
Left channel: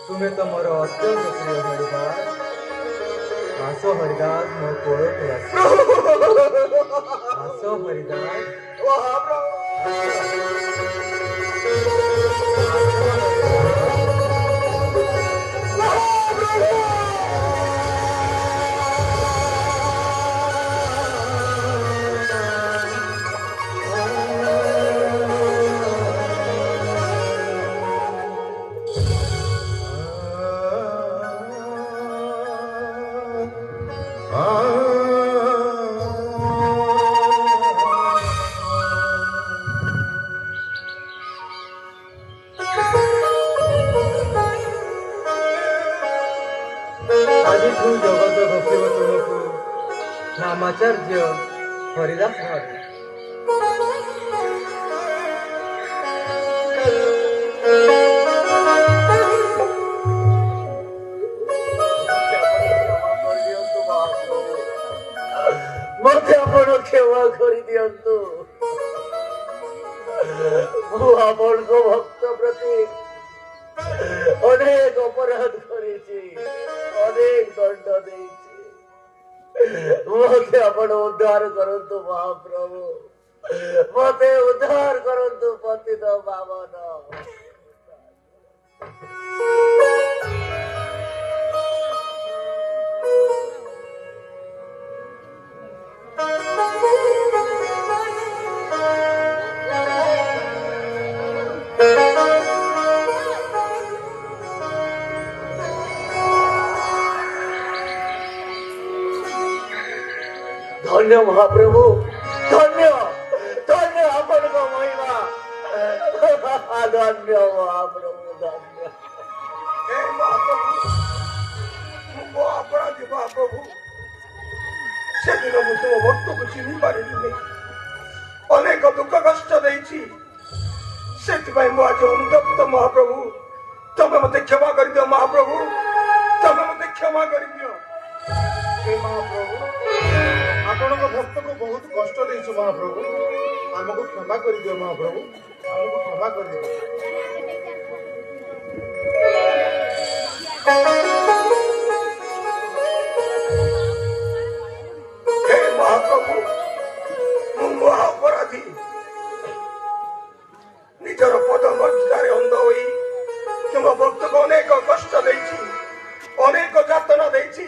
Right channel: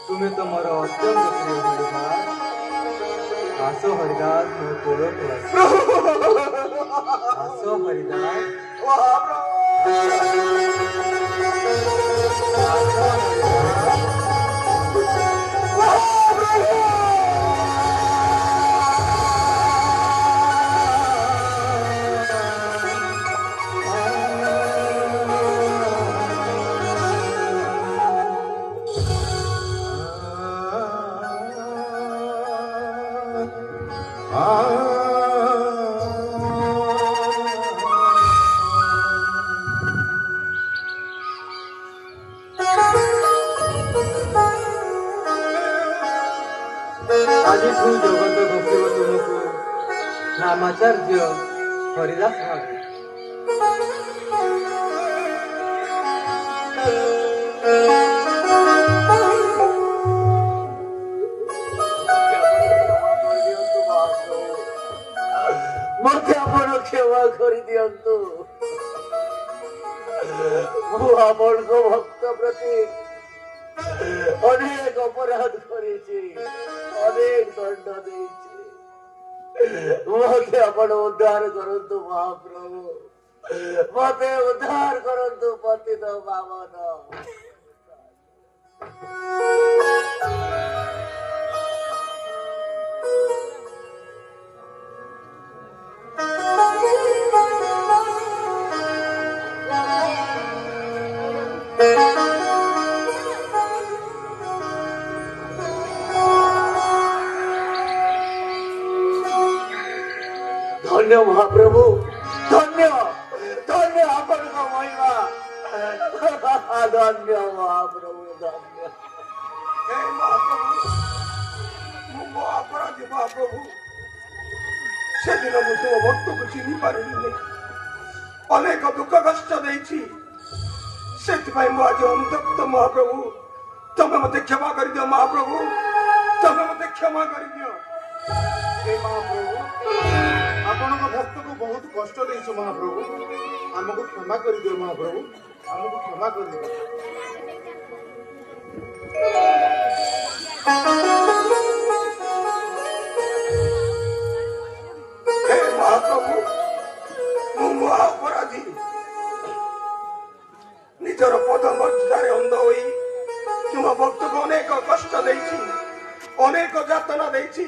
ତୁମେ ତ ମୋର ଅତ୍ୟନ୍ତ ପ୍ରିୟ ହରିଦାସ। ଆସ ହରିଦାସ, ମୋ କୋଳକୁ ଆସ। ଆସ ହରିଦାସ। ଆଜିଠୁ ଜଗତ ଘୋଷିବ ତୁମକୁ ନାମାଚାର୍ଯ୍ୟ ହରିଦାସ ଭାବେ। ମତେ ଆପଣ କ୍ଷମା କରିଦିଅନ୍ତୁ। ମୁଁ ଆପଣଙ୍କ ଭକ୍ତ ପ୍ରତି ଅନେକ ଅପରାଧ କରିଛି, ଅନେକ ଦଣ୍ଡ ଦେଇଛି। ମତେ ଆପଣ ଉଦ୍ଧାର କରନ୍ତୁ ମହାପ୍ରଭୁ, ମତେ ଉଦ୍ଧାର କରନ୍ତୁ ପତିତ ପାବନ। ଧନ୍ୟ ମହାପ୍ରଭୁ, ଧନ୍ୟ ଧନ୍ୟ ଆପଣଙ୍କ ମହିମା। ଧନ୍ୟ ମହାପ୍ରଭୁ, ଧନ୍ୟ। ହେ ମହାପ୍ରଭୁ, ମୁଁ ମୋ ଅପରାଧୀ ମହାପ୍ରଭୁ। ସେଦିନ ମୁଁ ତୁମ ଭକ୍ତକୁ ଚିହ୍ନି ପାରିଲିନି, ଅନେକ ଦୁଃଖ କଷ୍ଟ ଦେଇଛି। ସେଥିପାଇଁ ମୁଁ ଆଜି ଅନୁତପ୍ତ ମହାପ୍ରଭୁ। ତମେ ମତେ କ୍ଷମା କରିଦିଅ ମହାପ୍ରଭୁ, ତମେ ମତେ କ୍ଷମା କରିଦିଅ। हे महाप्रभु, ଆପଣଙ୍କ ଭକ୍ତକୁ ବହୁତ କଷ୍ଟ ଦେଇଛୁ ମହାପ୍ରଭୁ, ଆମକୁ କ୍ଷମା କରିଦିଅ ମହାପ୍ରଭୁ, ଆମକୁ କ୍ଷମା କରିଦିଅ। ହେ ମହାପ୍ରଭୁ, ମୁଁ ମହା ଅପରାଧୀ। ନିଜର ପଦ ମର୍ଯ୍ୟାଦାରେ ଅନ୍ଧ ହୋଇ ତୁମ ଭକ୍ତକୁ ଅନେକ କଷ୍ଟ ଦେଇଛି, ଅନେକ ଯାତନା ଦେଇଛି।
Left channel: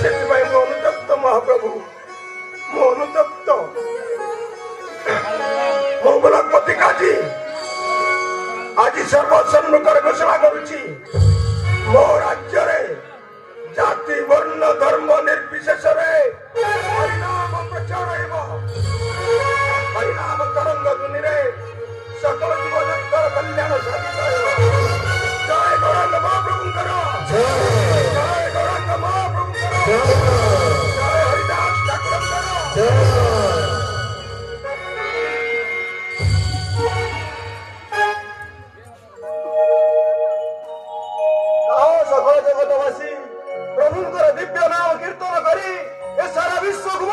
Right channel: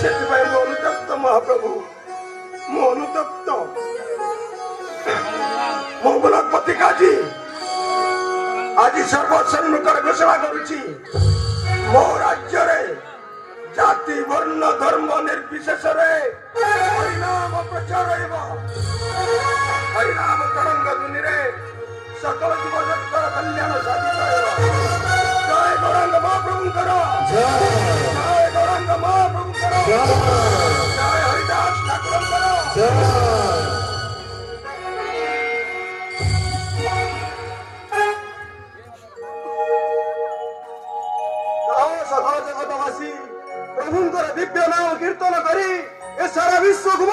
ସେଥିପାଇଁ ମୁଁ ଅନୁତପ୍ତ ମହାପ୍ରଭୁ, ମୁଁ ଅନୁତପ୍ତ। ମଙ୍ଗଳପତି କାଜୀ, ଆଜି ସର୍ବସମ୍ମୁଖରେ ଘୋଷଣା କରୁଛି ମୋ ରାଜ୍ୟରେ ଜାତି ବର୍ଣ୍ଣ ଧର୍ମ ନିର୍ବିଶେଷରେ ହରିନାମ ପ୍ରଚାର ହେବ। ହରିନାମ ତରଙ୍ଗ ଧ୍ୱନିରେ সকল জীবজନ୍ତর কল্যাণ সাধিত ହେବ। জয় গৌরাঙ্গ মহাপ্রভুଙ୍କର জয় গৌরাঙ্গ মহাপ্রভুଙ୍କର জয় হরিদাস ঠাকুরଙ୍କର সকল জগতবাসী প্রভুଙ୍କର ଦିବ୍ୟ ନାମ କୀର୍ତ୍ତନ କରି ଏ ସାରା ବିଶ୍ୱକୁ